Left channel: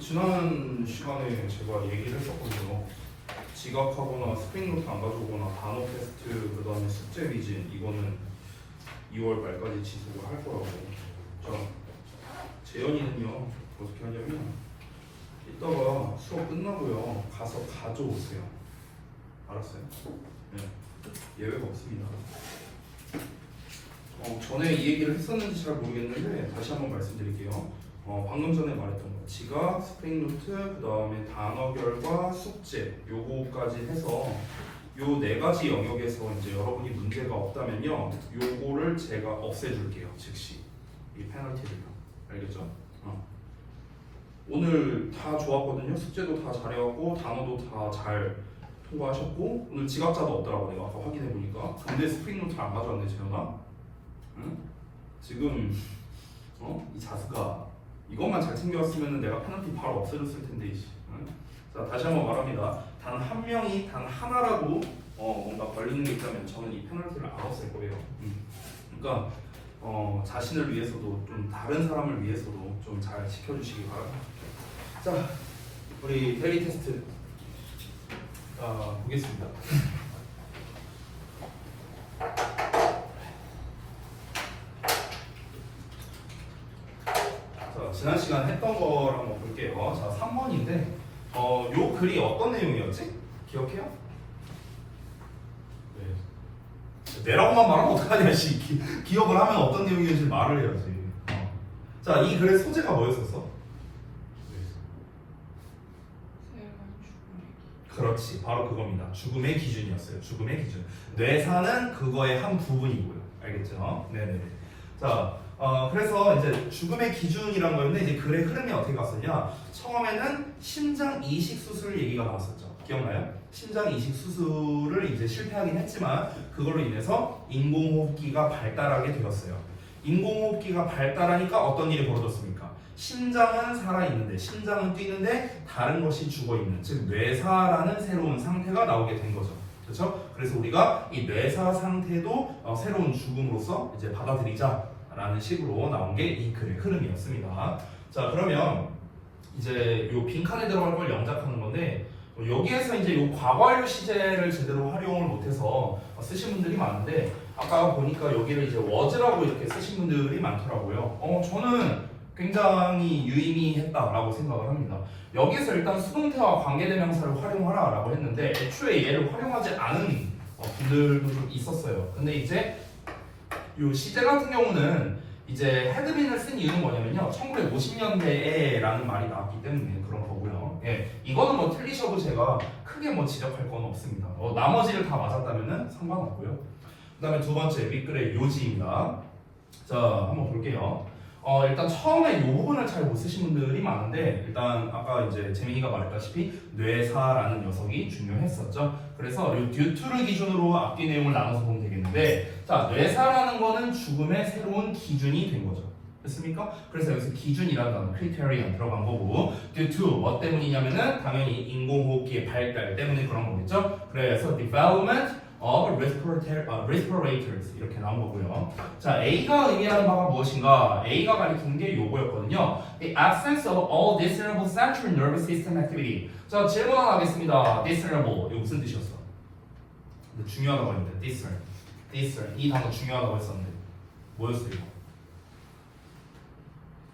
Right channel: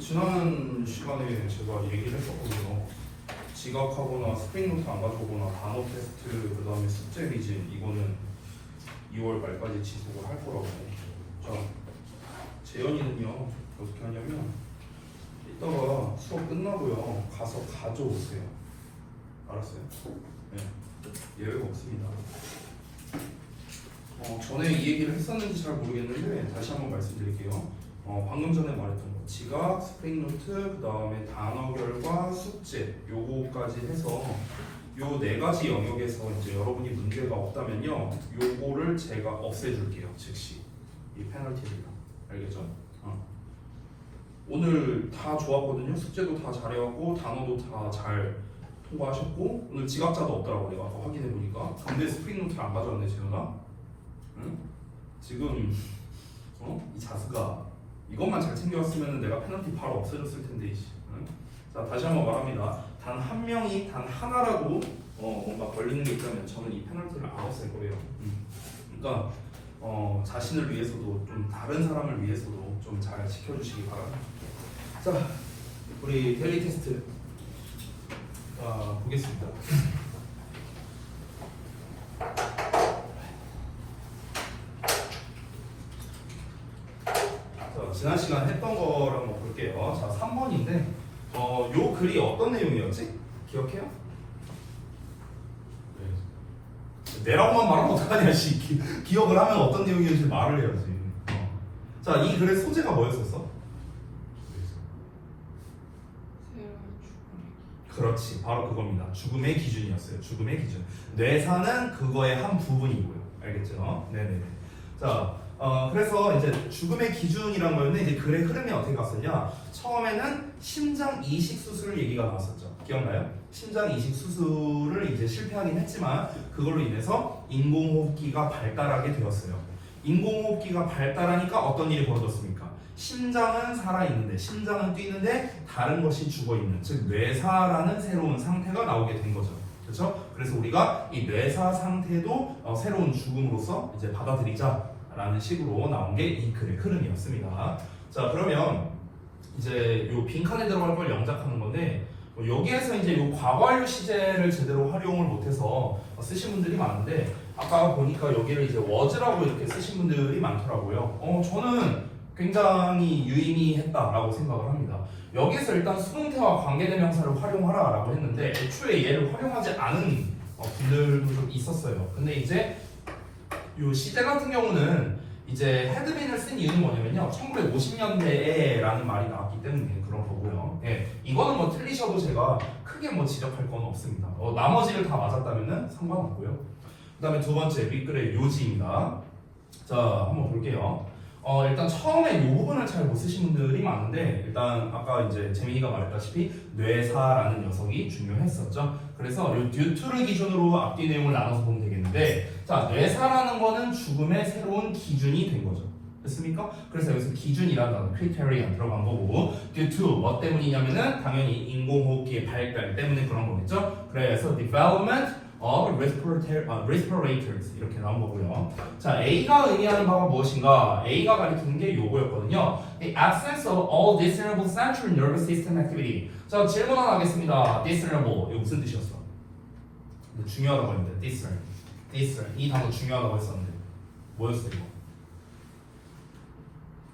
지난 시간에 제가 얘기를 했었거든요. 지각하거나 스크린노트 안 가져오거나 단어 테스트 그 다음에 숙제 미진 이거는 2월 말까지 지속을 할 거라고. 자, 재현이는요 어떻게 하냐면 이따가 수업 끝나고요 가서 가져오세요. 알았어요? 네. 예외가 없습니다. 전에 이 얘기를 했었는지 잘 모르겠는데 다시 한번 말씀드릴게요. 방금 전에 말했던 거 지각, 스프링노트, 그 다음에 단어결과 숙제 요거까지 해서 요 네 가지 영역에서 이제 여러분이 문제가 없다면요 요거를 제가 없애줄게요. 즉시 이 페널티를요. 알겠죠? 오늘 다 좋았거든요. 숙제도 다 잘해왔고 단어도 다 잘 통과하셨고 오늘 지각자도 없더라고. 내가 아까 확인해보니까. 근데 스프링노트 안 가져왔네 재현아. 응? 지금 이 자스가 이것만 잘 챙겨왔으면 내가 페널티 바로 없애줬을 텐데. 응? 자, 다시 한번 말합니다. 단 한 명이 단 하나라도 뭔가 걸리는 게 있다면 저는 이 페널티를 안 없앨 거예요. 그러니까 자신을 위해서도 좀 다른 사람을 위해서도 좀 잘 지켜주시기 바랍니다. 자, 우리 데일리 테스트 보겠습니다. 자, 지난 시간 했던 거를 한번 볼게요. 자, 3번인데 요 글이 어떤 내용이었지? 기억해요? 네. 내라고만 말하면 어떡하냐, 기억을 하면 어떤 내용이었는지 말을 해야지. 자, 이 글의 소재가 뭐였었어? 그렇지, 바로 그겁니다. 죽음의 기준이었어요. 죽음의 기준. 뇌사는 그거의 한 부분이고요. 알겠죠? 네네네. 자, 그래서 이제 죽음의 기준이란 거였는데 이제 글의 흐름이 어떻게 갔었냐? 처음에는 심장 이식 수술 얘기가 나왔었죠. 기억나요? 심장 이식 수술을 이제 실패하긴 했지만 그걸로 인해서 인공호흡기가 발달하게 되었어요. 인공호흡기가 발달하니까 어떤 일이 벌어졌습니까? 심장은 살아있는데, 심장은 뛰는데 다른 것이 죽어있는, 즉 뇌사라는 새로운 상태가 나오게 된 거죠. 그렇죠? 그래서 우리가 이 뇌사 상태도 새로운 죽음으로서 이제 받아들이자라는 식으로 나온 게 이 글의 흐름이었습니다. 자, 그러면 이제 요 빈칸에 들어갈 걸 영작하는 건데 여기에서 이제 요 과거완료 시제를 제대로 활용을 못해서 쓰신 분들이 많은데 아까 보니까 여기를 이제 was라고 이렇게 쓰신 분들이 많더라고요. 저는 굉장히 유의미했다라고 생각을 합니다. 여기서 일단 수동태와 관계대명사를 활용하라 라고 했는데 애초에 얘를 활용하지 않은 분들도 좀 있었어요. 근데 이제 요 시제 같은 경우는 이제 헤드빈을 쓴 이유는 뭐냐면요 1950년대에 라는 말이 나왔기 때문에 그런 거고요. 예, 이거는 뭐 틀리셔도 제가 크게 뭐 지적할 건 없습니다. 나머지를 다 맞았다면 상관없고요. 그 다음에 두 번째 윗글의 요지입니다. 자, 한번 볼게요. 일단 처음에 이 부분을 잘 못 쓰신 분들이 많은데 일단 아까 이제 재민이가 말했다시피 뇌사라는 녀석이 중요했었죠. 그래서 이 듀투를 기준으로 앞뒤 내용을 나눠서 보면 되겠는데 자, 뇌사라는 거는 죽음의 새로운 기준이 된 거죠. 됐습니까? 그래서 여기서 기준이라는 단어, criterion 들어간 거고 due to 뭐 때문이냐면은 당연히 인공호흡기의 발달 때문에 그런 거겠죠. 그래서 development of respirators 이렇게 나온 거고요. 자, A가 의미하는 바가 무엇인가? A가 가리키는 게 요거였거든요. The absence of all discernible central nervous system activity. 자, 질문 하나 하겠습니다. discernible 이거 무슨 뜻이었어? 중요하다고 했는데 discern 이 단어 중요하다고 했었는데 뭐였어 이거?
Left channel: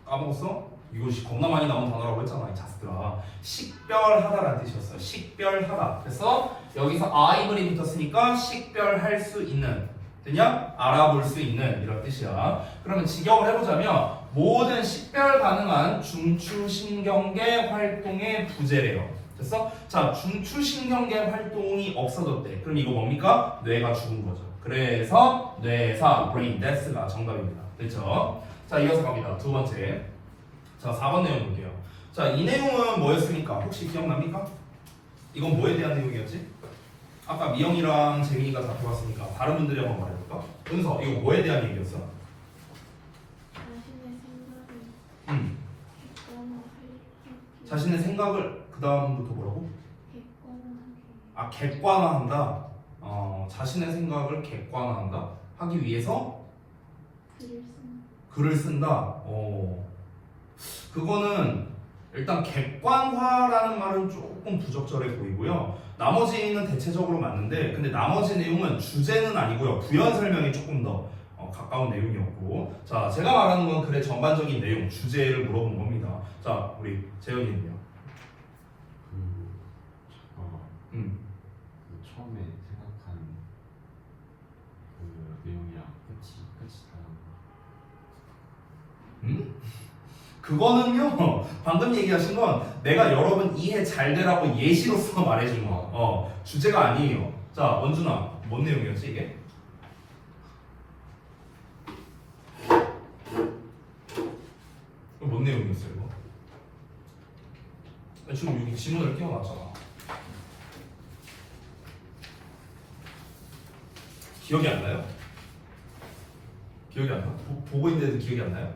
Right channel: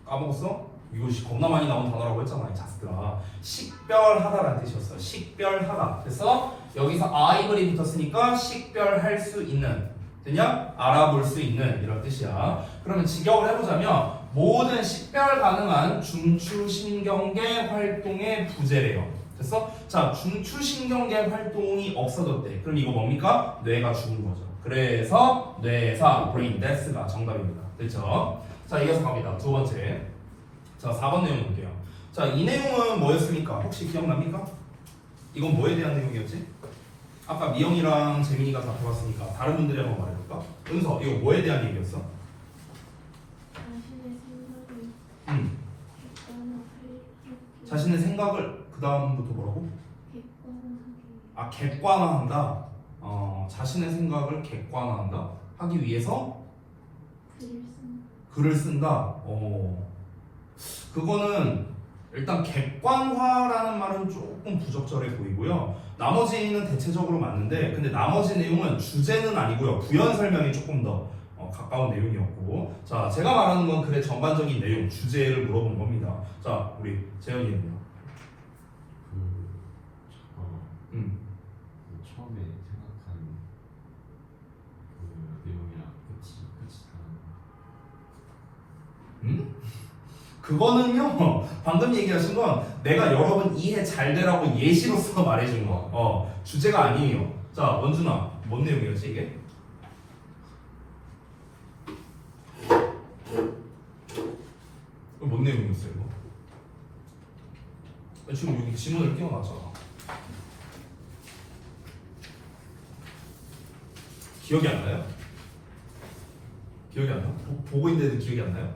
까먹었어? 이거 겁나 많이 나온 단어라고 했잖아 이 자스들아. 식별하다라는 뜻이었어요. 식별하다. 그래서 여기서 I블이 붙었으니까 식별할 수 있는, 됐냐? 알아볼 수 있는 이런 뜻이야. 그러면 직역을 해보자면 모든 식별 가능한 중추신경계 활동의 부재래요. 됐어? 자, 중추신경계 활동이 없어졌대. 그럼 이거 뭡니까? 뇌가 죽은 거죠. 그래서 뇌사, brain death가 정답입니다. 됐죠? 자, 이어서 갑니다. 두 번째. 자, 4번 내용 볼게요. 자, 이 내용은 뭐였습니까? 혹시 기억납니까? 이건 뭐에 대한 내용이었지? 아까 미영이랑 재민이가 다 해봤으니까 다른 분들이 한번 말해볼까? 은서, 이거 뭐에 대한 얘기였어? 자신의 생각을 그 다음부터 뭐라고? 객관화한다. 자신의 생각을 객관화한다. 하기 위해서 글을 쓴다. 그거는 일단 객관화라는 말은 조금 부적절해 보이고요. 나머지는 대체적으로 맞는데 근데 나머지 내용은 주제는 아니고요. 부연 설명이 조금 더 가까운 내용이었고 자 제가 말하는 건 글의 전반적인 내용, 주제를 물어본 겁니다. 자 우리 재현이는요? 처음에 생각한 그 내용이랑 끝이 다른 거. 그거는요 방금 얘기하신 건 내가 여러분 이해 잘 되라고 예시로서 말해준 거 주제가 아니에요. 자 원준아 뭔 내용이었지 이게? 뭔 내용이었어요 이거? 지금 여기 지문을 띄워놨잖아. 기억이 안 나요? 기억이 안 나? 보고 있는데도 기억이 안 나요?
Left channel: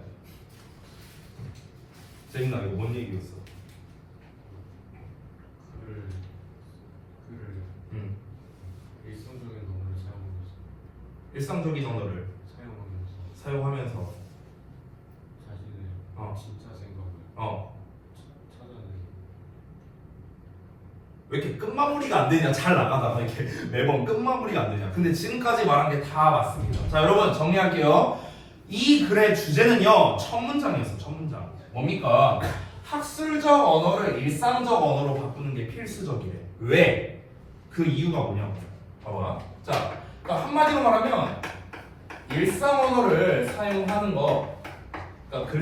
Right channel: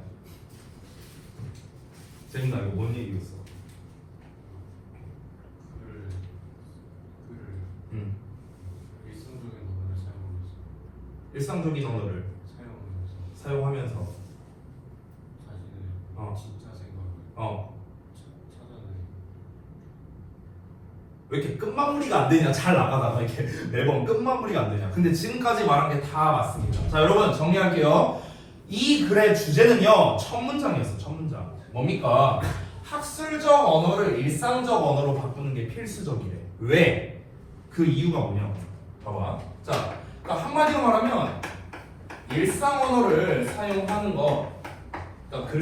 재밌나? 이거 뭔 얘기였어? 글을 일상적인 언어를 사용하면서 일상적인 언어를 사용하면서 자신의 진짜 생각을 찾아내는. 왜 이렇게 끝마무리가 안 되냐? 잘 나가다가 이렇게 매번 끝마무리가 안 되냐? 근데 지금까지 말한 게 다 맞습니다. 자 여러분 정리할게요. 이 글의 주제는요 첫 문장이었어요. 첫 문장 뭡니까? 학술적 언어를 일상적 언어로 바꾸는 게 필수적이래. 왜? 그 이유가 뭐냐? 봐봐. 자, 그러니까 한마디로 말하면 일상 언어를 사용하는 거, 그러니까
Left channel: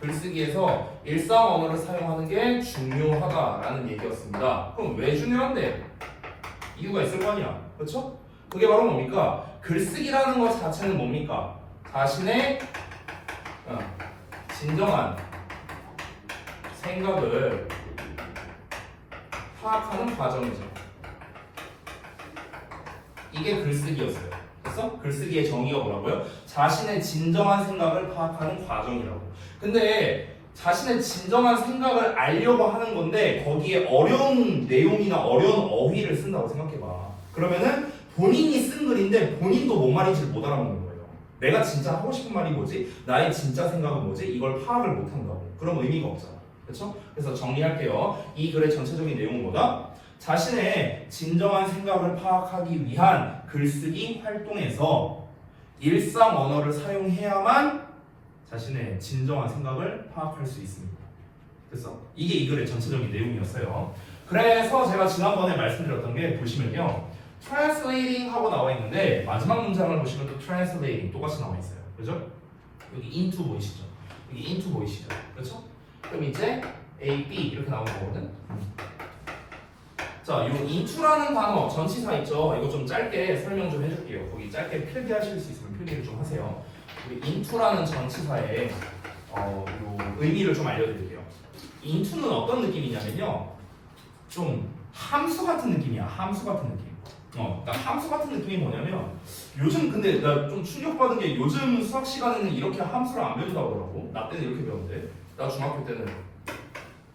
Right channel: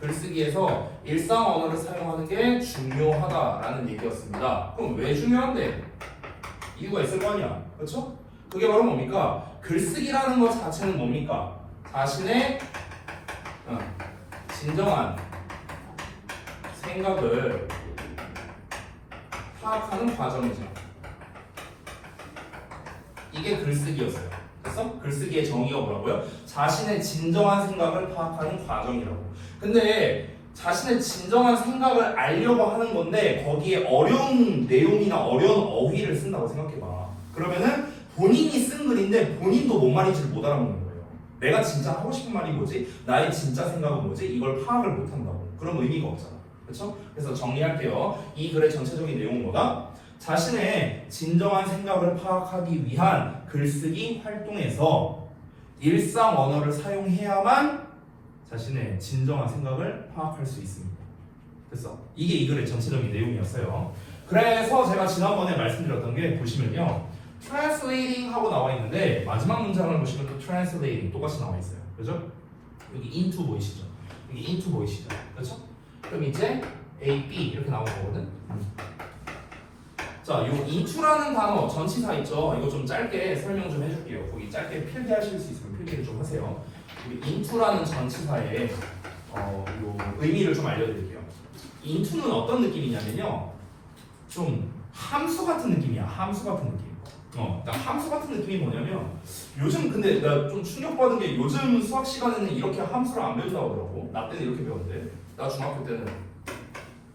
글쓰기에서 일상 언어를 사용하는 게 중요하다라는 얘기였습니다. 그럼 왜 중요한데? 이유가 있을 거 아니야, 그렇죠? 그게 바로 뭡니까? 글쓰기라는 것 자체는 뭡니까? 자신의 진정한 생각을 파악하는 과정이죠. 이게 글쓰기였어요. 그래서 글쓰기의 정의가 뭐라고요? 자신의 진정한 생각을 파악하는 과정이라고. 근데 자신의 진정한 생각을 알려고 하는 건데 거기에 어려운 내용이나 어려운 어휘를 쓴다고 생각해봐. 그러면은 본인이 쓴 글인데 본인도 뭔 말인지 못 알아듣는 거예요. 내가 진짜 하고 싶은 말이 뭐지? 나의 진짜 생각은 뭐지? 이걸 파악을 못 한다고. 그럼 의미가 없잖아. 그렇죠? 그래서 정리할게요. 이 글의 전체적인 내용은 뭐다? 자신의 진정한 생각을 파악하기 위한 글쓰기 활동에서 일상 언어를 사용해야만 자신의 진정한 생각을 파악할 수 있습니다. 됐어? 이게 이 글의 전체적인 내용이었어요. 그래서 제가 지난번에 말씀드렸던 게 보시면요. translating 하고 나와 있는데 마지막 문장을 보시면 또 translating 똑같이 나와 있어요. 그죠? 여기 into 보이시죠? 여기 into 보이시죠? 그렇죠? 그럼 이제 A, B 이렇게 나오는 거거든. 자, 요 into라는 단어 전치사 있죠? 이거 좀 짧게 설명 좀 해줄게요. 거기 짧게 필기하실 수 있으면 필기를 좀 하세요. 우리 into라는 전치사의 요 의미를 좀 알려드릴게요. into는 어떤 느낌이냐면요, 좀 함수 같은 느낌이야. 함수 같은 느낌. 그러니까 함수 같은 느낌이 뭐냐면 요즘 근데 나 좀 충격받은 게 요즘 수학 시간에는 이렇게 함수를 안 배운다고 하더라고. 나 때는 이렇게 배웠는데 나 중학교 때는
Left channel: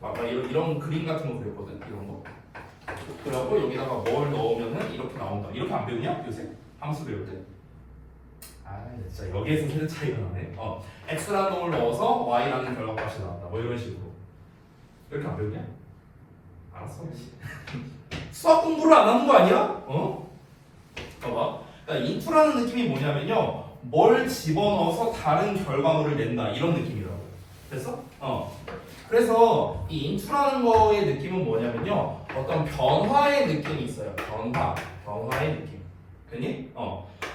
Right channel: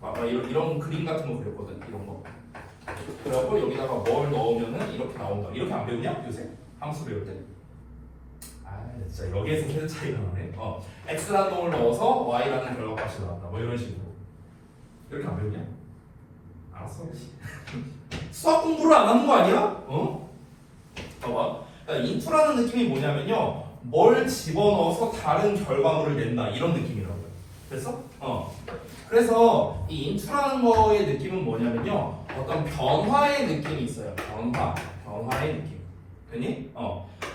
막 이런 그림 같은 거 그렸거든. 이런 거. 그래갖고 여기다가 뭘 넣으면은 이렇게 나온다. 이렇게 안 배우냐? 요새 함수 배울 때. 아 진짜 여기에서 세대 차이가 나네. x라는 놈을 넣어서 y라는 결과값이 나왔다. 뭐 이런 식으로. 이렇게 안 배우냐? 알았어. 수학 공부를 안 하는 거 아니야? 봐봐. 그러니까 into라는 느낌이 뭐냐면요, 뭘 집어넣어서 다른 결과물을 낸다 이런 느낌이라고. 됐어? 그래서 이 into라는 거의 느낌은 뭐냐면요, 어떤 변화의 느낌이 있어요. 변화의 느낌. 됐니?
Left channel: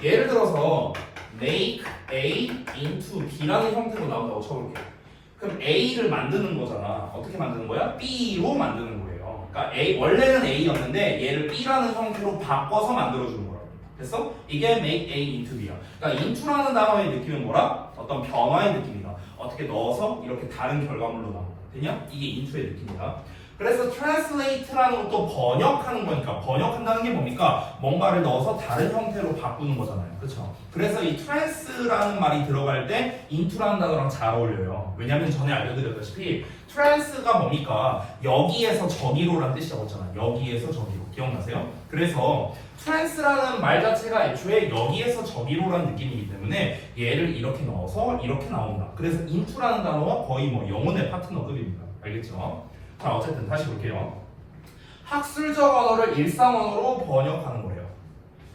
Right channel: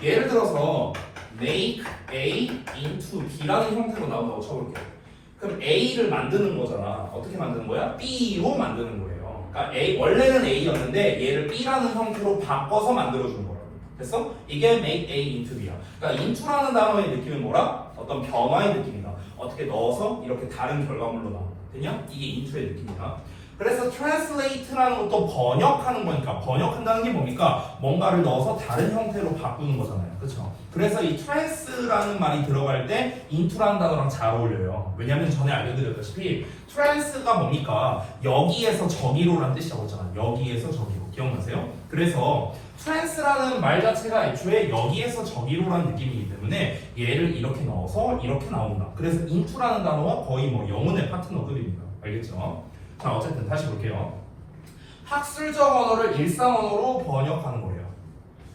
예를 들어서 make A into B라는 형태로 나온다고 쳐볼게. 그럼 A를 만드는 거잖아. 어떻게 만드는 거야? B로 만드는 거예요. 그러니까 원래는 A였는데 얘를 B라는 형태로 바꿔서 만들어주는 거라고. 됐어? 이게 make A into B야. 그러니까 into라는 단어의 느낌은 뭐라? 어떤 변화의 느낌이다. 어떻게 넣어서 이렇게 다른 결과물로 나온다. 됐냐? 이게 into의 느낌이다. 그래서 translate라는 것도 번역하는 거니까 번역한다는 게 뭡니까? 뭔가를 넣어서 다른 형태로 바꾸는 거잖아요. 그렇죠? 그래서 이 trans라는 말이 들어갈 때 into라는 단어랑 잘 어울려요. 왜냐하면 전에 알려드렸다시피 trans가 뭡니까? 여기에서 저기로라는 뜻이라고 했잖아요. 여기에서 저기로. 기억나세요? 그래서 trans라는 말 자체가 애초에 여기에서 저기로라는 느낌이기 때문에 얘를 이렇게 넣어서 이렇게 나온다. 그래서 into라는 단어와 거의 뭐 영혼의 파트너급입니다. 알겠죠? 자, 어쨌든 다시 볼게요. 학술적 언어를 일상 언어로 번역하는 거예요.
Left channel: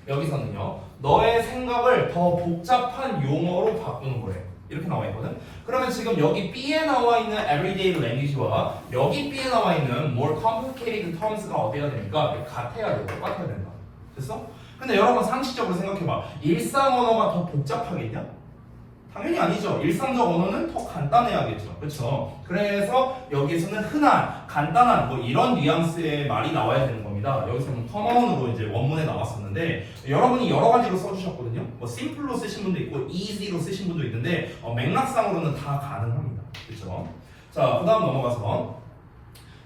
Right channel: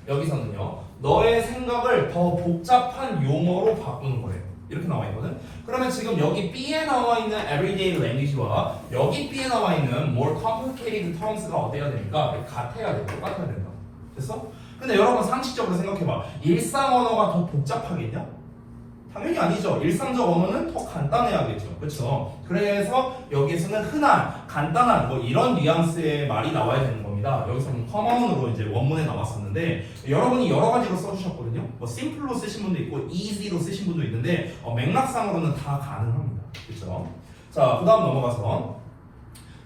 여기서는요, 너의 생각을 더 복잡한 용어로 바꾸는 거예요. 이렇게 나와 있거든. 그러면 지금 여기 B에 나와 있는 everyday language와 여기 B에 나와 있는 more complicated terms가 어때야 됩니까? 같아야 돼, 똑같아야 된다. 됐어? 근데 여러분 상식적으로 생각해봐. 일상 언어가 더 복잡하겠냐? 당연히 아니죠. 일상적 언어는 더 간단해야겠죠. 그렇죠? 그래서 여기에서는 흔한, 간단한 뭐 이런 뉘앙스의 말이 나와야 되는 겁니다. 여기서는 common으로 이제 원문에 나왔었는데 여러분이 여러 가지로 써주셨거든요. 뭐 simple로 쓰신 분도 있고 easy로 쓰신 분도 있는데 맥락상으로는 다 가능합니다. 그렇죠? 자, 그다음 넘어가서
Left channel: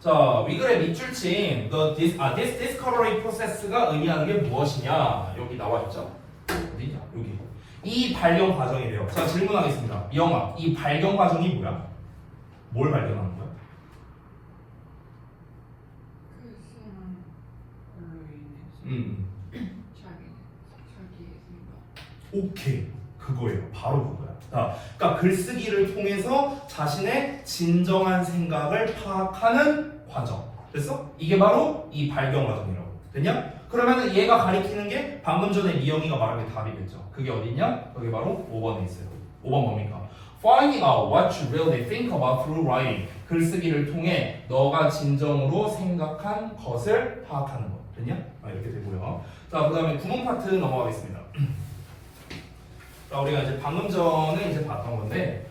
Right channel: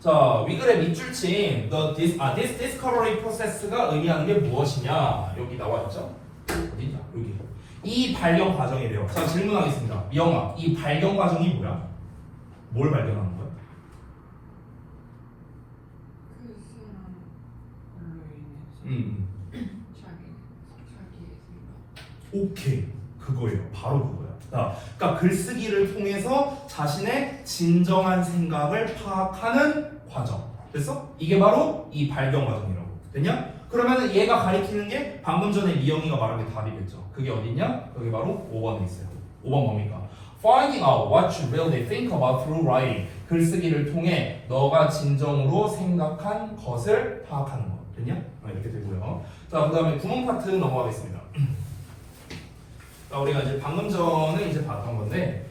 자, 위글의 밑줄친 this discovery process가 의미하는 게 무엇이냐? 여기 나와 있죠? 어디냐? 여기. 이 발견 과정이래요. 자, 질문하겠습니다. 영아, 이 발견 과정이 뭐야? 뭘 발견하는 거야? 그 수많은 언론인의 음. 자기의 생각. 오케이. 그거예요. 바로 그거야. 자, 그러니까 글쓰기를 통해서 자신의 진정한 생각을 파악하는 과정. 됐어? 이게 바로 이 발견 과정이라고. 됐냐? 그러면 얘가 가리키는 게 방금 전에 미영이가 말한 게 답이겠죠. 그게 어디냐? 그게 바로 5번에 있어요. 5번 뭡니까? Finding out what you really think about through writing. 글쓰기를 통해 너가 진정으로 생각한 것을 파악하는 거. 됐냐? 이렇게 되고요. 자, 그 다음에 구문 파트 넘어가겠습니다. 자, 우리가 이제 방금 전에 이제 봤던 건데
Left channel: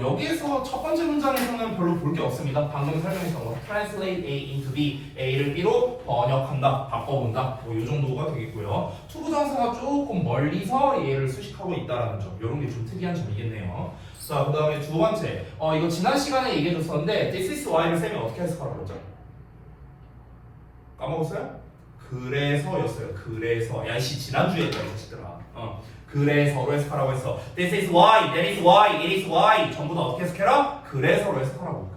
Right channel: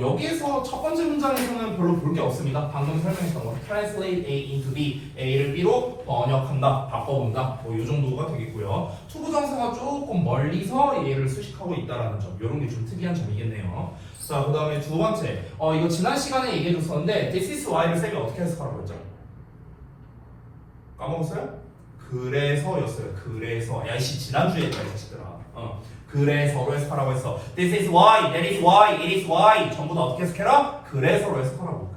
여기에서 첫 번째 문장에서는 별로 볼 게 없습니다. 방금 설명했던 거 translate A into B, A를 B로 번역한다, 바꿔본다 뭐 이 정도가 되겠고요. 투부정사가 조금 멀리서 얘를 수식하고 있다라는 점, 이런 게 좀 특이한 점이겠네요. 자, 그 다음에 두 번째 이거 지난 시간에 얘기해줬었는데 this is why를 쌤이 어떻게 해석하라고 했죠? 까먹었어요? 그래서였어요. 그래서 야이씨 지난주에 얘기했더라. 그래서로 해석하라고 했어. This is why, that is why, it is why 전부 다 어떻게 해석해라? 그래서로 해석하라고.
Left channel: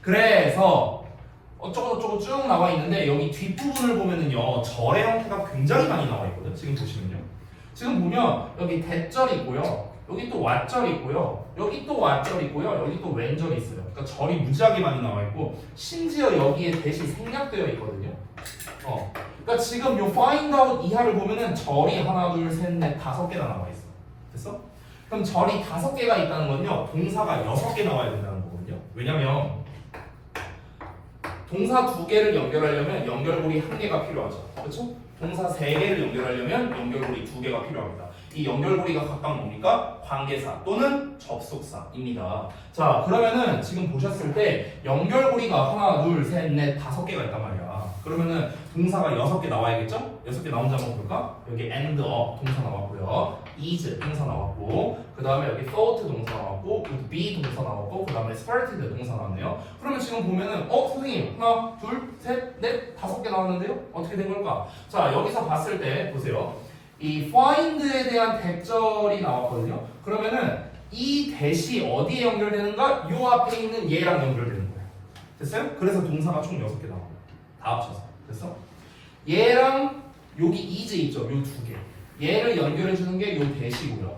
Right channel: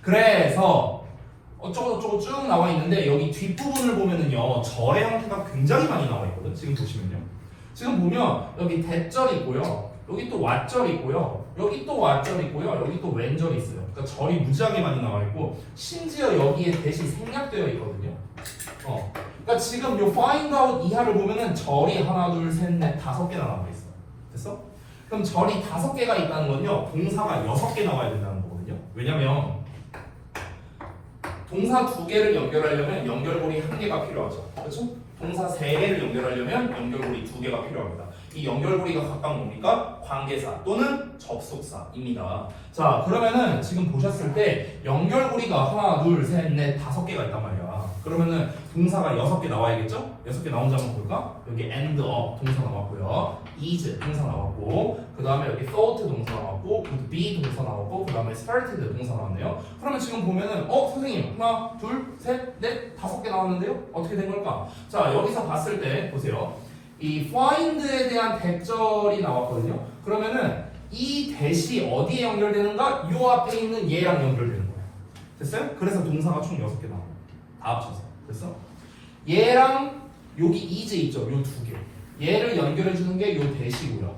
그래서 어쩌고저쩌고 쭉 나와 있는데 여기 뒷부분을 보면은요 절의 형태가 굉장히 많이 나와 있거든. 지금 보시면요. 지금 보면 여기 대절 있고요. 여기 또 왓절 있고요. 여기 또 왓절 있고요. 여기 또 웬절이 있어요. 그러니까 절이 무지하게 많이 나와 있고 심지어 여기에 대시 생략되어 있거든요. 그러니까 지금 요 find out 이하를 보면은 절이 하나, 둘, 셋, 넷, 5개나 나와 있어. 됐어? 그럼 절이 5개가 있다는 건요 동사가 6개 나와야 된다는 거거든요. 왜냐면 동사 2개를 연결하려면 연결고리 1개가 필요하죠. 그렇죠? 동사 3개를 연결하려면 연결고리 2개가 필요합니다. 이 연결고리가 각각 뭡니까? 관계사 또는 접속사입니다. 자, 그러면은 지금 보셨을 때 연결고리가 하나, 둘, 셋, 넷, 5개가 있단 말이야. 그러면은 동사가 6개 나와야겠죠? 6개 나온지 한번 볼까? 여기 end up 동사 나왔고요. is 동사 나왔고, 그 다음에 여기 thought 동사 나왔고, would be 동사 나왔고, 그 다음에 started 동사 나왔네요. 그러면 지금 보면은 선생님 하나, 둘, 셋, 넷, 5개 나왔는데요? 어떻게 된 걸까? 자, 여기서 봤을 때 보세요. 이 find에 대한 대절이 나왔거든요. 그러면은 이 대시 어디에 연결되는가? 요 앞에 있는 얘랑 연결되는 거예요. 됐어요? 그래서 동사가 총 6개 나와요. 다 합쳐서. 됐어? 얘랑 여기 is 있죠? 요 2개. 얘를 연결해주는 게 요 대시고요.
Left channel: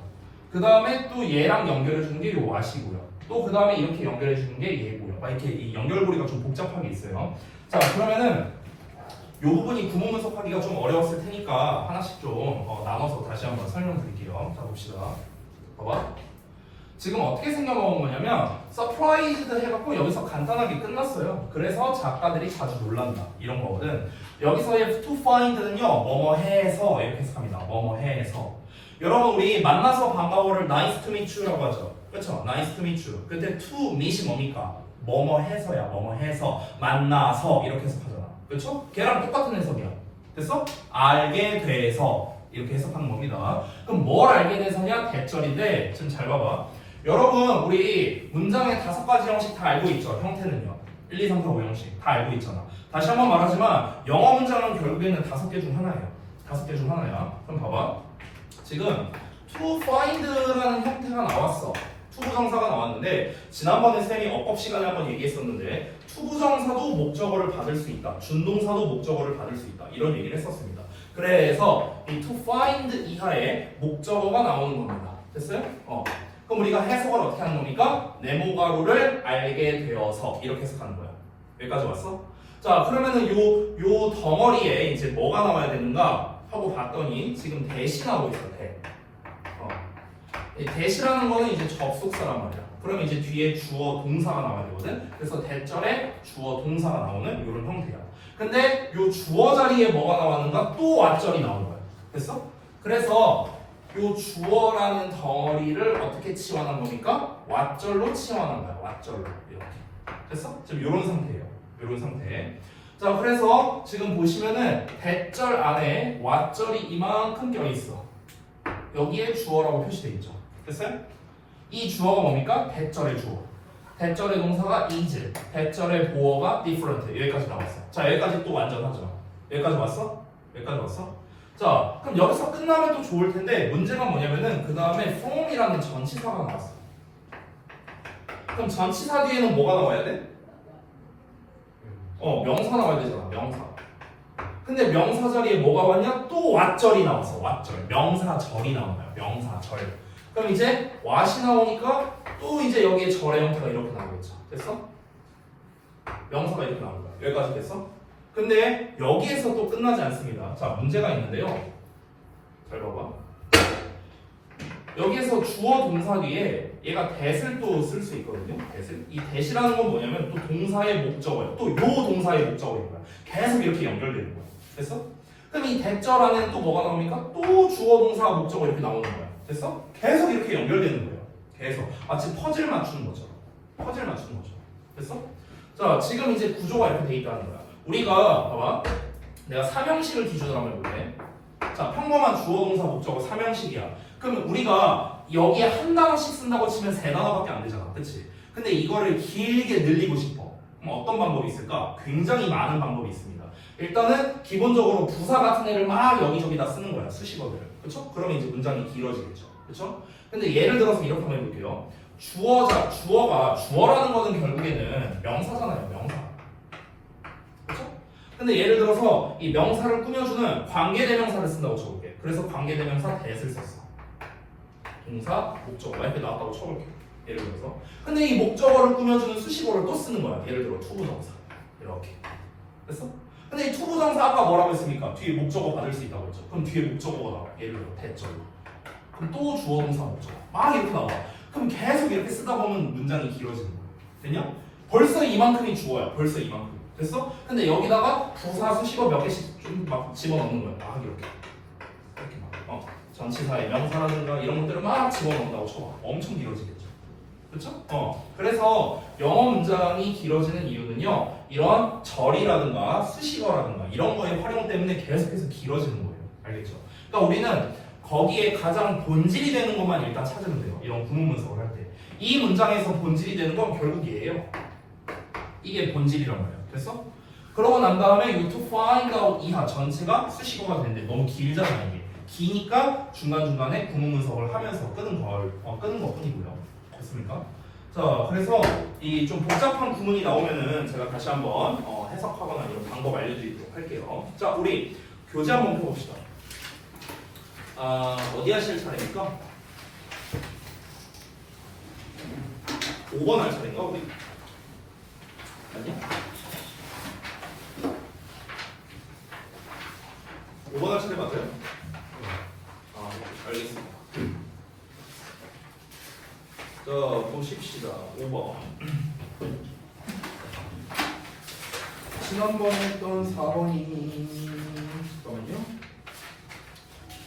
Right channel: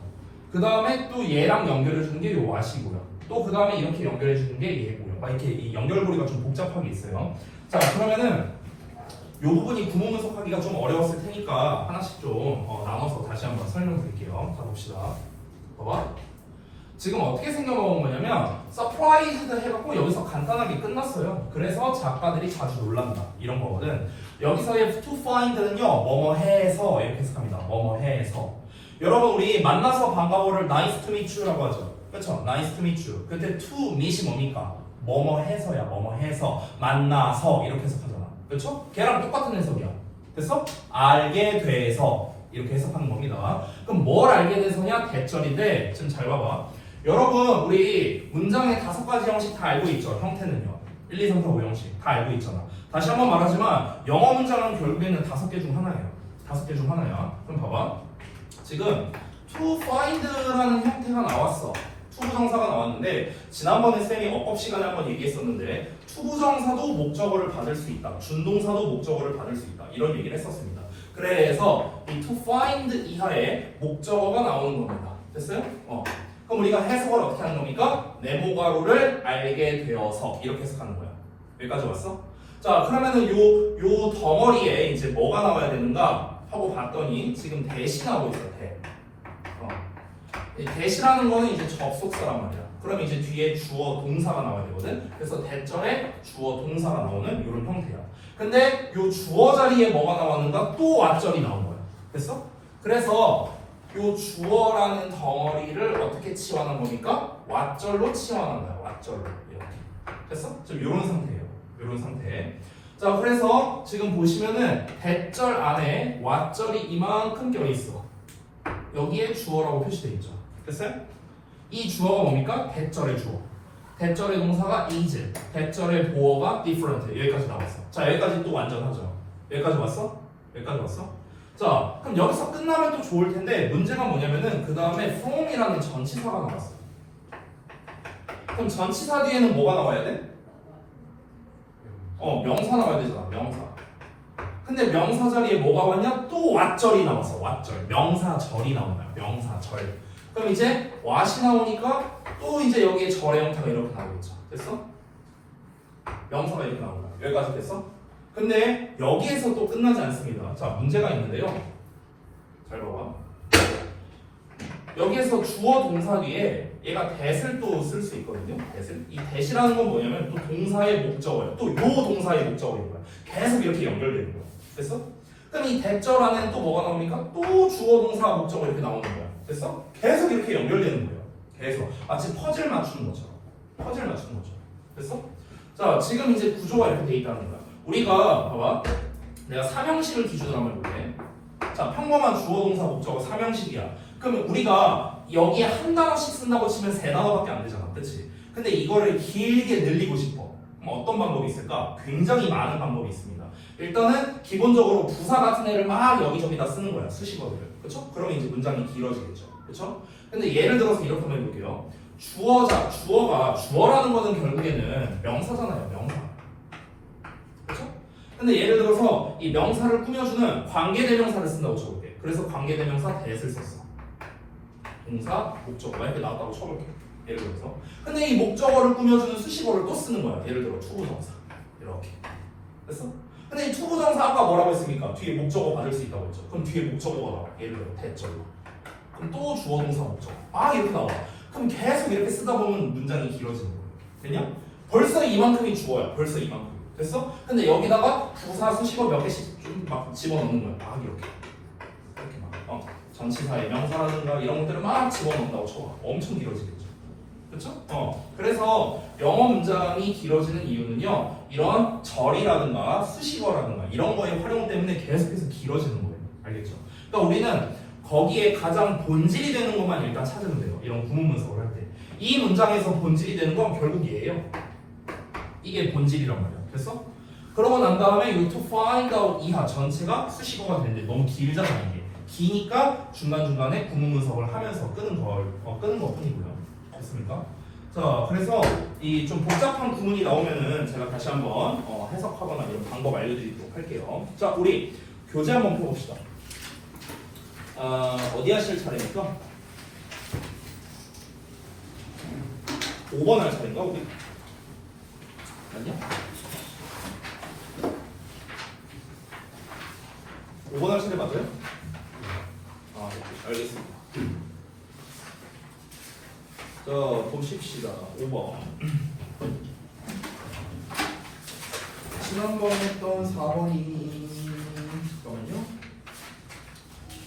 그 다음에 또 얘랑 연결해주는 게 요 what이고요. 또 그 다음에 이렇게 연결해주는 게 얘고요. 막 이렇게 이 연결고리가 좀 복잡하게 있어요. 자, 그러면은 요 부분이 구문 분석하기가 좀 어려웠을 테니까 하나씩 좀 나눠서 다시 한번 설명드릴게요. 자, 봅시다. 봐봐. 지금 어떻게 생겨먹은 거냐면 surprised 해갖고 여기서 간단하게 끝났어요. 그래서 작가들이 자주 놀란다 이런 거거든. 여기서의 to find는요 뭐뭐 해서 이렇게 해석합니다. 뭐뭐 해서. 여러분 우리 만나서 반가워를 nice to meet you라고 하죠. 그렇죠? nice to meet you. 근데 to meet이 뭡니까? 뭐뭐 해서야. 뭐뭐 해서 만나서 이렇게 해석하잖아. 그렇죠? 걔랑 똑같은 해석이야. 됐어? 알게 돼서 이렇게 해석하는 겁니다. 그럼 뭘 알게 돼서냐? 대절인데 지금 잘 봐봐. 여러분 우리 문장의 5가지 형식 다 알고 있죠? 형태는요. 1, 2, 3, 4, 5 형식 다 알고 있잖아. 다시 한번 말하지만 영어 문장은 결국에는 5개 중 하나예요. 5개 중 하나야. 그럼 봐봐. 지금 to find라는 형태가 나왔어. 투부정사가 나왔는데 지난번에 쌤이 어법 시간에 한번 얘기했었는데 투부정사도 목적어를 받을 수 있다. 준동사도 목적어를 받을 수 있다. 이런 얘기를 했었습니다. 그래서 이 to find 이하에 목적어가 나오는 겁니다. 됐어요? 그럼 우리가 해석을 어떻게 하는 겁니까? 네모가로를 알게 되어서 이렇게 해석하는 거야. 여기까지 왔어? 자, 그러면은 요 덩어리에 이제 뭐가 나와야 되는가 하고 봤더니 지금 대시 나오고 있어. 이 대시라는 거는 이제 접속사란 말이야. 그럼 이제 뒤에 주어 동사가 나와야 되거든. 그래서 대절에 주어 동사가 나오는 이런 형태야. 근데 요 주어 자리에 뭐가 나왔는가? 또 왓절이 나온 거야. 됐어? 그래서 요 주어라는 덩어리를 어떻게 치환한 거니까? 왓절로 치환한 거야. 왓절로 이렇게. 됐어? 지금 이런 상태예요. 이런 상태. 자, 그래서 지금 보시면은 대절 안에 왓절이 이만큼 껴 있어. 여기에 주어라고 표시되어 있죠. 됐어요? 이 주어가 뭡니까? 대절의 주어. 대절의 동사가 is. 대절의 보어가 different. 여기까지 나왔어. 자, 여기까지 또 완전하죠. 여기까지 왔어? 여기까지 왔어? 자, 그럼 여기서 끝나면 또 좋을 텐데 문제가 뭐냐면은 그 다음에 from이라는 전치사가 나왔어. 그럼 전치사 뒤에는 뭐가 나와야 돼? 명사 나와야 되잖아. 명사. 근데 명사 자리에 뭐가 왔냐? 또 왓절이 나왔어. 왓절. 명사절이 나온 거야. 명사절. 그럼 이제 왓이 나오니까 또 이제 여기에 절의 형태가 이렇게 나오겠죠. 됐어? 명사가 이렇게 나온다. 여기까지 됐어? 근데 여기에서 또 끝나지 않습니다. 자, 문제가 있는데요. 잘 봐봐. 여기에서 주어 동사 뒤에 얘가 that을 또 쓸 수 있거든요. that을. 이 that이라는 건 뭐냐면 또 동사의 목적어예요. 또 요 동사의 목적어인 거야. 계속 이렇게 연결되는 거야. 됐어? 그럼 이 대절 안에는 또 뭐가 나옵니까? 또 주어 동사 목적어 이렇게 나오는 거야. 됐어? 계속 이렇게 연결되는 거예요. 계속. 마치 퍼즐 맞추는 거죠. 퍼즐 맞추는 거죠. 됐어? 자, 지금 이제 구조가 이렇게 돼 있다는 거야. 우리가 봐봐. 내가 삼형식을 기준으로 한번 해볼게. 자, 평범한 주어 동사 목적어 삼형식이야. 그러면 우리가 여기에 한 단어씩 쓴다고 치면 3단어밖에 안 되잖아. 그치? 근데 이거를 길게 늘리고 싶어. 그럼 어떤 방법이 있을까? 굉장히 많은 방법이 있습니다. 일단은 기본적으로 부사 같은 애를 막 여기저기다 쓰는 거야. 수식어들을. 그쵸? 그러면 이제 문장이 길어지겠죠. 그쵸? 근데 예를 들어서 이렇게 한번 해볼게요. 주어라는 거는 결국에는 명사잖아요. 명사. 그쵸? 근데 예를 들어서 이 명사를 꾸며주는 관계대명사를 쓴다고 쳐볼게. 그래서 관계대명사 that을 썼어. 동사, 목적어 이렇게 나왔다고 쳐볼게. 예를 들어서. 근데 이 목적어를 꾸며주는 수식어를 또 쓰는 거야. 예를 들어 투부정사. 이렇게. 됐어? 근데 이 투부정사 아까 뭐라고 했습니까? 뒤에 목적어 받을 수 있다고 했죠. 그럼 뒤에 목적어가 나와. 예를 들어 대절로. 그럼 또 주어 동사 목적어. 막 이렇게 나와. 그럼 계속 이렇게 쓰다 보면 문장이 길어지는 거야. 됐냐? 벌써 이만큼이 주어야. 벌써 이만큼. 됐어? 근데 여기다가 부사 수식어 몇 개씩 좀 막 집어넣는 거야. 막 이렇게. 이렇게 막. 전치사의 명사라든가 이런 것들을 막 집어넣는다고 쳐. 엄청 길어지겠죠. 그렇죠? 그래서 영어 문장이 길어지는 이유는요. 이런 절이라든가 수식어라든가 이런 거의 활용 때문에 계속해서 길어지는 거예요. 알겠죠? 그러니까 우리는 거기에 가장 본질이 되는 것만 일단 찾으면 돼요. 이런 구문 분석을 할 때. 이 문장에서 본질이 되는 건 결국 얘예요. 이게 본질이란 말이야. 됐어? 그러고 난 다음에 이 to find out 이하 전체가 수식어가 되는데 너무 길잖아 이게. 기니까 중간중간에 구문 분석을 하면서 끄는 것뿐이고요. 됐습니까? 자, 그래서 이 좀 복잡한 구문이 나오면은 제가 다시 한번 해석하거나 이런 방법 알려드리도록 할게요. 자, 우리 교재 한번 펴봅시다. 어디 하실 차례입니까? 5번 할 차례인가 우리? 아니야? 5번 할 차례 맞아요? 알겠습니다. 자, 보십시다. 5번. 지난번에 했던 4번이 잠깐만요.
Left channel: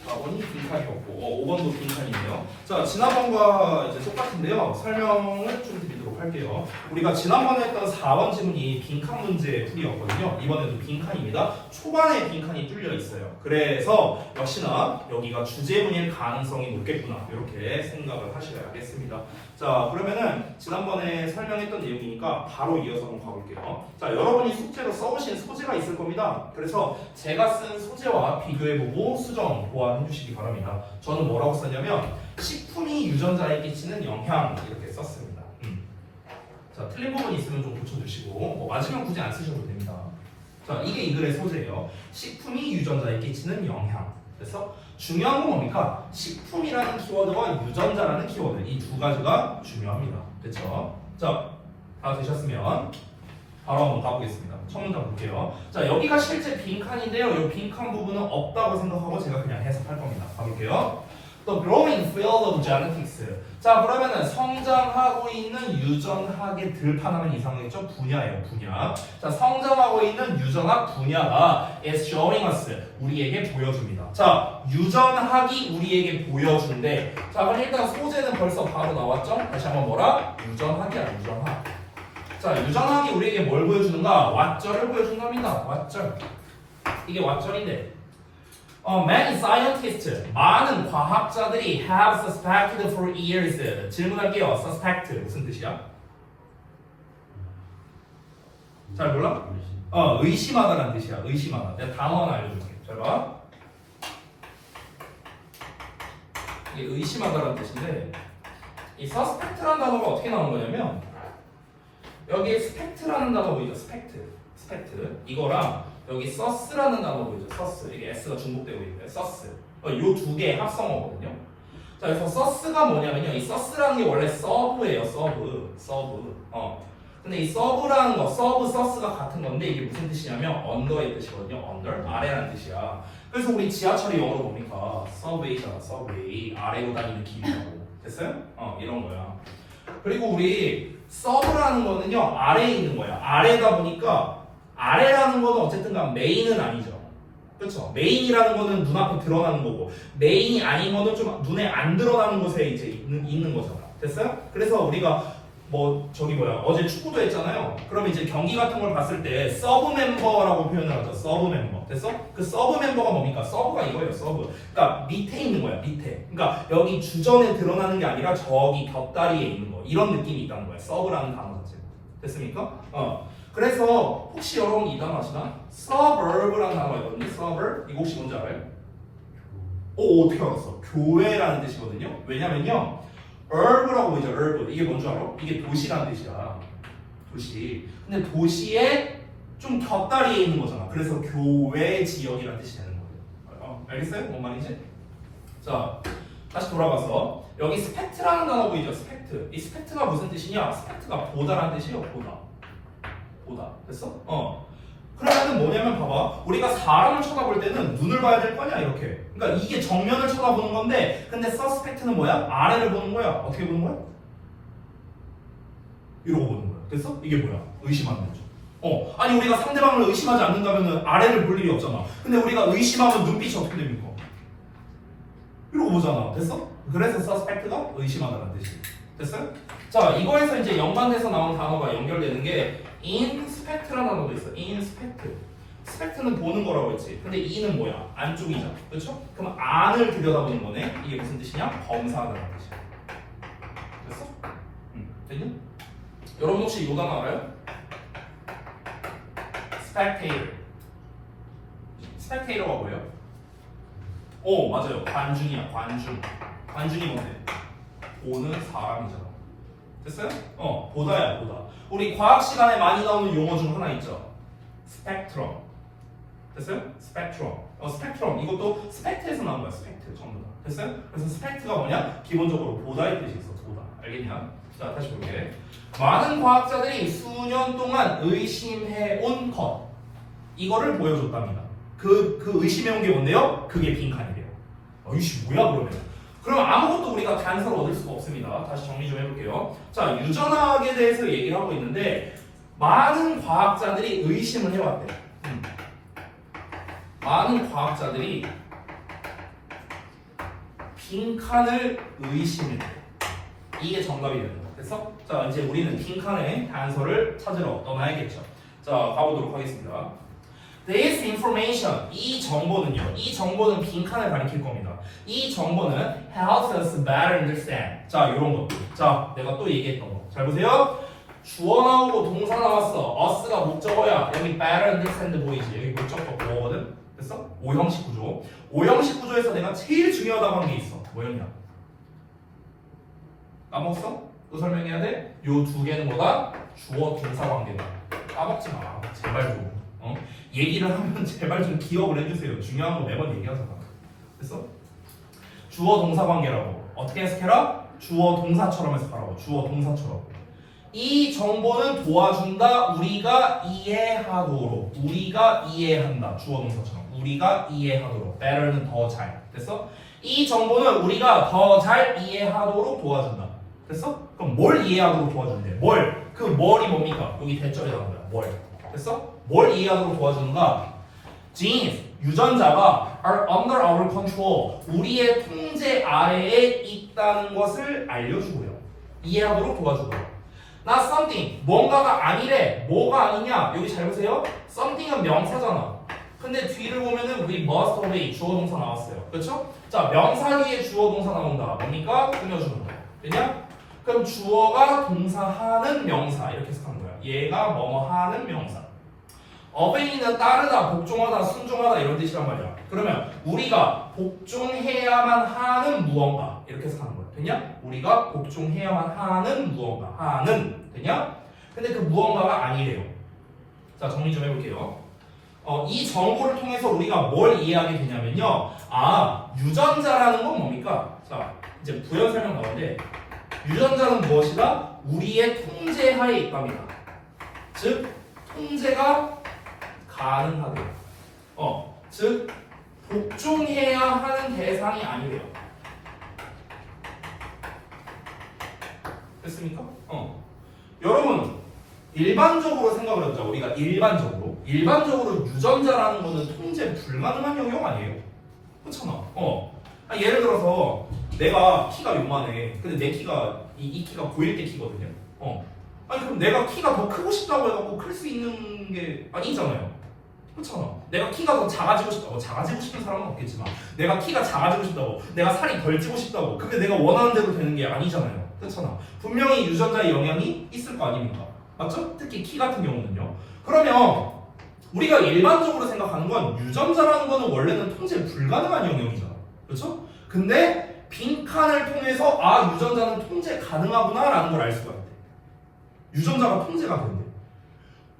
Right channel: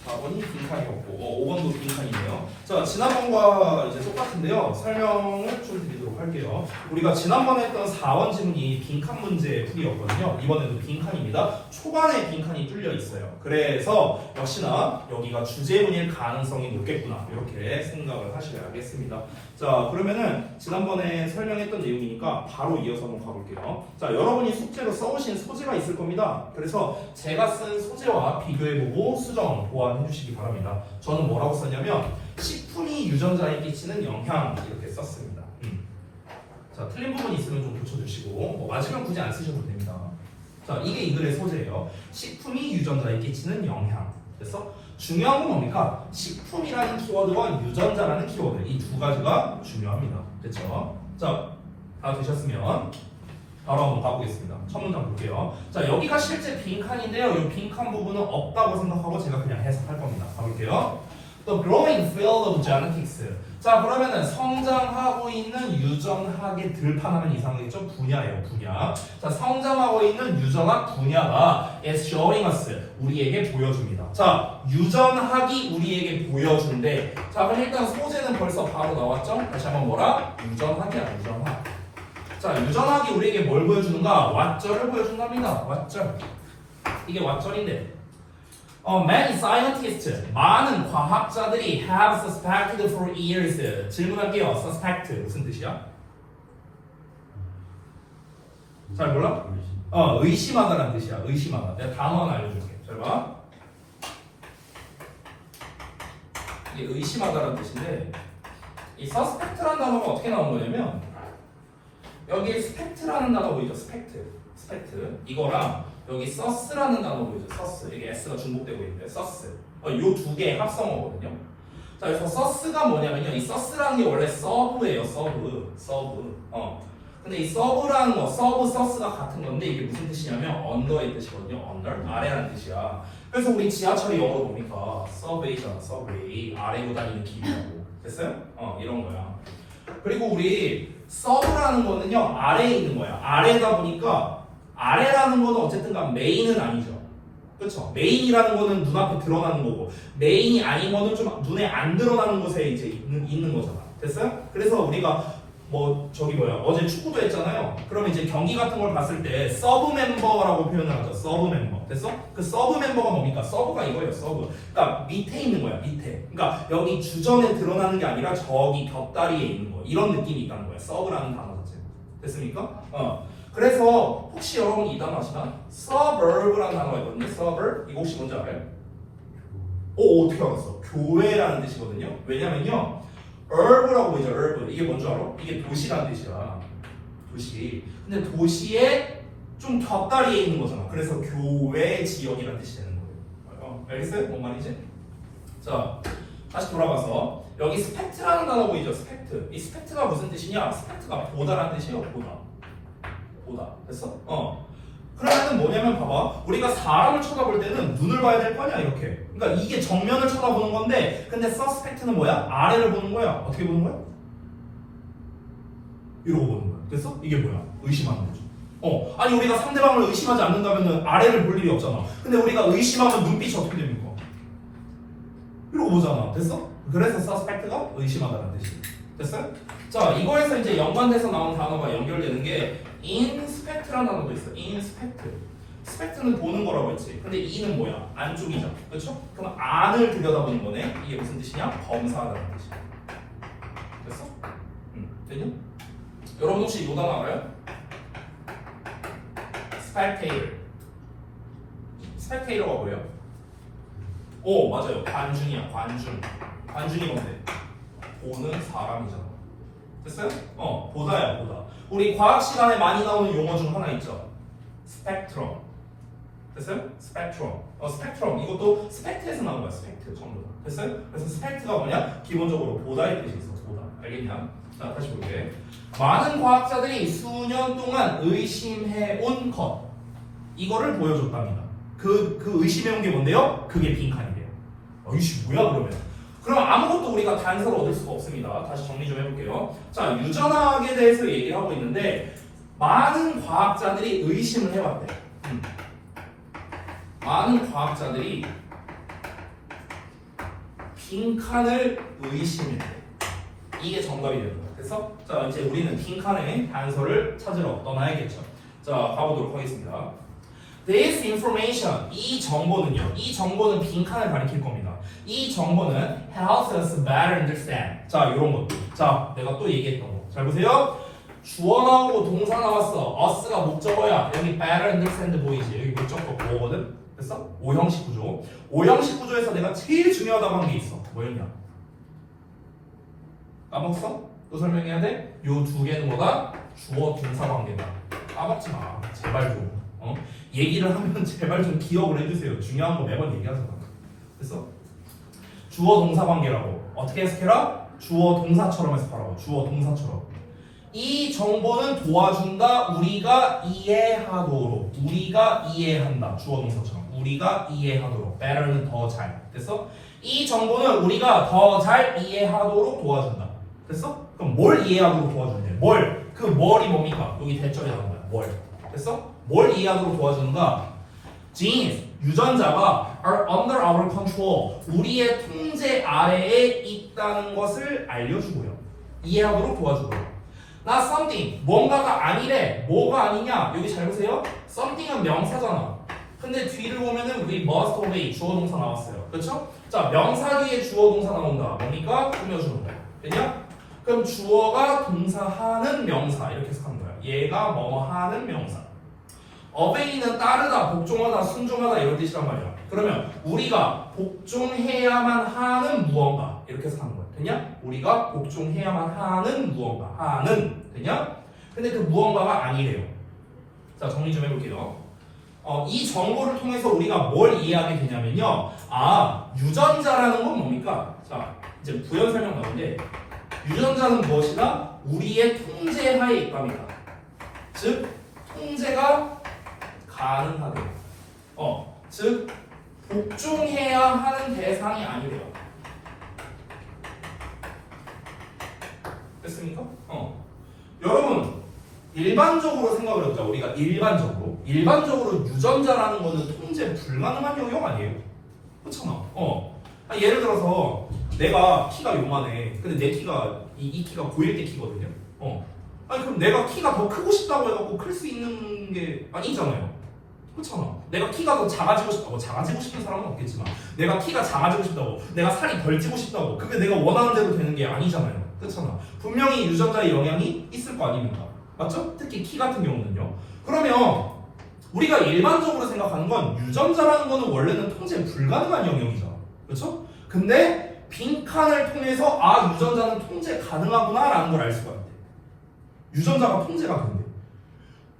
4번이 빈칸이 없고 5번도 빈칸이네요. 자, 지난번과 이제 똑같은데요. 설명을 좀 드리도록 할게요. 우리가 지난번에 했던 4번 지문이 빈칸 문제 풀이였거든요. 이번에도 빈칸입니다. 초반에 빈칸이 뚫려 있어요. 그래서 역시나 여기가 주제문일 가능성이 높겠구나. 이렇게 생각을 하셔야겠습니다. 자, 그러면은 지난번에 설명했던 내용이니까 바로 이어서 한번 가볼게요. 자, 여러분이 숙제로 써오신 소재가 있을 겁니다. 그래서 제가 쓴 소재와 비교해보고 수정, 보완해 주시기 바랍니다. 저는 뭐라고 썼냐면 식품이 유전자에 끼치는 영향 이렇게 썼습니다. 자, 틀린 부분 있으면 좀 고쳐주시고 뭐 맞으면 굳이 안 쓰셔도 됩니다. 자, 이게 이 글의 소재예요. 식품이 유전자에 끼치는 영향. 그래서 중요한 건 뭡니까? 식품이라는 키워드와 유전자라는 키워드 이 두 가지가 중요합니다. 됐죠? 자, 다 되셨으면 바로 한번 가보겠습니다. 첫 문장 볼게요. 자, 여기가 실제 빈칸인데요. 이 빈칸 부분은 없다고 생각하고 제가 그냥 해석할 겁니다. 가볼게요. The growing field of genetics. 자, 그러면은 성장하고 있는 유전학의 들판하면 이상하겠죠? 분야예요, 분야. 자, 성장하고 있는 유전학 분야가 is showing us 우리에게 보여줍니다. 자, 유전학이 우리에게 보여준대. 자, 그럼 일단 소재는 벌써 바로 나왔죠? 다시 한번 뭐라? 유전학이야, 유전학. 자, 유전학이 우리에게 뭘 보여주는가? 왓절을 보여준답니다. 왓절. 이게 왓절인데. Many scientists, 많은 과학자들이 have suspected for years. 질문할게요. suspect 무슨 뜻이야? 잘 몰라? 의심하다라는 뜻이야. 의심하다. 내가 단어 하나 알려줄게. 잘 봐. 이게 의심하다라는 뜻인데, 이 suspect라는 단어가 어떻게 나온 거냐면, 여기에 spect라는 단어 보이죠? spect. 이거랑 여기 source라는 단어 보이죠? source. 이게 s가 중복되고 있는데 source. 요 두 개의 합성어거든요. 자, 그래서 source가 뭐냐면요. 이 source라는 게 원래 serve예요. serve. 근데 이 serve라는 거, serve, source가 같은 건데 이게 무슨 뜻이냐면 under의 뜻이거든요. under, 아래라는 뜻이야. 그래서 우리 지하철이 영어로 보니까 subway잖아. subway. 아래로 다니는 길이라고. 됐어요? 이런 거야. 그리고 우리 serve라는 거는요. 아래에 있는 거야. 아래다 보니까 아래라는 거는 어쨌든 간 메인은 아니죠. 그렇죠? 메인이라는 거는 눈앞에 드러나는 거고 메인이 아닌 거는 좀 눈에 안 드러나는 곳에 이제 있는 거잖아. 됐어요? 그래서 우리가 어제 축구도 했잖아요. 그러면 이제 경기 같은 걸 봤을 때 서브 멤버라고 표현을 하죠. 서브 멤버. 됐어? 그 서브 멤버가 뭡니까? 서브가 이거예요. 서브. 그러니까 밑에 있는 거야. 밑에. 그러니까 여기 주전에 드러나는 게 아니라 저기 곁다리에 있는 거. 이런 느낌이 있다는 거야. 서브라는 단어 자체. 됐습니까? 그래서 혹시 여러분 이 단어 아시나? suburb라는 단어가 있거든요. suburb. 이거 혹시 뭔지 알아요? 어떻게 알았어? 교회라는 뜻이거든요. 왜냐면요. urb라고 보이죠. urb. 이게 뭔지 알아? 이게 도시라는 뜻이야. 도시. 근데 도시에 좀 곁다리에 있는 거잖아. 그래서 교외 지역이라는 뜻이 되는 거예요. 알겠어요? 뭔 말인지? 자, 다시 돌아가서 여기 spect라는 단어 보이죠? spect. 이 spect가 무슨 뜻이냐? spect가 보다라는 뜻이에요. 보다. 됐어? 그러면은 뭐냐면 봐봐. 우리가 사람을 쳐다볼 때는 눈을 봐야 될 거 아니야, 이렇게. 그러니까 이게 정면을 쳐다보는 건데 근데 suspect는 뭐야? 아래를 보는 거야. 어떻게 보는 거야? 이러고 보는 거야. 됐어? 이게 뭐야? 의심하는 거죠. 아니 우리가 상대방을 의심하지 않는다면은 아래를 볼 일이 없잖아. 근데 우리가 의심하면 눈빛이 어떻게 됩니까? 이러고 보잖아. 됐어? 그래서 suspect가 의심하다라는 뜻이에요. 됐어요? 자, 이거에서 이제 연관돼서 나온 단어가 연결되는 게 inspect라는 단어도 있어. inspect. spect는 보는 거라고 했지. 근데 e는 뭐야? 안쪽이잖아. 그렇죠? 그럼 안을 들여다보는 거네. 이게 무슨 뜻이냐? 검사하다는 뜻이야. 됐어? 됐니? 여러분 혹시 이 단어 알아요? spectator. spectator가 뭐예요? 맞아요. 관중이야. 관중이 뭔데? 보는 사람이잖아. 됐어요? 보다야, 보다. 우리 과학 시간에 많이 나오는 용어 중 하나 있죠. 스펙트럼. 됐어요? 스펙트럼. 스펙트럼. 이것도 스펙트에서 나온 거야. 스펙트 전부 다. 됐어요? 그래서 스펙트가 뭐냐? 기본적으로 보다의 뜻이 있어. 보다. 알겠냐? 자, 다시 볼게. 많은 과학자들이 수년 동안 의심해온 것. 이거를 보여줬답니다. 그 의심해온 게 뭔데요? 그게 빈칸이래요. 이씨 뭐야 그러면? 그럼 아무것도 우리가 단서를 얻을 수가 없습니다. 다시 정리 좀 해볼게요. 자, 유전학에 대해서 얘기를 하고 있는데 많은 과학자들이 의심을 해왔대. 많은 과학자들이 빈칸을 의심해. 이게 정답이 되는 거야. 됐어? 자, 이제 우리는 빈칸의 단서를 찾으러 떠나야겠죠. 자, 가보도록 하겠습니다. This information, 이 정보는 빈칸을 가리킬 겁니다. 이 정보는 helps us better understand. 자, 이런 것. 자, 내가 또 얘기했던 거. 잘 보세요. 주어 나오고 동사 나왔어. us가 목적어야. 여기 better understand 보이지? 여기 목적어 뭐거든? 됐어? 오형식 구조. 오형식 구조에서 내가 제일 중요하다고 한 게 있어. 뭐였냐? 까먹었어? 또 설명해야 돼? 요 두 개는 뭐다? 주어 동사 관계다. 까먹지 마. 제발 좀. 얘기를 하면 제발 좀 기억을 해주세요. 중요한 거 매번 얘기하잖아. 됐어? 주어 동사 관계라고. 어떻게 해석해라? 주어 동사처럼 해석하라고. 주어 동사처럼. 이 정보는 도와준다. 우리가 이해하도록. 우리가 이해한다. 주어 동사처럼. 우리가 이해하도록. better는 더 잘. 됐어? 이 정보는 우리가 더 잘 이해하도록 도와준다. 됐어? 그럼 뭘 이해하도록 도와준대? 뭘? 그 뭘이 뭡니까? 여기 대절에 나온 거야. 뭘? 됐어? 뭘 이해하도록 도와주는가? Genes, 유전자가 are under our control. 우리의 통제 아래에 있다는 것을 알려주고요. 이해하도록 도와주고요. Not something, 뭔가가 아니래. 뭐가 아니냐? 여기 잘 보세요. something은 명사잖아. 근데 뒤를 보면은 we must obey 주어 동사 나왔어요. 그렇죠? 자, 명사 뒤에 주어 동사 나온다. 뭡니까? 꾸며주는 거야. 됐냐? 그럼 주어가 동사하는 명사 이렇게 해석하는 거야. 얘가 뭐뭐 하는 명사. obey는 따르다, 복종하다, 순종하다 이런 뜻이란 말이야. 그러면 우리가 복종해야만 하는 무언가 이렇게 해석하는 거야. 됐냐? 우리가 복종해야만 하는 무언가. 하는. 됐냐? 근데 그 무언가가 아니래요. 자, 정리 좀 해볼게요. 이 정보를 통해서 우리가 뭘 이해하게 되냐면요. 아, 유전자라는 건 뭡니까? 자, 이제 부연 설명 나오는데 유전자는 무엇이다? 우리의 통제하에 있답니다. 즉, 통제가 가능하대요. 즉, 복종해야 하는 대상이 아니래요. 됐습니까? 여러분, 일반적으로 생각을 해보자. 우리가 일반적으로 유전자라는 거는 통제 불가능한 영역 아니에요? 그렇잖아. 예를 들어서 내가 키가 요만해. 근데 내 키가 이 키가 보일 때 키거든요. 아니 그럼 내가 키가 더 크고 싶다고 해갖고 클 수 있는 게 아니잖아요. 그렇잖아. 내가 키가 더 작아지고 싶다고, 작아지고 싶은 사람은 없겠지만 내가 키가 작아지고 싶다고, 내가 살이 덜 찌고 싶다고, 그게 내가 원하는 대로 되는 게 아니잖아요. 그렇잖아. 분명히 유전자의 영향이 있을 거 아닙니까? 맞죠? 특히 키 같은 경우는요. 그러면 우리가 일반적으로 생각하는 건 유전자라는 거는 원래는 통제 불가능한 영역이잖아. 그렇죠? 근데 빈칸을 통해서 아, 유전자는 통제 가능하구나 라는 걸 알 수가 있대. 유전자가 통제가 된대.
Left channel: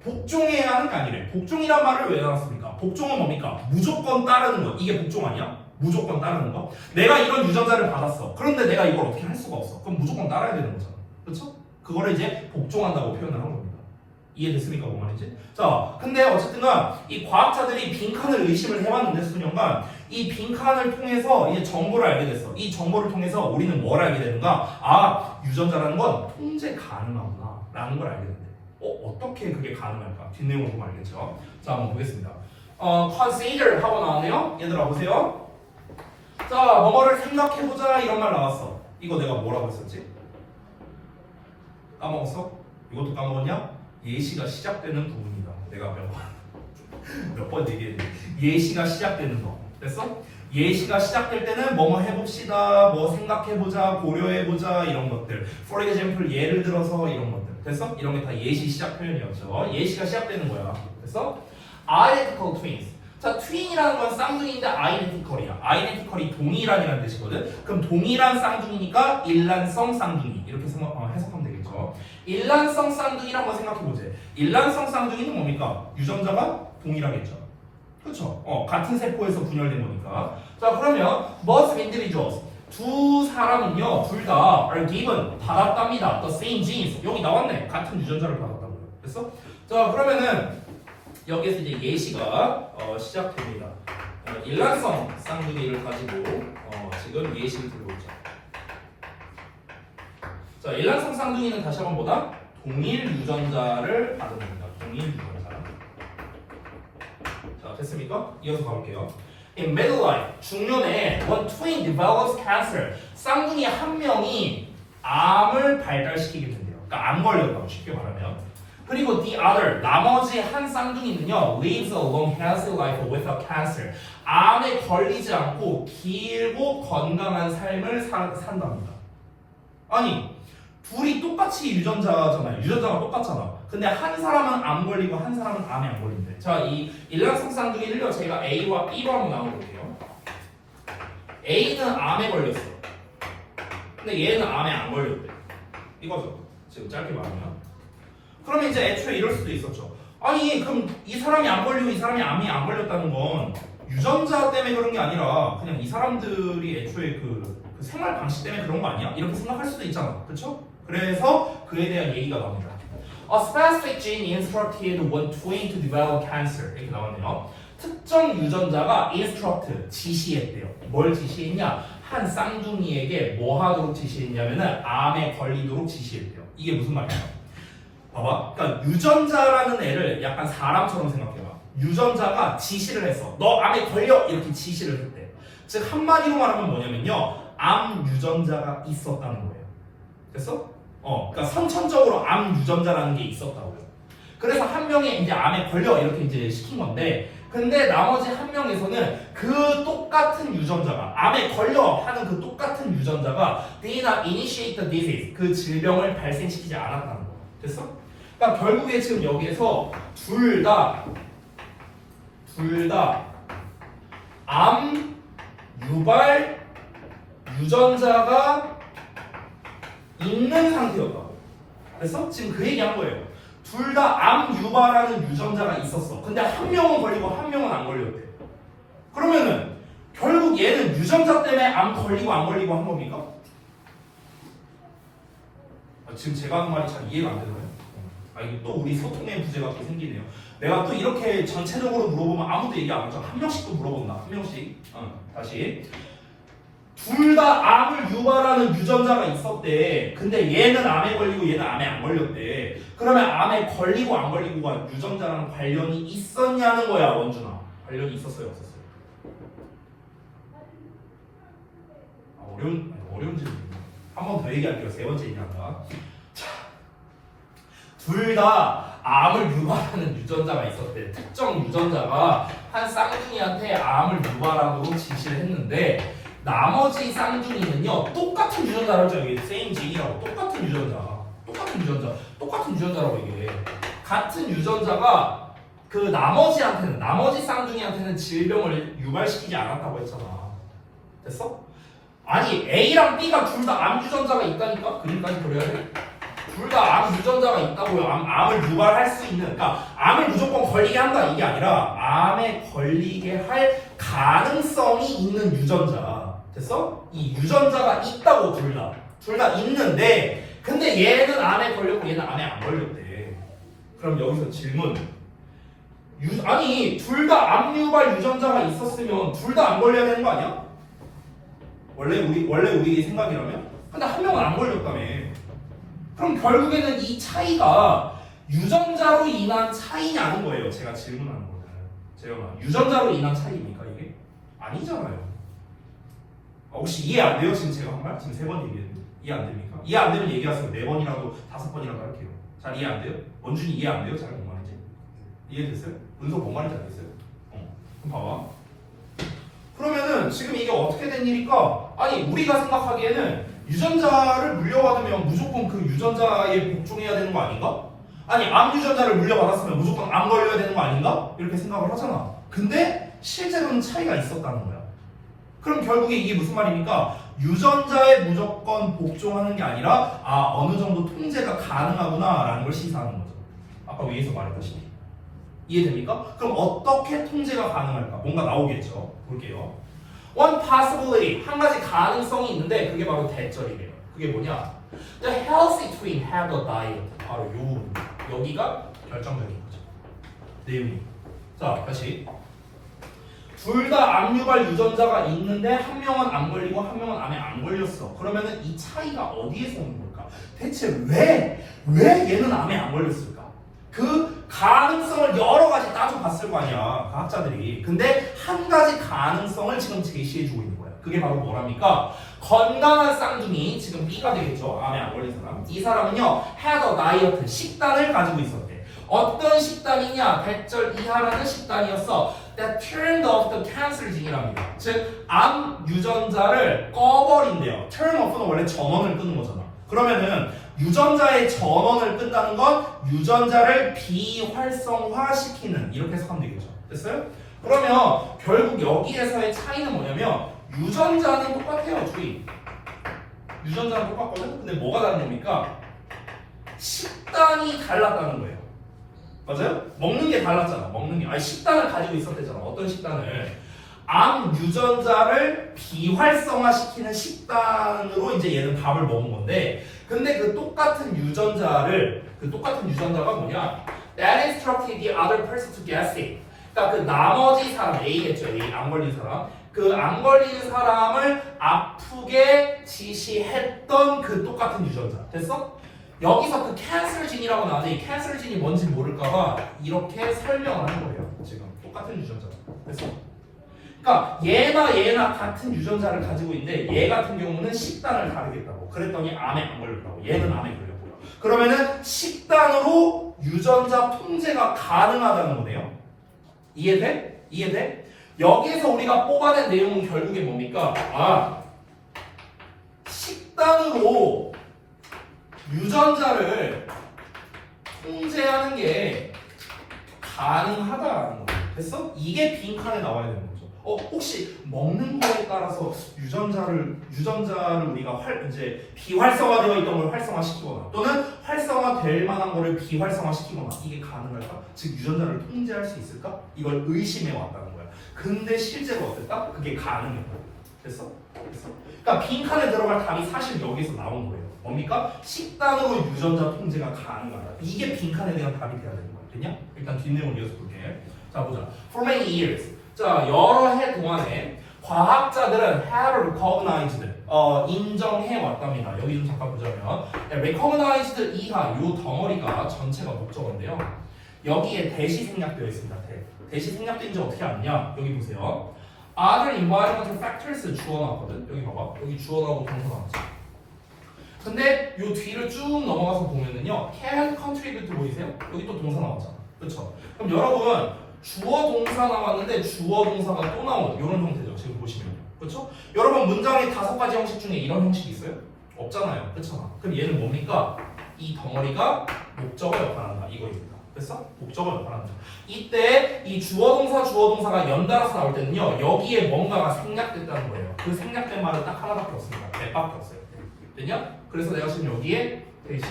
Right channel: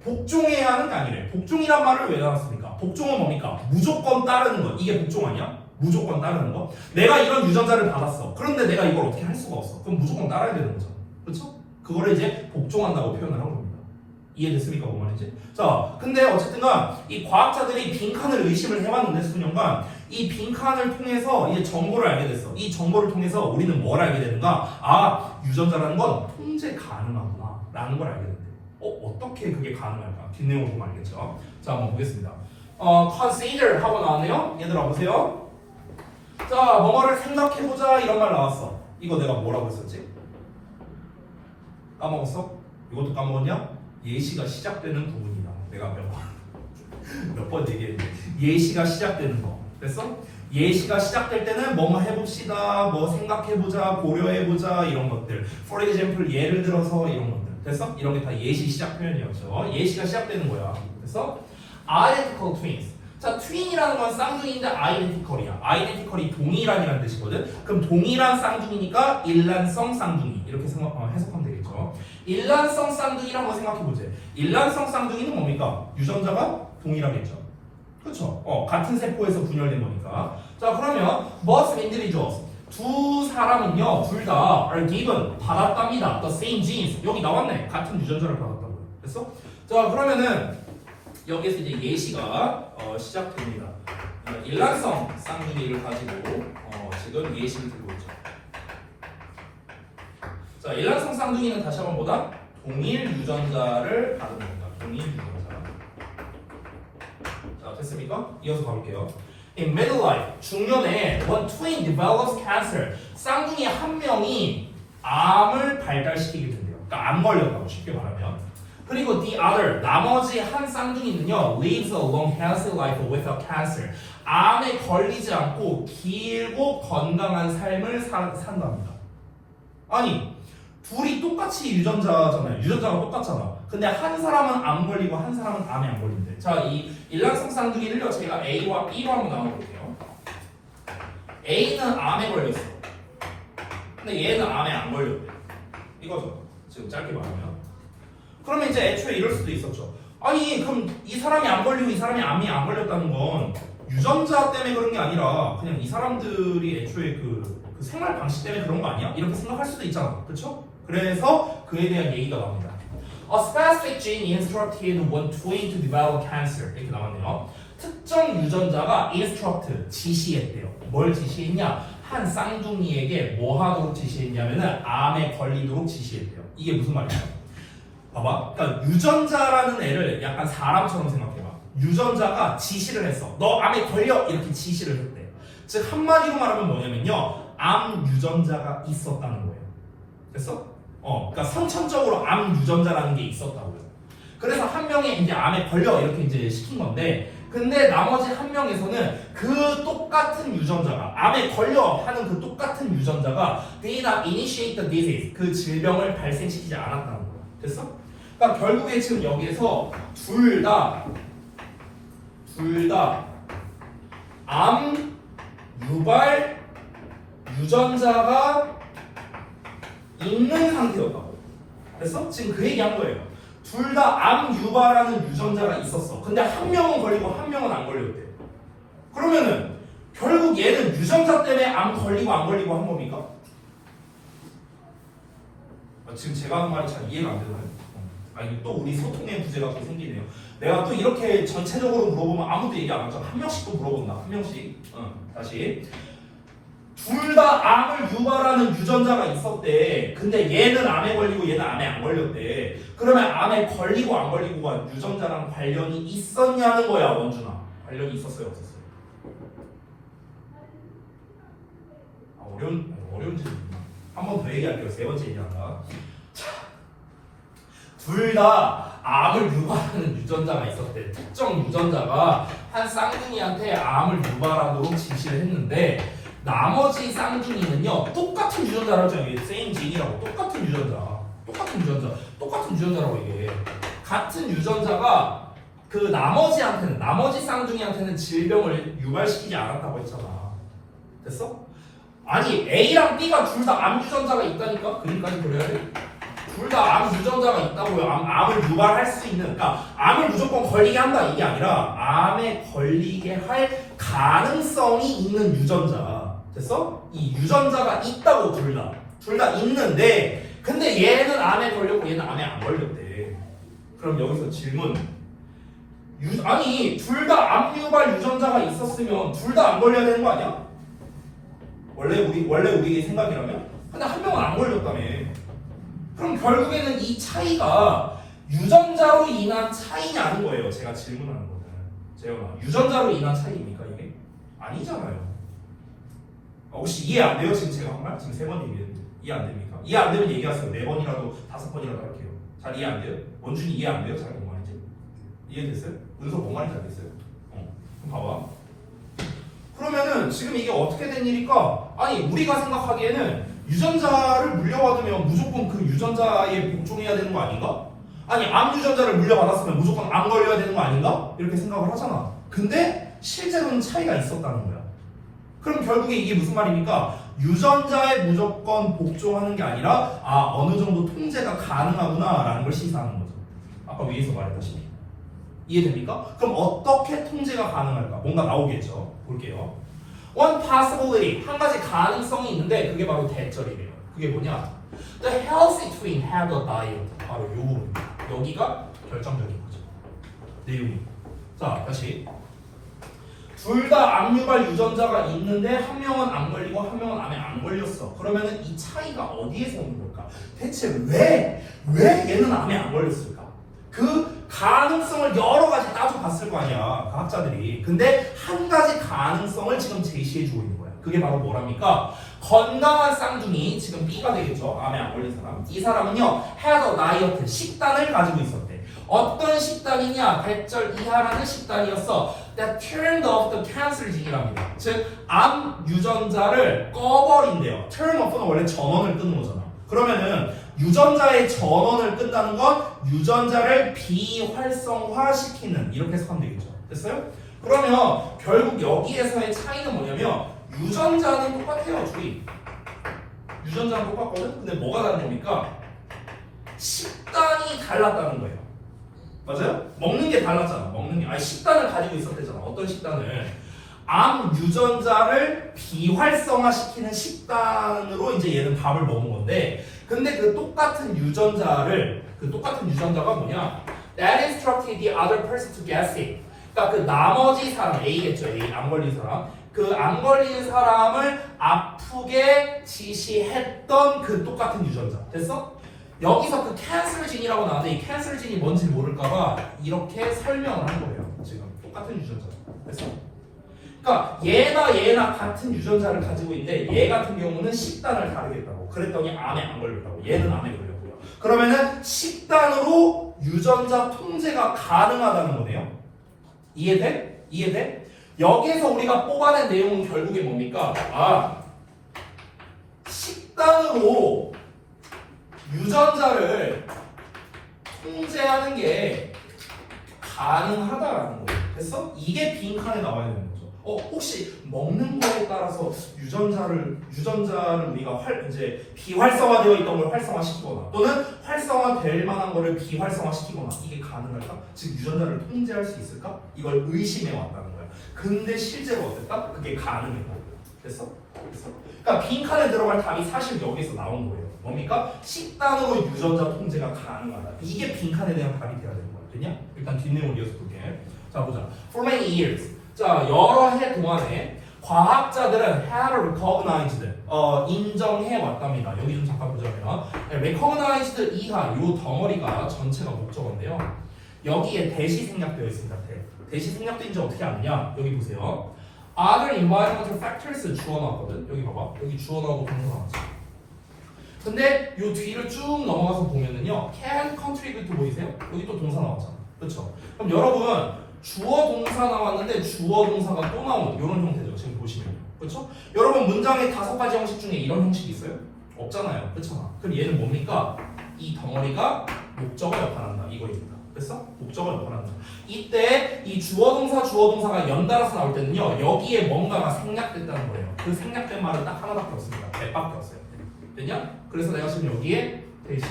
복종해야 하는 게 아니래. 복종이란 말을 왜 나왔습니까? 복종은 뭡니까? 무조건 따르는 것. 이게 복종 아니야? 무조건 따르는 거. 내가 이런 유전자를 받았어. 그런데 내가 이걸 어떻게 할 수가 없어. 그럼 무조건 따라야 되는 거잖아. 그렇죠? 그거를 이제 복종한다고 표현을 한 겁니다. 이해됐습니까? 뭔 말인지? 자, 근데 어쨌든간 이 과학자들이 빈칸을 의심을 해봤는데 수년간 이 빈칸을 통해서 이제 정보를 알게 됐어. 이 정보를 통해서 우리는 뭘 알게 되는가? 아, 유전자라는 건 통제 가능하구나 라는 걸 알게 된대. 어떻게 그게 가능할까? 뒷내용을 보면 알겠죠? 자, 한번 보겠습니다. consider 하고 나왔네요. 얘들아 보세요. 자, 뭐뭐를 생각해보자 이런 말 나왔어. 이거 내가 뭐라고 했었지? 까먹었어? 이것도 까먹었냐? 예시가 시작되는 부분이다. 내가 몇 번 얘기했는데 예시가 시작되는 거. 됐어? 예시가 시작될 때는 뭐뭐 해봅시다, 뭐 생각해보자, 고려해보자 이런 것들. For example, 예를 들어서 이런 것들. 됐어? 이런 게 다 예시 시작 표현이었죠. 예시가 시작되는 거야. 됐어? Identical twins. 자, 트윈이라는 건 쌍둥이인데 아이덴티컬이야. 아이덴티컬이 동일한이라는 뜻이거든. 그럼 동일한 쌍둥이니까 일란성 쌍둥이 이렇게 해석하면 되겠죠. 일란성 쌍둥이라고 생각해보자. 일란성 쌍둥이는 뭡니까? 유전자가 동일하겠죠. 그렇죠? 같은 세포에서 분열된 거니까. 자, 그러면 both individuals 두 사람은요, 둘 다 are given 받았답니다. The same genes. 여기 나왔네. 같은 유전자를 받았다고요. 됐어? 자, 그러면은 여기서 이제 예시가 시작됩니다. 일란성 쌍둥이를 가지고 지금 예시를 들고 있죠. 자, 일란성 쌍둥이는 다시 한번 보다 동일 유전자를 받은 겁니다. 동일 유전자. 자, 됐습니까? 이어서 가볼게요. In middle life, 중년에 when twin develops cancer, 쌍둥이 한 명이 암을 발달시키게 된대요. 그러니까 암 걸렸다고 쉽게 말하면. 그리고 the other, 나머지 한 쌍둥이는요, lives a long healthy life without cancer. 암에 걸리지 않고 길고 건강한 삶을 산답니다. 아니, 둘이 똑같이 유전자잖아요. 유전자가 똑같잖아. 근데 한 사람은 암 걸리고 한 사람은 암에 안 걸린대. 자, 이 일란성 쌍둥이를요, 제가 A와 B로 한번 나눠볼게요. A는 암에 걸렸어. 근데 얘는 암에 안 걸렸대. 이거죠. 지금 짧게 말하면. 그러면 이제 애초에 이럴 수도 있었죠. 아니, 그럼 이 사람이 안 걸리고 이 사람이 암이 안 걸렸다는 건 유전자 때문에 그런 게 아니라 그냥 이 사람들이 애초에 그 생활 방식 때문에 그런 거 아니야? 이렇게 생각할 수도 있잖아. 그렇죠? 그래서 그에 대한 얘기가 나옵니다. A specific gene instructed one twin to develop cancer. 이렇게 나왔네요. 특정 유전자가 instruct, 지시했대요. 뭘 지시했냐? 한 쌍둥이에게 뭐 하도록 지시했냐면은 암에 걸리도록 지시했대요. 이게 무슨 말이야? 봐봐. 그러니까 유전자라는 애를 약간 사람처럼 생각해봐. 유전자가 지시를 했어. 너 암에 걸려! 이렇게 지시를 했대. 즉 한마디로 말하면 뭐냐면요. 암 유전자가 있었다는 거예요. 됐어? 그러니까 선천적으로 암 유전자라는 게 있었다고요. 그래서 한 명이 이제 암에 걸려 이렇게 이제 시킨 건데, 근데 나머지 한 명에서는 그 똑같은 유전자가 암에 걸려 하는 그 똑같은 유전자가 did not initiate the disease, 그 질병을 발생시키지 않았다는 거예요. 됐어? 그러니까 결국에 지금 여기에서 둘 다 암 유발 유전자가 있는 상태였다고. 그래서 지금 그 얘기한 거예요. 둘 다 암 유발하는 유전자가 있었어. 근데 한 명은 걸리고 한 명은 안 걸렸대. 그러면은 결국 얘는 유전자 때문에 암 걸리고 안 걸리고 한 겁니까? 지금 제가 하는 말이 잘 이해가 안 되나요? 아니, 또 우리 소통의 부재가 또 생기네요. 내가 또 이렇게 전체적으로 물어보면 아무도 얘기 안 하죠. 한 명씩 또 물어본다. 한 명씩. 다시. 둘 다 암을 유발하는 유전자가 있었대. 근데 얘는 암에 걸리고 얘는 암에 안 걸렸대. 그러면 암에 걸리고 안 걸리고가 유전자랑 관련이 있었냐는 거야, 원준아. 관련이 있었어요, 없었어요? 어려운 질문이구나. 한 번 더 얘기할게요. 세 번째 얘기한다. 자, 둘 다 암을 유발하는 유전자가 있었대. 특정 유전자가 한 쌍둥이한테 암을 유발하도록 지시를 했는데, 나머지 쌍둥이는요 똑같은 유전자라고 하잖아요. 이게 same gene이라고. 똑같은 유전자라고 얘기해. 같은 유전자가 그 나머지 쌍둥이한테는 질병을 유발시키지 않았다고 했잖아. 됐어? 아니 A랑 B가 둘 다 암 유전자가 있다니까? 그림까지 그려야 돼? 둘 다 암 유전자가 있다고요. 암을 유발할 수 있는, 그러니까 암을 무조건 걸리게 한다 이게 아니라 암에 걸리게 할 가능성이 있는 유전자. 됐어? 이 유전자가 있다고 둘 다 있는데, 근데 얘는 암에 걸렸고 얘는 암에 안 걸렸대. 그럼 여기서 질문. 아니 둘 다 암 유발 유전자가 있었으면 둘 다 안 걸려야 되는 거 아니야? 원래 우리 생각이라면? 근데 한 명은 안 걸렸다며. 그럼 결국에는 이 차이가 유전자로 인한 차이냐는 거예요. 제가 질문하는 거는. 재현아, 유전자로 인한 차이입니까 이게? 아니잖아요. 혹시 이해 안 돼요? 지금 제가 한 말? 지금 3번 얘기했는데 이해 안 됩니까? 이해 안 되면 얘기하세요. 4번이라도 5번이라도 할게요. 잘 이해 안 돼요? 원준이 이해 안 돼요? 잘 뭔 말인지? 이해됐어요? 은서 뭔 말인지 안 됐어요? 그럼 봐봐. 그러면은 지금 이게 어떻게 된 일일까? 아니 우리가 생각하기에는 유전자를 물려받으면 무조건 그 유전자에 복종해야 되는 거 아닌가? 아니 암 유전자를 물려받았으면 무조건 암 걸려야 되는 거 아닌가? 이렇게 생각을 하잖아. 근데 실제로는 차이가 있었다는 거야. 그럼 결국에 이게 무슨 말입니까? 유전자에 무조건 복종하는 게 아니라 어느 정도 통제가 가능하구나 라는 걸 시사하는 거죠. 아까 위에서 말했다시피. 이해됩니까? 그럼 어떻게 통제가 가능할까? 뭔가 나오겠죠. 볼게요. One possibility, 한 가지 가능성이 있는데 그게 바로 대절이래요. 그게 뭐냐? The healthy twin had a diet. 바로 요 부분. 여기가 결정적인 거죠. 내용이. 자, 다시. 둘 다 암 유발 유전자가 있는데 한 명은 안 걸리고 한 명은 암에 안 걸렸어. 그러면은 이 차이가 어디에서 오는 걸까? 대체 왜 얘는 암에 안 걸렸을까? 그 가능성을 여러 가지 따져봤을 거 아니야, 과학자들이. 근데 한 가지 가능성을 지금 제시해주고 있는 거야. 그게 바로 뭐랍니까? 건강한 쌍둥이, 지금 B가 되겠죠. 암에 안 걸린 사람. 이 사람은요, had a diet, 식단을 가지고 있었대. 어떤 식단이냐? 100절 이하라는 식단이었어. That turned off the cancer gene이랍니다. 즉, 암 유전자를 꺼버린대요. turn off는 원래 전원을 끄는 거잖아. 그러면은 유전자의 전원을 끈다는 건 유전자를 비활성화시키는, 이렇게 해석하면 되겠죠. 됐어요? 그러면 결국 여기에서의 차이는 뭐냐면 유전자는 똑같아요, 주의. 유전자는 똑같거든? 근데 뭐가 다른 겁니까? 식단이 달랐다는 거예요. 맞아요? 먹는 게 달랐잖아. 먹는 게. 아니, 식단을 가지고 있었대잖아. 어떤 식단을? 암 유전자를 비활성화시키는 식단으로 이제 얘는 밥을 먹은 건데, 근데 그 똑같은 유전자가 뭐냐? That instructed the other person to get sick. 그러니까 그 나머지 사람, A겠죠. A, 암 걸린 사람. 그 암 걸린 사람을 아프게 지시했던 그 똑같은 유전자. 됐어? 여기서 그 캔슬 진이라고 나왔는데 이 캔슬 진이 뭔지 모를까봐 이렇게 설명을 한 거예요. 지금 똑같은 유전자. 됐어? 그러니까 얘나 같은 유전자를 가지고 있는데 얘 같은 경우는 식단을 다르겠다고. 그랬더니 암에 안 걸렸다고. 얘는 암에 걸렸고요. 그러면은 식단으로 유전자 통제가 가능하다는 거네요. 이해돼? 이해돼? 여기에서 우리가 뽑아낸 내용은 결국에 뭡니까? 식단으로 유전자를 통제하는 게 가능하다라는 거예요. 됐어? 이게 빈칸에 나와야 되는 거죠. 혹시 먹는 거에 따라서 유전자를 우리가 이제 비활성화되어 있던 걸 활성화시키거나 또는 활성화될 만한 거를 비활성화시키거나 이게 가능할까? 즉 유전자를 통제할 수 있을까? 이걸 의심해 왔다는 거야. 근데 실제로 어땠다? 그게 가능했다. 됐어? 그러니까 빈칸에 들어갈 답이 사실 여기서 나온 거예요. 뭡니까? 식단으로 유전자 통제가 가능하다. 이게 빈칸에 대한 답이 돼야 되는 거야. 됐냐? 일단 뒷내용을 이어서 볼게. 자 보자. For many years. 자 여러 해 동안에 과학자들은 have recognized 인정해 왔답니다. 여기 좀 잠깐 보자면 recognized 이하 요 덩어리가 전체가 목적어인데요. 여기에 대시 생략되어 있습니다. 대시 생략된지 어떻게 아느냐? 여기 보세요. Other environmental factors 주어 나왔거든. 여기 봐봐. 여기 주어 나오고 동사 나왔지. 근데 요 뒤를 쭉 넘어가서 보면은요, can contribute 보이세요? 여기 또 동사 나왔잖아. 그렇죠? 그럼 여러분 주어 동사 나왔는데 주어 동사가 또 나오는 이런 형태죠. 지금 보시면. 그렇죠? 여러분 문장의 5가지 형식 중에 이런 형식이 있어요? 없잖아요. 그렇죠? 그럼 얘는 뭡니까? 이 덩어리가 목적어 역할한다. 이거입니다. 됐어? 목적어 역할한다. 이때 이 주어 동사가 연달아서 나올 때는요, 여기에 뭔가가 생략된다는 거예요. 그 생략된 말은 딱 하나밖에 없습니다. 대밖에 없어요. 됐냐? 그래서 내가 지금 여기에 대시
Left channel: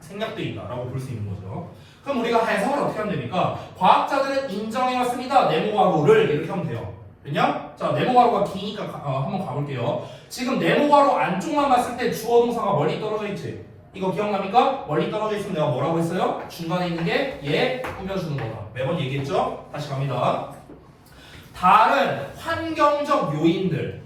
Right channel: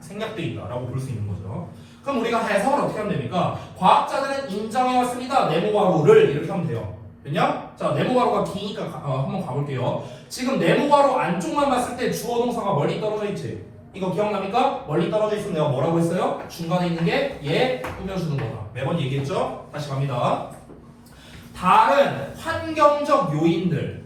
생략돼 있다라고 볼 수 있는 거죠. 그럼 우리가 해석을 어떻게 하면 됩니까? 과학자들은 인정해왔습니다. 네모괄호를 이렇게 하면 돼요. 됐냐? 자, 네모괄호가 기니까 한번 가볼게요. 지금 네모괄호 안쪽만 봤을 때 주어 동사가 멀리 떨어져 있지. 이거 기억납니까? 멀리 떨어져 있으면 내가 뭐라고 했어요? 중간에 있는 게 얘 꾸며주는 거다. 매번 얘기했죠? 다시 갑니다. 다른 환경적 요인들.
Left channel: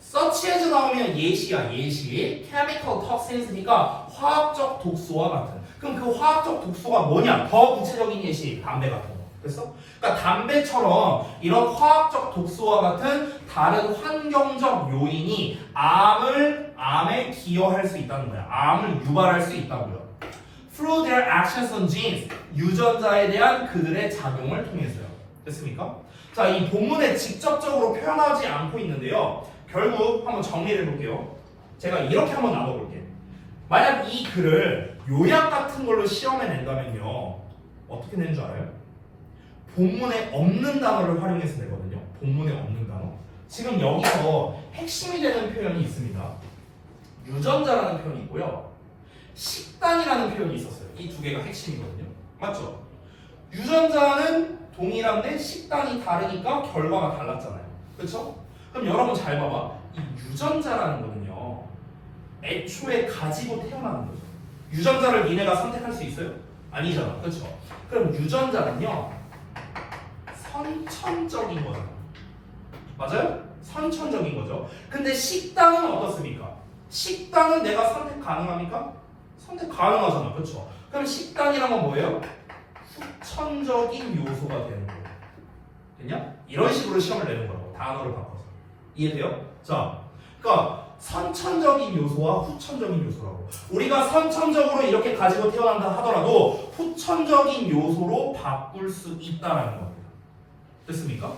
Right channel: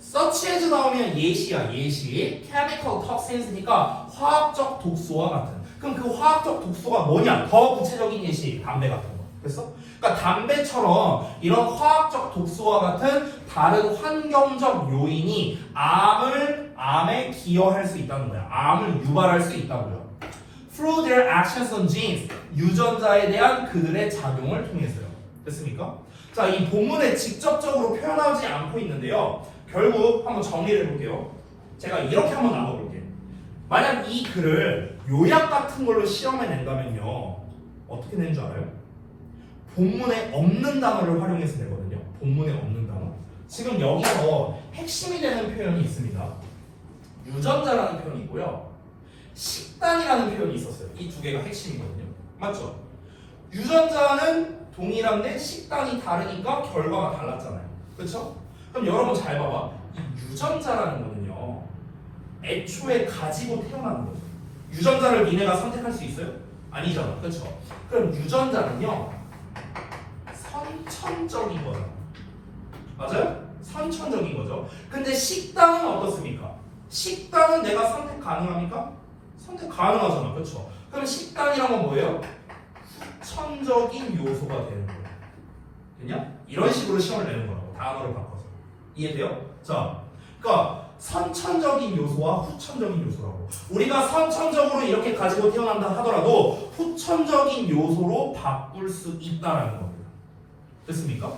such as 나오면 예시야, 예시. chemical toxins니까 화학적 독소와 같은. 그럼 그 화학적 독소가 뭐냐? 더 구체적인 예시, 담배 같은 거. 됐어? 그러니까 담배처럼 이런 화학적 독소와 같은 다른 환경적 요인이 암에 기여할 수 있다는 거야. 암을 유발할 수 있다고요. Through their actions on genes, 유전자에 대한 그들의 작용을 통해서요. 됐습니까? 자, 이 본문에 직접적으로 표현하지 않고 있는데요. 결국 한번 정리를 해볼게요. 제가 이렇게 한번 나눠볼게요. 만약 이 글을 요약 같은 걸로 시험에 낸다면요, 어떻게 내는 줄 알아요? 본문에 없는 단어를 활용해서 내거든요. 본문에 없는 단어. 지금 여기서 핵심이 되는 표현이 있습니다. 유전자라는 표현이 있고요, 식단이라는 표현이 있었어요. 이 두 개가 핵심이거든요. 맞죠? 유전자는 동일한데 식단이 다르니까 결과가 달랐잖아요. 그렇죠? 그럼 여러분 잘 봐봐. 이 유전자라는 거는요, 애초에 가지고 태어나는 거죠. 유전자를 니네가 선택할 수 있어요? 아니잖아. 그렇죠? 그럼 유전자는요, 선천적인 거잖아. 맞아요? 선천적인 거죠. 근데 식단은 어떻습니까? 식단은 내가 선택 가능합니까? 선택 가능하잖아. 그렇죠? 그럼 식단이란 건 뭐예요? 선천적인 요소가 되는 거예요. 됐냐? 이런 식으로 시험을 내는 거라고. 단어를 바꿔서. 이해돼요? 자, 그러니까 선천적인 요소와 후천적인 요소라고. 우리가 선천적으로 이렇게 가지고 태어난다 하더라도 후천적인 요소로 바꿀 수 있다라는 겁니다. 됐습니까?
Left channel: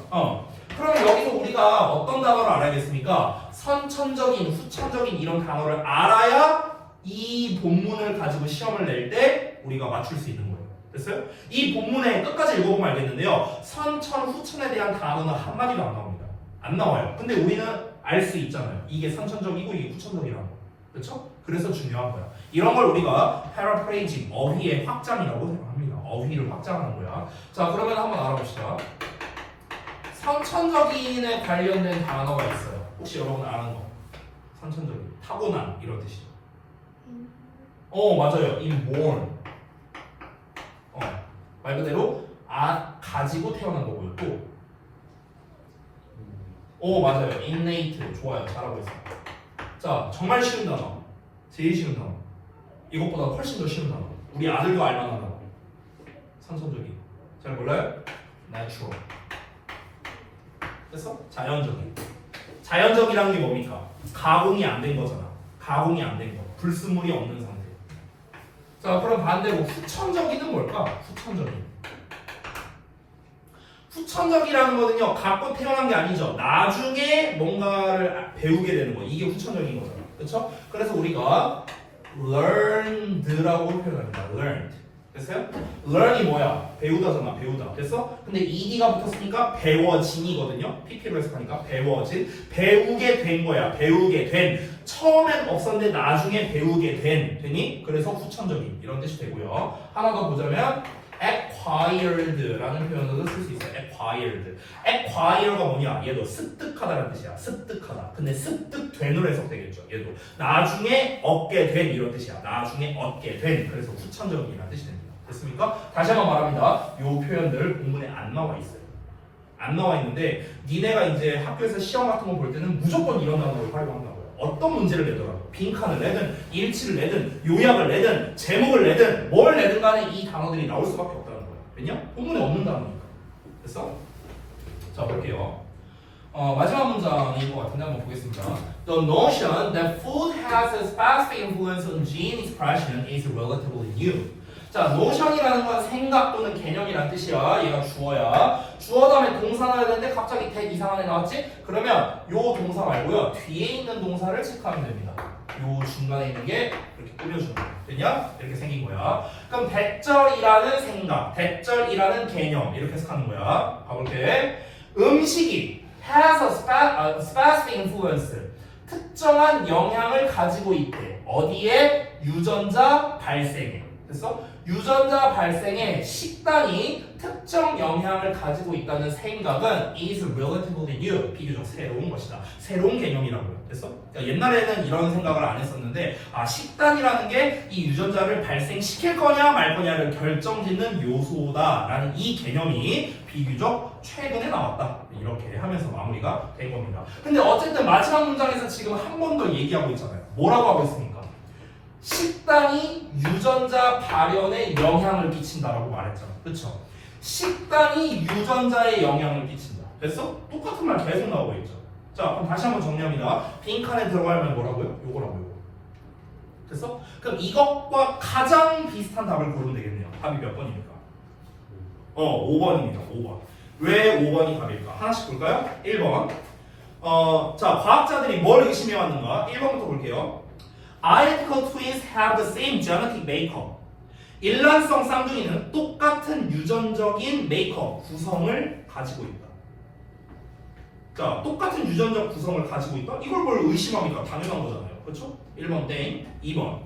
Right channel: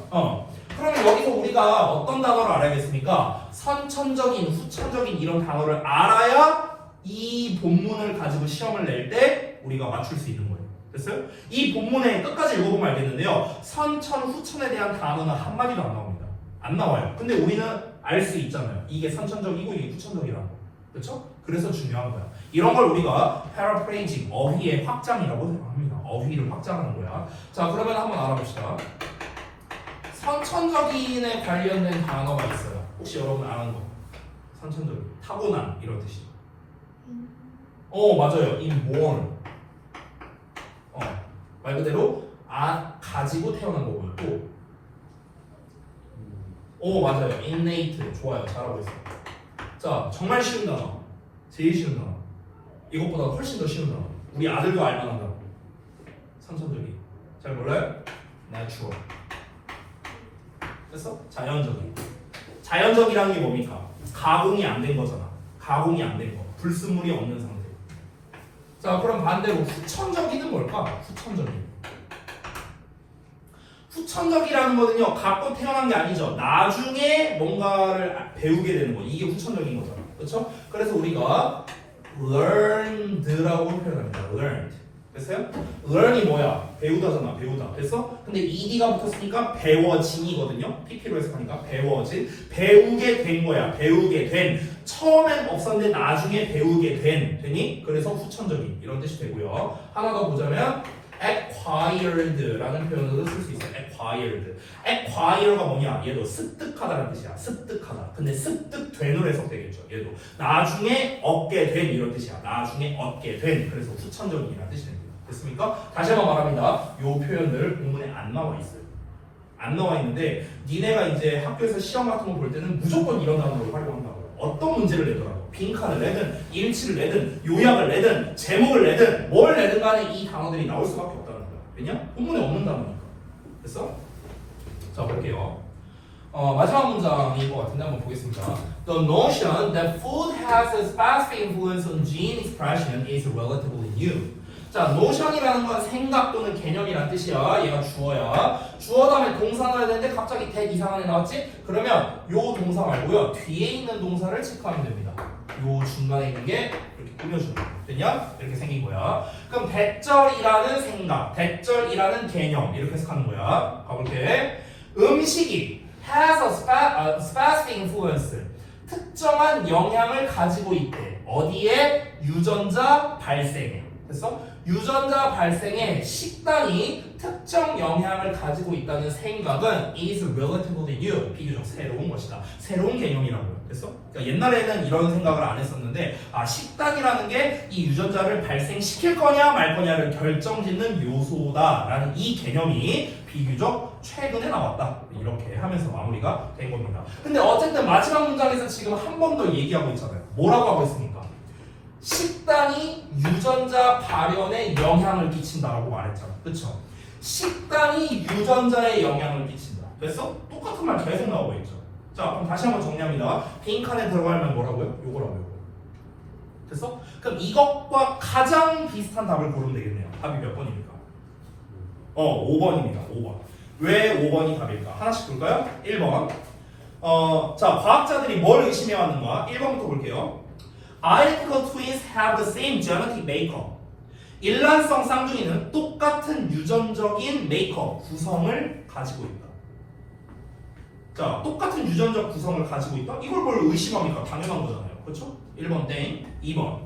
그러면 여기서 우리가 어떤 단어를 알아야겠습니까? 선천적인, 후천적인 이런 단어를 알아야 이 본문을 가지고 시험을 낼 때 우리가 맞출 수 있는 거예요. 됐어요? 이 본문에 끝까지 읽어보면 알겠는데요. 선천, 후천에 대한 단어는 한마디도 안 나옵니다. 안 나와요. 근데 우리는 알 수 있잖아요. 이게 선천적이고 이게 후천적이라는 거. 그렇죠? 그래서 중요한 거야. 이런 걸 우리가 paraphrasing, 어휘의 확장이라고 생각합니다. 어휘를 확장하는 거야. 자, 그러면 한번 알아봅시다. 선천적인에 관련된 단어가 있어요. 혹시 여러분 아는 거? 선천적인, 타고난 이런 뜻이죠. 맞아요. inborn. 말 그대로 가지고 태어난 거고요. 또 맞아요. innate. 좋아요. 잘하고 있어요. 자, 정말 쉬운 단어. 제일 쉬운 단어. 이것보다 훨씬 더 쉬운 단어. 우리 아들도 알만한 단어. 선천적인. 잘 몰라요? natural. 됐어? 자연적인. 자연적이라는 게 뭡니까? 가공이 안 된 거잖아. 가공이 안 된 거. 불순물이 없는 상태. 자, 그럼 반대로 후천적인은 뭘까? 후천적인. 후천적이라는 거는요, 갖고 태어난 게 아니죠. 나중에 뭔가를 배우게 되는 거. 이게 후천적인 거잖아. 그렇죠? 그래서 우리가 learned라고 표현합니다. learned. 됐어요? learn이 뭐야? 배우다잖아. 배우다. 됐어? 근데 ed가 붙었으니까 배워진이거든요. pp로 해석하니까 배워진. 배우게 된 거야. 배우게 된. 처음엔 없었는데 나중에 배우게 되니? 그래서 후천적인 이런 뜻이 되고요. 하나 더 보자면 acquired라는 표현으로 쓸 수 있어요. acquired가 뭐냐? 얘도 습득하다는 뜻이야. 습득하다. 근데 습득된으로 해석되겠죠. 얘도 나중에 얻게 된 이런 뜻이야. 나중에 얻게 된. 그래서 후천적인이라는 뜻이 됩니다. 됐습니까? 다시 한번 말합니다. 이 표현들 본문에 안 나와 있어요. 안 나와 있는데 니네가 이제 학교에서 시험 같은 거 볼 때는 무조건 이런 단어를 활용한다고요. 어떤 문제를 내더라도 빈칸을 내든 일치를 내든 요약을 내든 제목을 내든 뭘 내든 간에 이 단어들이 나올 수밖에 없다는 거야. 왜냐? 본문에 없는 단어니까. 됐어? 자, 볼게요. 마지막 문장인 것 같은데 한번 보겠습니다. The notion that food has a specific influence on gene expression is relatively new. 자, notion이라는 건 생각 또는 개념이란 뜻이야. 얘가 주어야. 주어 다음에 동사 넣어야 되는데 갑자기 that 이상한 애 나왔지? 그러면 요 동사 말고요. 뒤에 있는 동사를 체크하면 됩니다. 요 중간에 있는 게 이렇게 꾸며주는 거야. 됐냐? 이렇게 생긴 거야. 그럼 대절이라는 생각, 대절이라는 개념 이렇게 해석하는 거야. 가볼게. 음식이 has a specific influence. 특정한 영향을 가지고 있대. 어디에? 유전자 발생에. 됐어? 유전자 발생에 식단이 특정 영향을 가지고 있다는 생각은 is relatively new, 비교적 새로운 것이다. 새로운 개념이라고요. 됐어? 그러니까 옛날에는 이런 생각을 안 했었는데 식단이라는 게 이 유전자를 발생시킬 거냐 말 거냐를 결정짓는 요소다라는 이 개념이 비교적 최근에 나왔다. 이렇게 하면서 마무리가 된 겁니다. 근데 어쨌든 마지막 문장에서 지금 한 번 더 얘기하고 있잖아요. 뭐라고 하고 있습니까? 식단이 유전자 발현에 영향을 끼친다라고 말했잖아. 그쵸? 식단이 유전자에 영향을 끼친다. 됐어? 똑같은 말 계속 나오고 있죠. 자, 그럼 다시 한번 정리합니다. 빈칸에 들어갈 말 뭐라고요? 요거라고요. 됐어? 그럼 이것과 가장 비슷한 답을 고르면 되겠네요. 답이 몇 번입니까? 5번입니다. 5번. 왜 5번이 답일까? 하나씩 볼까요? 1번. 자, 과학자들이 뭘 의심해왔는가? 1번부터 볼게요. Identical twins have the same genetic makeup. 일란성 쌍둥이는 똑같은 유전적인 메이크업, 구성을 가지고 있다. 자, 똑같은 유전적 구성을 가지고 있다? 이걸 뭘 의심합니까? 당연한 거잖아요. 그렇죠? 1번 땡. 2번.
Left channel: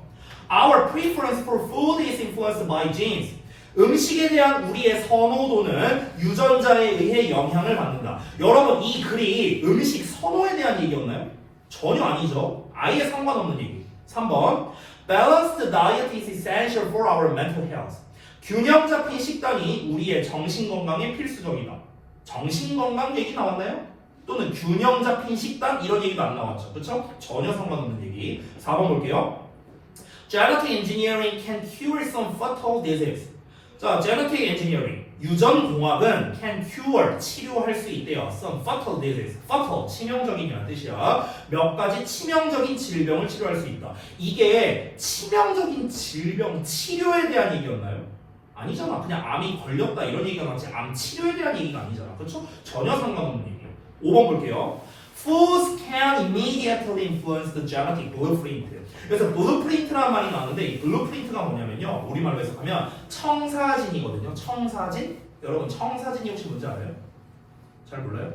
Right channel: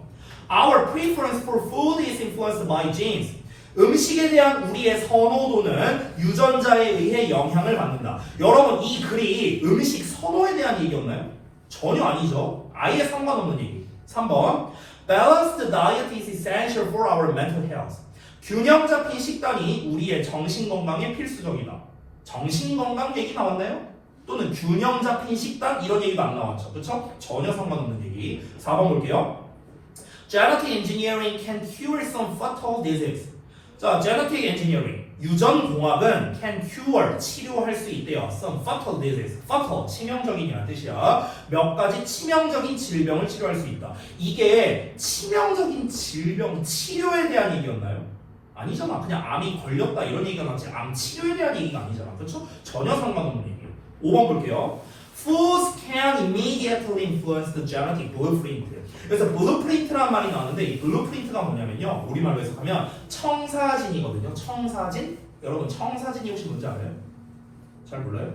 Our preference for food is influenced by genes. 음식에 대한 우리의 선호도는 유전자에 의해 영향을 받는다. 여러분, 이 글이 음식 선호에 대한 얘기였나요? 전혀 아니죠. 아예 상관없는 얘기. 3번. Balanced diet is essential for our mental health. 균형 잡힌 식단이 우리의 정신 건강에 필수적이다. 정신 건강 얘기 나왔나요? 또는 균형 잡힌 식단 이런 얘기도 안 나왔죠. 그렇죠? 전혀 상관없는 얘기. 4번 볼게요. Genetic engineering can cure some fatal disease. 자, genetic engineering 유전공학은 can cure 치료할 수 있대요. Some fatal disease. fatal 치명적인이라는 뜻이야. 몇 가지 치명적인 질병을 치료할 수 있다. 이게 치명적인 질병 치료에 대한 얘기였나요? 아니잖아. 그냥 암이 걸렸다 이런 얘기가 나지 암 치료에 대한 얘기가 아니잖아. 그렇죠? 전혀 상관없는 얘기예요. 5번 볼게요. Foods can immediately influence the genetic blueprint. 그래서 blueprint라는 말이 나오는데 이 blueprint가 뭐냐면요. 우리말로 해석하면 청사진이거든요. 청사진? 여러분 청사진이 혹시 뭔지 알아요? 잘 몰라요?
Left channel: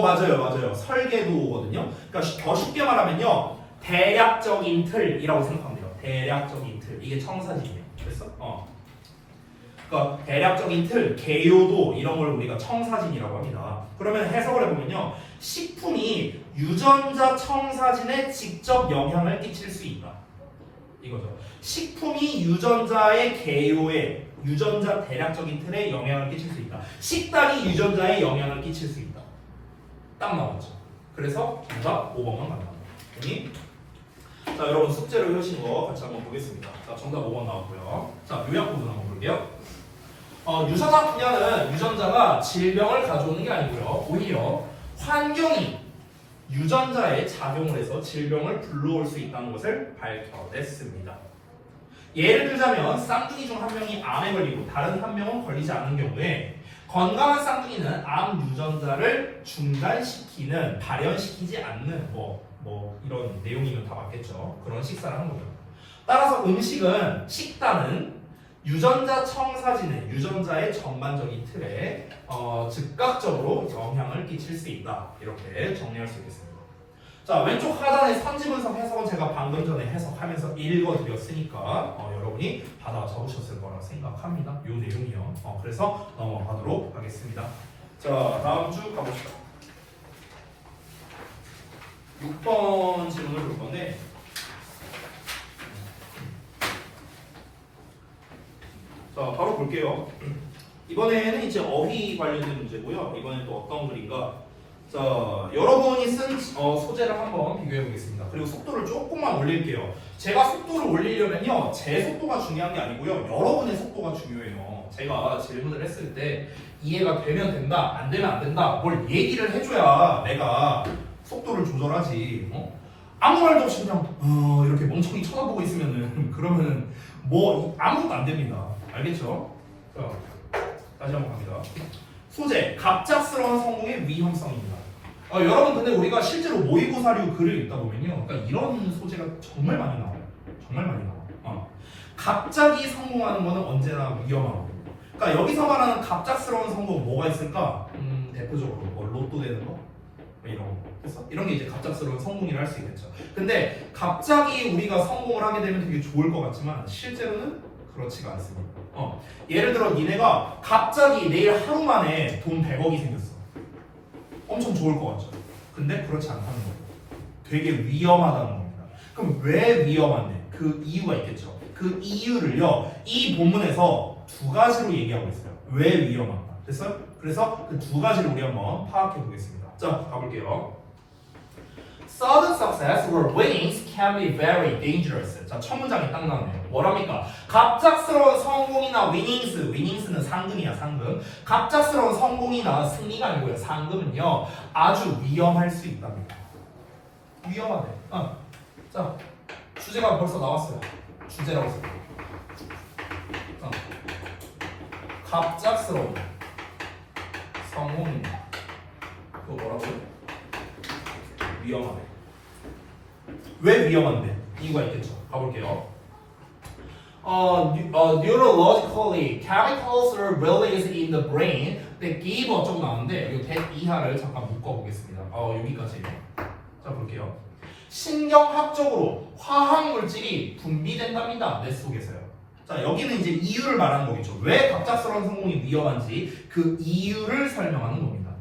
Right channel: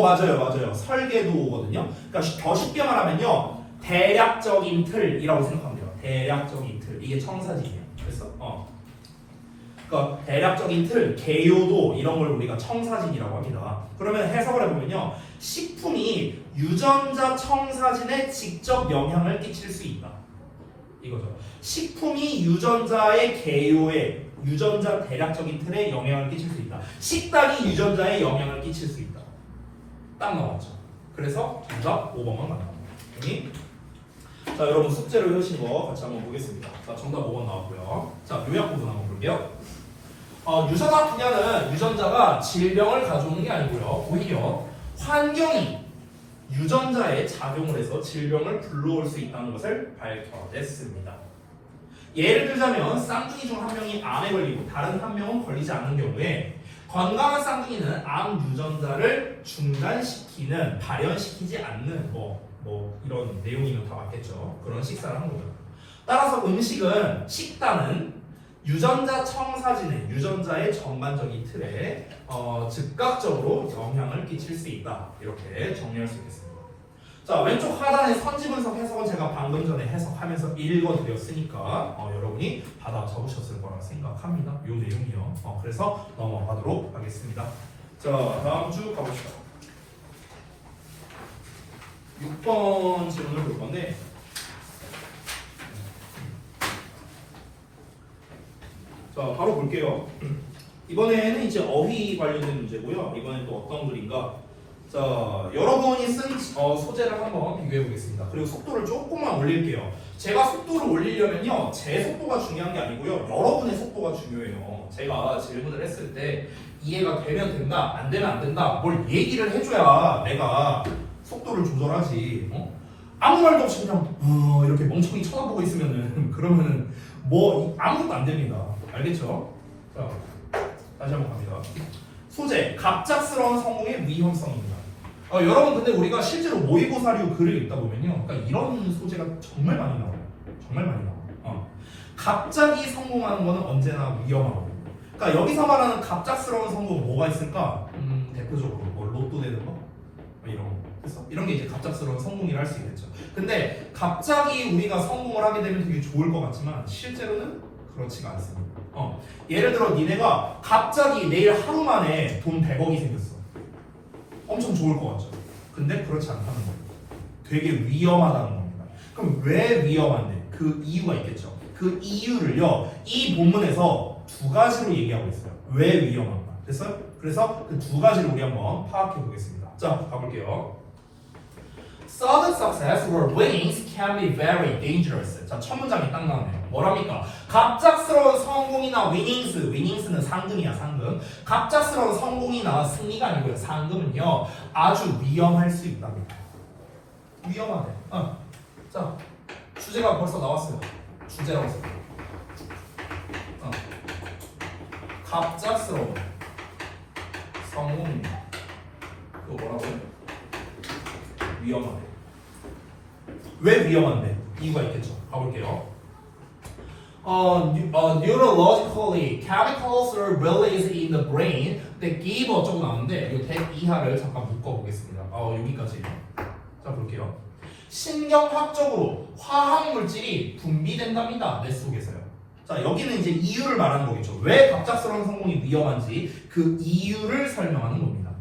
맞아요. 설계도거든요. 그러니까 더 쉽게 말하면요. 대략적인 틀이라고 생각하면 돼요. 대략적인 틀. 이게 청사진이에요. 그래서 그러니까 대략적인 틀, 개요도 이런 걸 우리가 청사진이라고 합니다. 그러면 해석을 해보면요. 식품이 유전자 청사진에 직접 영향을 끼칠 수 있다. 이거죠. 식품이 유전자의 개요에 유전자 대략적인 틀에 영향을 끼칠 수 있다. 식단이 유전자에 영향을 끼칠 수 있다. 딱 나왔죠. 그래서 정답 5번만 나갑니다. 자, 여러분 숙제를 해오신 거 같이 한번 보겠습니다. 자, 정답 5번 나왔고요. 자, 요약 부분 한번 볼게요. 유전자 분야는 유전자가 질병을 가져오는 게 아니고요. 오히려 환경이 유전자에 작용을 해서 질병을 불러올 수 있다는 것을 밝혀냈습니다. 예를 들자면 쌍둥이 중 한 명이 암에 걸리고 다른 한 명은 걸리지 않는 경우에 건강한 쌍둥이는 암 유전자를 중단시키는, 발현시키지 않는 뭐 이런 내용이면 다 맞겠죠. 그런 식사를 한 거죠. 따라서 식단은 유전자 청사진은 유전자의 전반적인 틀에 즉각적으로 영향을 끼칠 수 있다. 이렇게 정리할 수 있겠습니다. 자, 왼쪽 하단의 선지분석 해석은 제가 방금 전에 해석하면서 읽어드렸으니까 여러분이 받아 적으셨을 거라 생각합니다. 이 내용이요. 그래서 넘어가도록 하겠습니다. 자, 다음 주 가보시죠. 6번 질문을 볼 건데 자, 바로 볼게요. 이번에는 이제 어휘 관련된 문제고요. 이번엔 또 어떤 글인가? 자, 여러분이 쓴 소재를 한번 비교해 보겠습니다. 그리고 속도를 조금만 올릴게요. 제가 속도를 올리려면요, 제 속도가 중요한 게 아니고요, 여러분의 속도가 중요해요. 제가 질문을 했을 때 이해가 되면 된다, 안 되면 안 된다, 뭘 얘기를 해줘야 내가 속도를 조절하지. 아무 말도 없이 그냥 이렇게 멍청이 쳐다보고 있으면은 그러면은 뭐 아무것도 안 됩니다. 알겠죠? 자, 다시 한번 갑니다. 소재, 갑작스러운 성공의 위험성입니다. 여러분 근데 우리가 실제로 모의고사류 글을 읽다 보면요, 그러니까 이런 소재가 정말 많이 나와요. 정말 많이 나와. 갑자기 성공하는 거는 언제나 위험하고. 그러니까 여기서 말하는 갑작스러운 성공 뭐가 있을까? 대표적으로 뭐 로또 되는 거, 이런 거. 그래서 이런 게 이제 갑작스러운 성공이라 할 수 있겠죠. 근데 갑자기 우리가 성공을 하게 되면 되게 좋을 것 같지만 실제로는 그렇지가 않습니다. 예를 들어 니네가 갑자기 내일 하루 만에 돈 100억이 생겼어. 엄청 좋을 것 같죠. 근데 그렇지 않다는 거예요. 되게 위험하다는 겁니다. 그럼 왜 위험한데? 그 이유가 있겠죠. 그 이유를요, 이 본문에서 두 가지로 얘기하고 있어요. 왜 위험한가? 그래서 그 두 가지를 우리 한번 파악해 보겠습니다. 자, 가볼게요. Sudden success or winnings can be very dangerous. 자, 첫 문장이 딱 나오네요. 뭐랍니까? 갑작스러운 성공이나 winnings는 상금이야, 상금. 갑작스러운 성공이나 승리가 아니고요, 상금은요, 아주 위험할 수 있답니다. 위험하네. 자, 주제가 벌써 나왔어요. 주제라고 써요. 갑작스러운 성공입니다. 또 뭐라고요? 위험하네. 왜 위험한데? 이유가 있겠죠. 가볼게요. Neurologically, chemicals are released in the brain that give 어쩌고 나오는데 이 대 이하를 잠깐 묶어보겠습니다. 여기까지. 자, 볼게요. 신경학적으로 화학 물질이 분비된답니다. 뇌 속에서요. 자, 여기는 이제 이유를 말하는 거겠죠. 왜 갑작스러운 성공이 위험한지 그 이유를 설명하는 겁니다.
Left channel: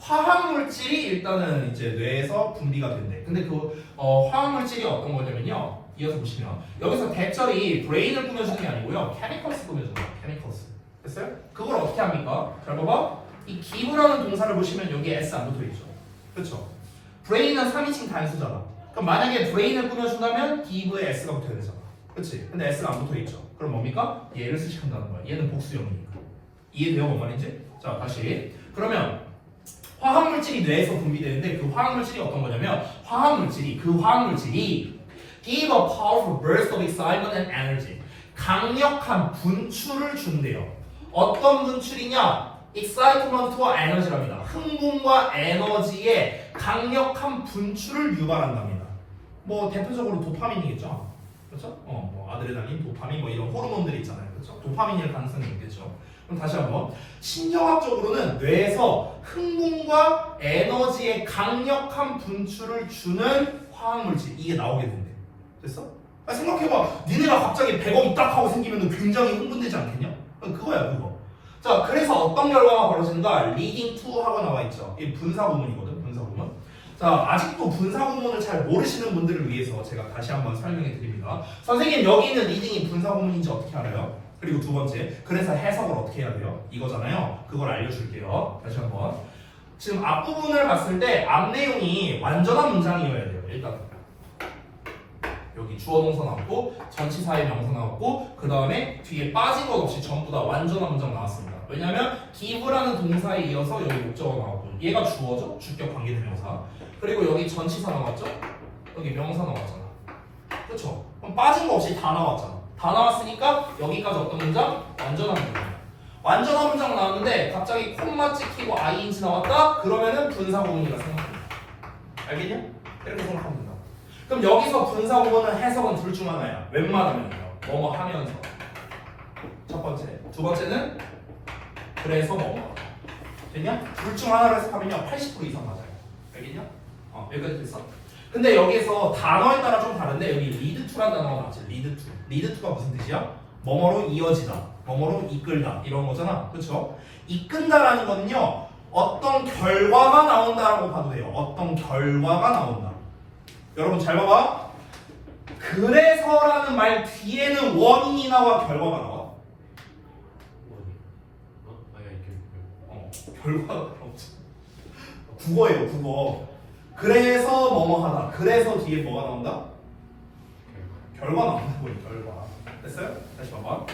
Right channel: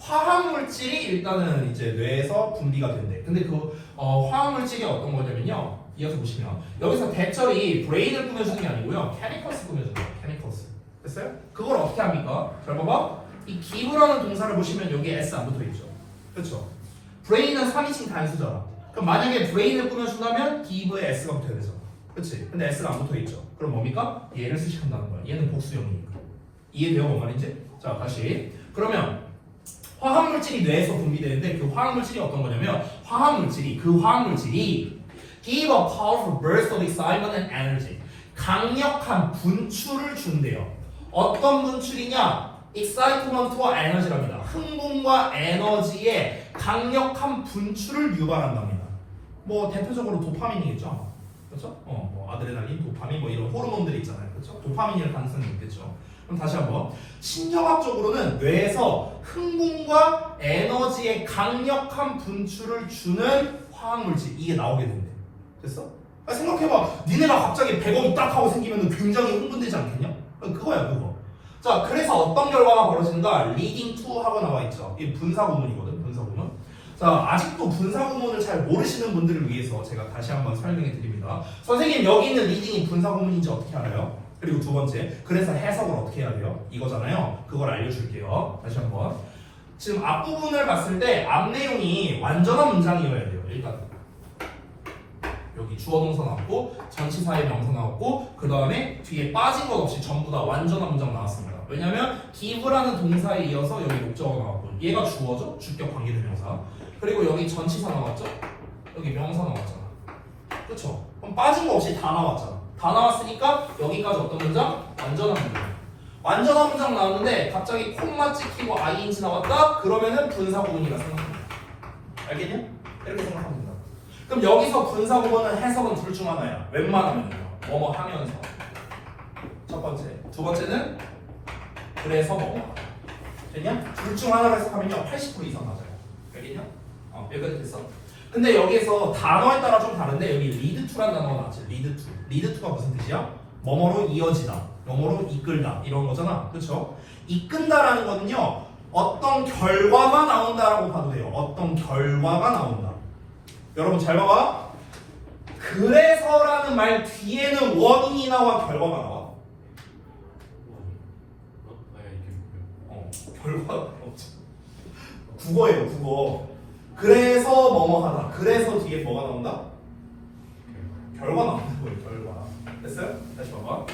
화학물질이 일단은 이제 뇌에서 분비가 된대. 근데 그 화학물질이 어떤 거냐면요. 이어서 보시면 여기서 대절이 브레인을 꾸며주는 게 아니고요. 케미컬스 꾸며주는 거예요. 케미컬스. 됐어요? 그걸 어떻게 합니까? 잘 봐봐. 이 give라는 동사를 보시면 여기에 s 안 붙어 있죠. 그렇죠? 브레인은 3인칭 단수잖아. 그럼 만약에 브레인을 꾸며준다면 give에 s가 붙어야 되잖아. 그치? 근데 S가 안 붙어있죠. 그럼 뭡니까? 얘를 수식한다는 거야. 얘는 복수형이니까. 이해돼요? 뭔 말인지? 자, 다시. 그러면 화학물질이 뇌에서 분비되는데 그 화학물질이 어떤 거냐면 그 화학물질이 give a powerful burst of excitement and energy. 강력한 분출을 준대요. 어떤 분출이냐? excitement와 에너지랍니다. 흥분과 에너지의 강력한 분출을 유발한답니다. 뭐 대표적으로 도파민이겠죠. 그렇죠? 뭐 아드레날린, 도파민 뭐 이런 호르몬들이 있잖아요. 그렇죠? 도파민일 가능성이 있겠죠. 그럼 다시 한번 신경학적으로는 뇌에서 흥분과 에너지의 강력한 분출을 주는 화학물질 이게 나오게 된대. 됐어? 생각해봐. 니네가 갑자기 100억이 딱 하고 생기면 굉장히 흥분되지 않겠냐? 그거야 그거. 자, 그래서 어떤 결과가 벌어지는가? leading to 하고 나와 있죠. 이 분사구문이거든. 분사구문. 자, 아직도 분사구문을 잘 모르시는 분들을 위해서 제가 다시 한번 설명해 드립니다. 선생님 여기 있는 리딩이 분사구문인지 어떻게 알아요? 그리고 두 번째, 그래서 해석을 어떻게 해야 돼요? 이거잖아요. 그걸 알려줄게요. 다시 한번. 지금 앞부분을 봤을 때 앞 내용이 완전한 문장이어야 돼요. 일단 여기 주어 동사 나왔고 전치사의 명사 나왔고 그 다음에 뒤에 빠진 것 없이 전부 다 완전한 문장 나왔습니다. 왜냐면 give라는 동사에 이어서 여기 목적어 나왔고 얘가 주어죠? 주격 관계대명사. 그리고 여기 전치사 나왔죠? 여기 명사 나왔잖아. 그쵸? 그럼 빠진 거 없이 다 나왔잖아. 다 나왔으니까 여기까지 어떤 문장? 완전한 문장. 완전한 문장 나왔는데 갑자기 콤마 찍히고 ing 나왔다? 그러면은 분사구문이라 생각합니다. 알겠냐? 이렇게 생각합니다. 그럼 여기서 분사구문은 해석은 둘 중 하나야. 웬만하면요. 뭐뭐 하면서. 첫 번째. 두 번째는 그래서 뭐뭐. 됐냐? 둘 중 하나를 해석하면요. 80% 이상 맞아요. 알겠냐? 여기까지 됐어. 근데 여기에서 단어에 따라 좀 다른데 여기 lead to라는 단어가 나왔지. lead to. lead to가 무슨 뜻이야? 뭐뭐로 이어지다. 뭐뭐로 이끌다. 이런 거잖아. 그쵸? 이끈다라는 거는요. 어떤 결과가 나온다라고 봐도 돼요. 어떤 결과가 나온다. 여러분 잘 봐봐. 그래서라는 말 뒤에는 원인이 나와 결과가 나와. 결과가 없죠. 국어예요, 국어. 그래서 뭐뭐 하다. 그래서 뒤에 뭐가 나온다? 결과 나오는 거예요, 결과. 됐어요? 다시 봐봐.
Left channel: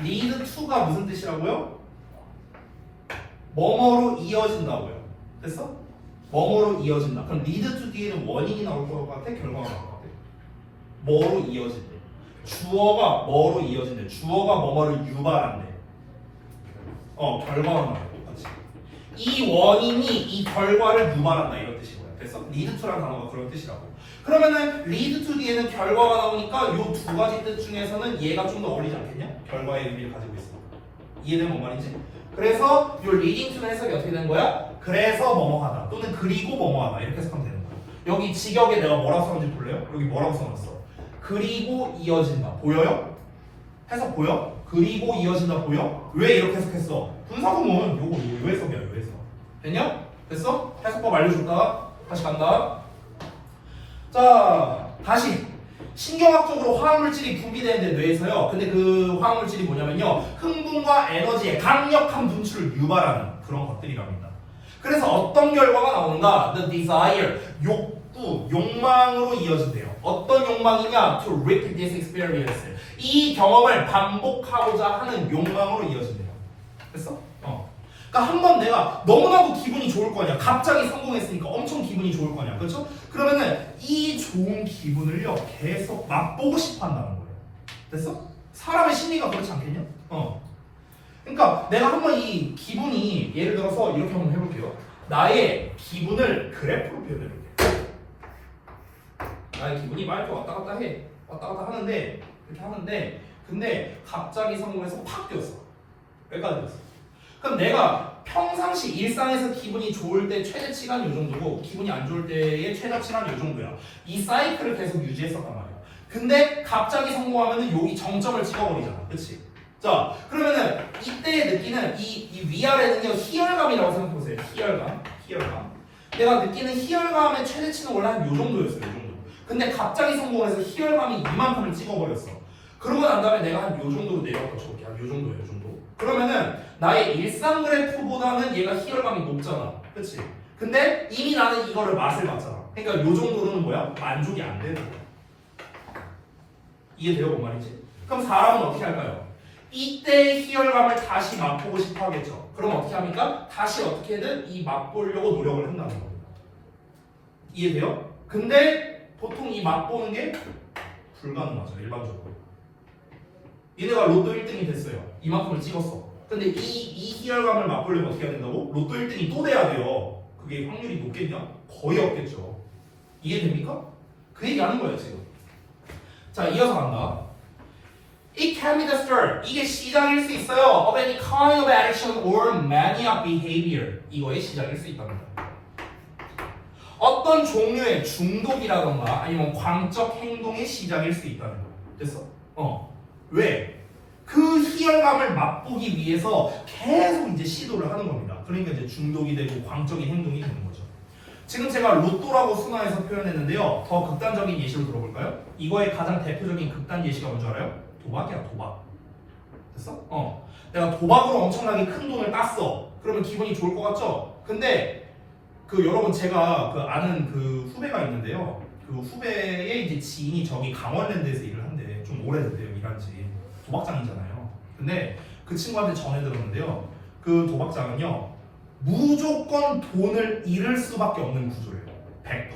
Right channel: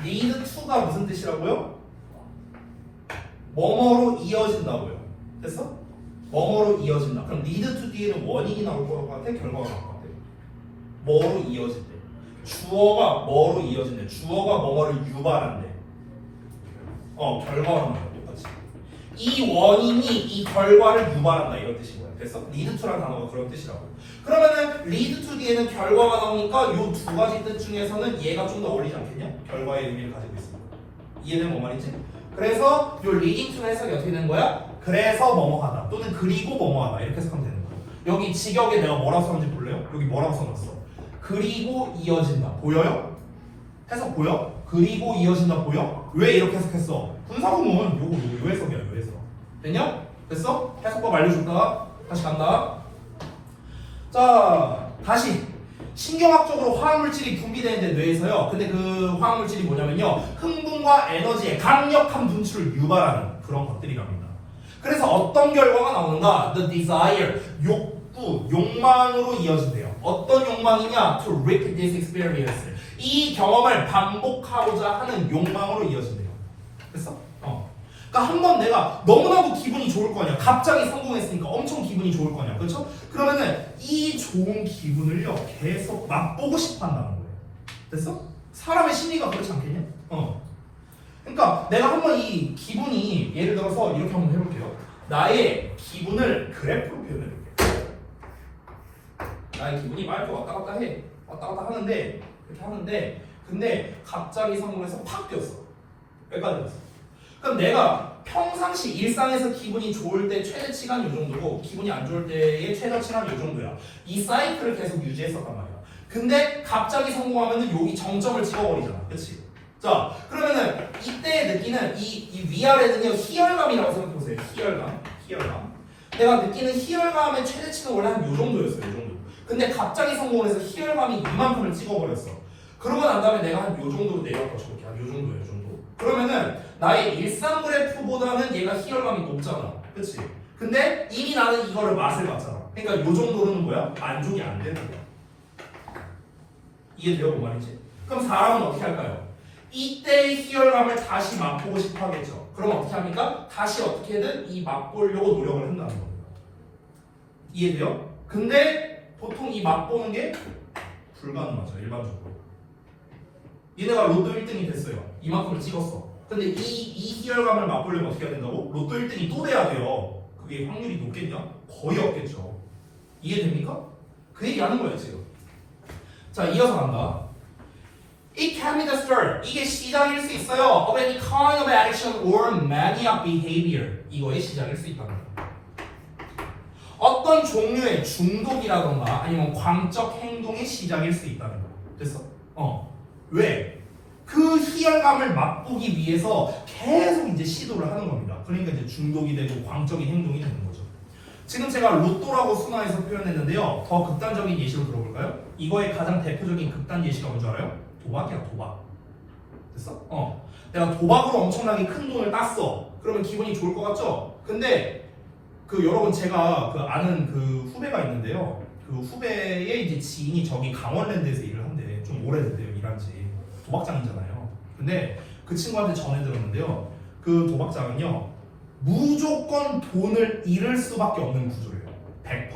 lead to가 무슨 뜻이라고요? 뭐뭐로 이어진다고요. 됐어? 뭐뭐로 이어진다. 그럼 lead to 뒤에는 원인이 나올 것 같아? 결과가 나올 것 같아? 뭐로 이어진대? 주어가 뭐로 이어진대? 주어가 뭐뭐를 유발한대. 결과가 나와요. 이 원인이 이 결과를 유발한다 이런 뜻이고요. 그래서 lead to라는 단어가 그런 뜻이라고요. 그러면은 lead to 뒤에는 결과가 나오니까 이 두 가지 뜻 중에서는 얘가 좀 더 어울리지 않겠냐? 결과의 의미를 가지고 있습니다. 이해되는 뭔 말인지? 그래서 이 leading to 해석이 어떻게 되는 거야? 그래서 뭐뭐하다 또는 그리고 뭐뭐하다 이렇게 해석하면 되는 거예요. 여기 직역에 내가 뭐라고 썼는지 볼래요? 여기 뭐라고 써놨어? 그리고 이어진다. 보여요? 해석 보여? 그리고 이어진다 보여? 왜 이렇게 해석했어? 분사구문 요거 요 해석이야 요 해석. 됐냐? 됐어? 해석법 알려줄까? 다시 간다. 자 다시 신경학적으로 화학물질이 분비되는데 뇌에서요. 근데 그 화학물질이 뭐냐면요. 흥분과 에너지의 강력한 분출을 유발하는 그런 것들이랍니다. 그래서 어떤 결과가 나오는가? The desire, 욕구, 욕망으로 이어진대요. 어떤 욕망이냐? To repeat this experience. 이 경험을 반복하고자 하는 욕망으로 이어진대요. 됐어? 그러니까 한번 내가 너무나도 기분이 좋을 거 아니야. 갑자기 성공했으니까 엄청 기분이 좋을 거 아니야. 그렇죠? 그러면은 이 좋은 기분을요 계속 맛보고 싶어 한다는 거예요. 됐어? 사람의 심리가 그렇지 않겠냐? 그러니까 내가 한번 이 기분이 예를 들어서 이렇게 한번 해볼게요. 나의 기분을 그래프로 표현해볼게요. 나의 기분이 막 이렇게 왔다 갔다 해. 왔다 갔다 하는데 이렇게 하는데 근데 갑자기 성공해서 팍 뛰었어. 여기까지 왔어. 그럼 내가 평상시 일상에서 기분이 좋을 때 최대치가 이 정도고 기분이 안 좋을 때의 최다치가 이 정도야. 이 사이클을 계속 유지했었단 말이야. 근데 갑자기 성공하면 여기 정점을 찍어버리잖아. 그치? 자 그러면은 이때 느끼는 이 위아래는요 희열감이라고 생각해보세요. 희열감. 내가 느끼는 희열감의 최대치는 원래 한 요 정도였어요. 요 정도. 근데 갑자기 성공을 해서 희열감이 이만큼을 찍어버렸어. 그러고 난 다음에 내가 한 요 정도로 내려왔다 쳐볼게. 한 요 정도예요. 요 정도. 그러면은 나의 일상 그래프보다는 얘가 희열감이 높잖아. 그치? 근데 이미 나는 이거를 맛을 봤잖아. 그러니까 요 정도로는 뭐야? 만족이 안 되는 거야. 이게 돼요? 뭔 말인지? 그럼 사람은 어떻게 할까요? 이때의 희열감을 다시 맛보고 싶어 하겠죠. 그럼 어떻게 합니까? 다시 어떻게든 이 맛보려고 노력을 한다는 겁니다. 이해돼요? 근데 보통 이 맛보는 게 불가능하죠. 일반적으로. 얘네가 로또 1등이 됐어요. 이만큼을 찍었어. 근데 이 희열감을 맛보려면 어떻게 해야 된다고? 로또 1등이 또 돼야 돼요. 그게 확률이 높겠냐? 거의 없겠죠. 이해됩니까? 그 얘기 하는 거예요, 지금. 자, 이어서 간다. It can be the start. 이게 시작일 수 있어요. Of any kind of action or mania behavior. 이거의 시작일 수 있답니다. 어떤 종류의 중독이라던가 아니면 광적 행동의 시작일 수 있다는 거. 됐어? 왜? 그 희열감을 맛보기 위해서 계속 이제 시도를 하는 겁니다. 그러니까 이제 중독이 되고 광적인 행동이 되는 거죠. 지금 제가 로또라고 순화해서 표현했는데요. 더 극단적인 예시로 들어볼까요? 이거의 가장 대표적인 극단 예시가 뭔지 알아요? 도박이야, 도박. 됐어? 내가 도박으로 엄청나게 큰 돈을 땄어. 그러면 기분이 좋을 것 같죠? 근데 여러분 제가 아는 후배가 있는데요. 그 후배의 이제 지인이 저기 강원랜드에서 일을 한대. 좀 오래됐대요, 일한지. 도박장이잖아요. 근데 그 친구한테 전해 들었는데요. 그 도박장은요, 무조건 돈을 잃을 수밖에 없는 구조래요. 100%.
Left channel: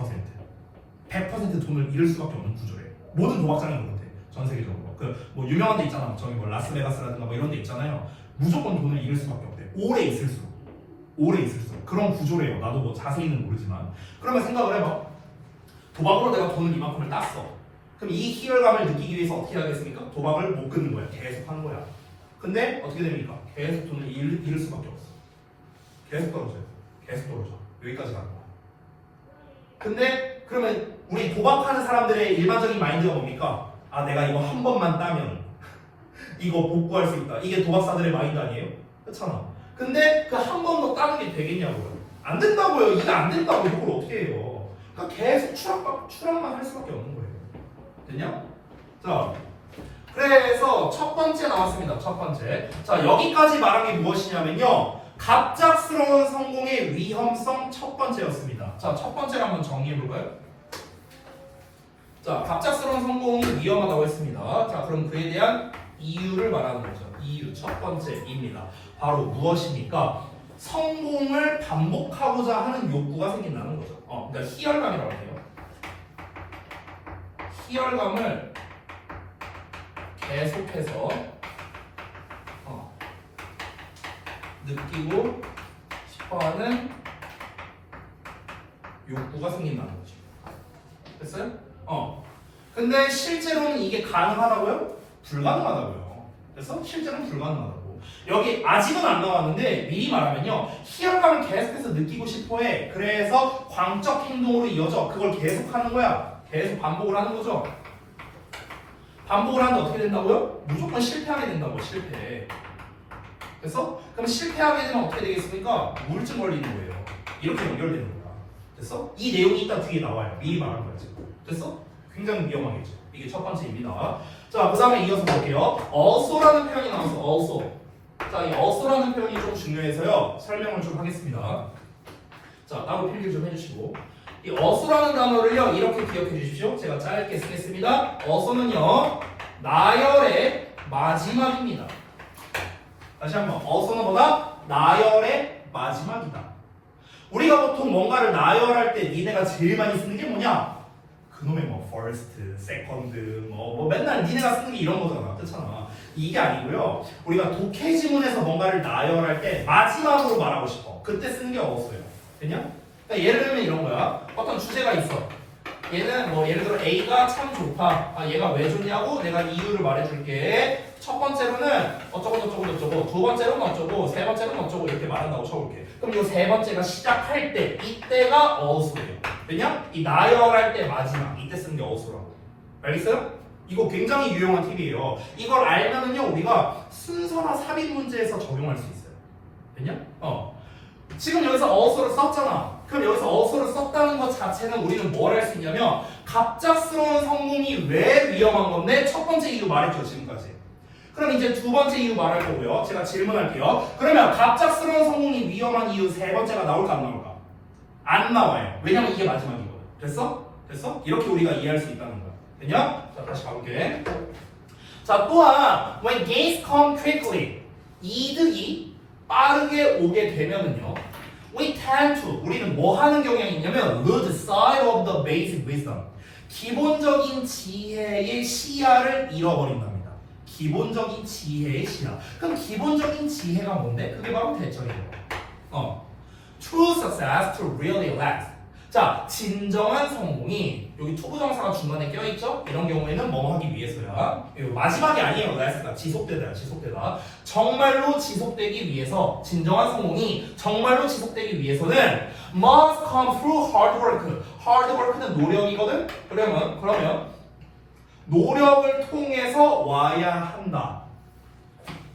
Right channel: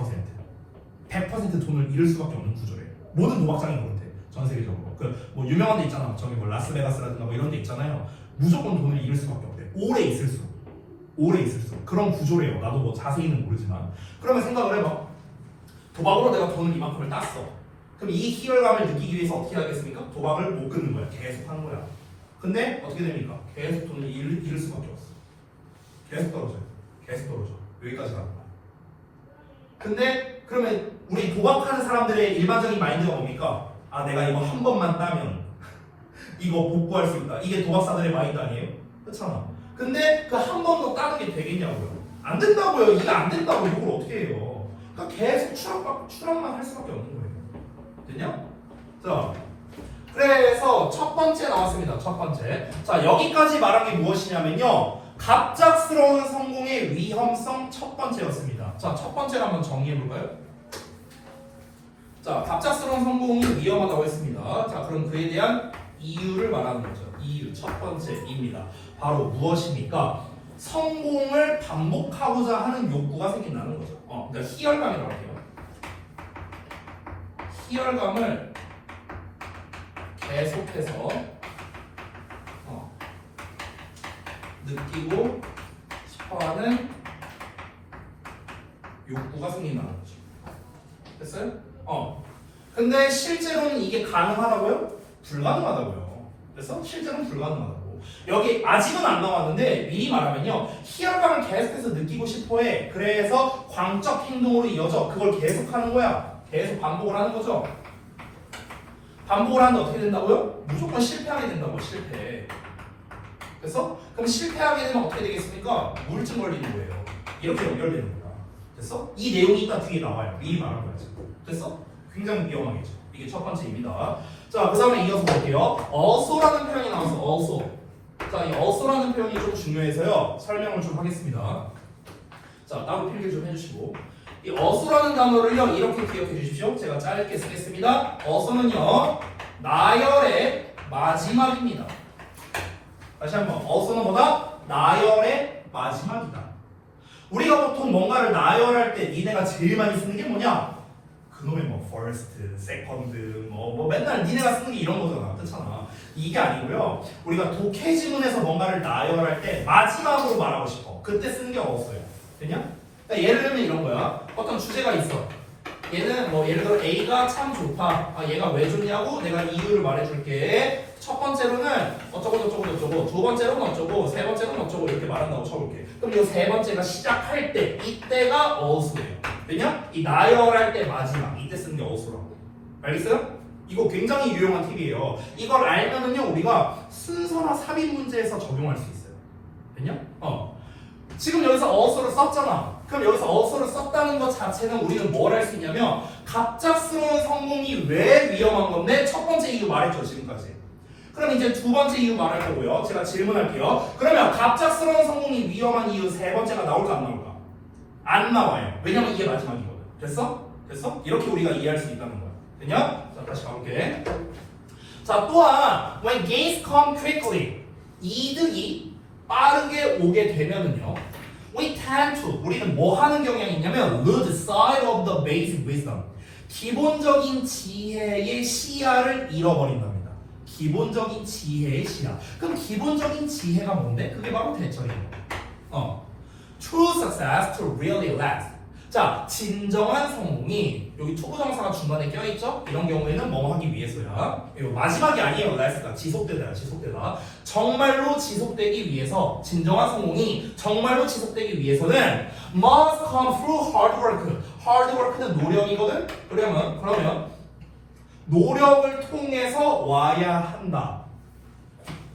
100% 돈을 잃을 수밖에 없는 구조래요. 모든 도박장이 그렇대. 전 세계적으로. 뭐 유명한 데 있잖아. 저기 뭐 라스베가스라든가 뭐 이런 데 있잖아요. 무조건 돈을 잃을 수밖에 없대. 오래 있을수록. 그런 구조래요. 나도 뭐 자세히는 모르지만. 그러면 생각을 해봐. 도박으로 내가 돈을 이만큼을 땄어. 그럼 이 희열감을 느끼기 위해서 어떻게 하겠습니까? 도박을 못 끊는 거야. 계속 하는 거야. 근데 어떻게 됩니까? 계속 돈을 잃을 수밖에 없어. 계속 떨어져. 여기까지 가는 거야. 근데 그러면 우리 도박하는 사람들의 일반적인 마인드가 뭡니까? 아, 내가 이거 한 번만 따면 이거 복구할 수 있다. 이게 도박사들의 마인드 아니에요? 그렇잖아. 근데 그 한 번 더 따는 게 되겠냐고요? 안 된다고요. 이게 안 된다고 이걸 어떻게 해요? 그러니까 계속 추락만 할 수밖에 없는 거예요. 됐냐? 자, 그래서 첫 번째 나왔습니다. 첫 번째. 자, 여기까지 말한 게 무엇이냐면요. 갑작스러운 성공의 위험성 첫 번째였습니다. 자, 첫 번째를 한번 정리해볼까요? 자, 갑작스러운 성공이 위험하다고 했습니다. 자, 그럼 그에 대한 이유를 말하는 거죠. 이유 첫 번째입니다. 바로 무엇입니까? 성공을 반복하고자 하는 욕구가 생긴다는 거죠. 그러니까 희열감이라고 해요. 희열감을 계속해서 느끼고 싶어하는 욕구가 생긴다는 거죠. 됐어요? 근데 실제로는 이게 가능하다고요? 불가능하다고요. 그래서 실제로는 불가능하다고. 여기 아직은 안 나왔는데 미리 말하면요. 희열감을 계속해서 느끼고 싶어해. 그래서 광적 행동으로 이어져. 그걸 계속하는 거야. 계속 반복을 하는 거죠. 반복을 하는데 어떻게 된다고요? 무조건 실패하게 된다고. 실패. 그래서 그럼 실패하게 되면 어떻게 되겠습니까? 우울증 걸리는 거예요. 이렇게 연결되는 거야. 됐어? 이 내용이 이따 뒤에 나와요. 미리 말한 거야. 됐어? 굉장히 위험하겠죠. 이게 첫 번째입니다. 자, 그 다음에 이어서 볼게요. also라는 표현이 나와서 also. 자, 이 also라는 표현이 좀 중요해서요. 설명을 좀 하겠습니다. 자, 따로 필기 좀 해주시고. 이 also라는 단어를요, 이렇게 기억해 주십시오. 제가 짧게 쓰겠습니다. also는요, 나열의 마지막입니다. 다시 한번, also는 뭐다? 나열의 마지막이다. 우리가 보통 뭔가를 나열할 때 니네가 제일 많이 쓰는 게 뭐냐? 그놈의 뭐 first, second, 뭐 맨날 니네가 쓰는 게 이런 거잖아. 그렇잖아. 이게 아니고요. 우리가 독해지문에서 뭔가를 나열할 때 마지막으로 말하고 싶어. 그때 쓰는 게 없어요. 됐냐? 그러니까 예를 들면 이런 거야. 어떤 주제가 있어. 얘는 뭐 예를 들어 A가 참 좋다. 아, 얘가 왜 좋냐고 내가 이유를 말해줄게. 첫 번째로는 어쩌고 두 번째로는 어쩌고 세 번째로는 어쩌고 이렇게 말한다고 쳐볼게. 그럼 이 세 번째가 시작할 때 이때가 어수예요. 왜냐? 이 나열할 때 마지막 이때 쓰는 게 어수라고. 알겠어요? 이거 굉장히 유용한 팁이에요. 이걸 알면은요 우리가 순서나 삽입 문제에서 적용할 수 있어요. 됐냐? 지금 여기서 어수를 썼잖아. 그럼 여기서 어수를 썼다는 것 자체는 우리는 뭘 할 수 있냐면 갑작스러운 성공이 왜 위험한 건데 첫 번째 이유 말했죠 지금까지. 그럼 이제 두 번째 이유 말할 거고요. 제가 질문할게요. 그러면 갑작스러운 성공이 위험한 이유 세 번째가 나올까 안 나올까? 안 나와요. 왜냐면 이게 마지막이거든. 됐어? 이렇게 우리가 이해할 수 있다는 거야. 됐냐? 자, 다시 가볼게. 자, 또한 when gains come quickly, 이득이 빠르게 오게 되면은요, we tend to, 우리는 뭐 하는 경향이 있냐면 lose sight of the basic wisdom, 기본적인 지혜의 시야를 잃어버린답니다. 기본적인 지혜의 시야. 그럼 기본적인 지혜가 뭔데? 그게 바로 대처예요. True success to really last. 자, 진정한 성공이 여기 투부정사가 중간에 껴있죠? 이런 경우에는 뭐 하기 위해서야? 이거 마지막이 아니에요. last가 지속되다, 지속되다. 정말로 지속되기 위해서, 진정한 성공이 정말로 지속되기 위해서는 must come through hard work. hard work는 노력이거든? 그러면 노력을 통해서 와야 한다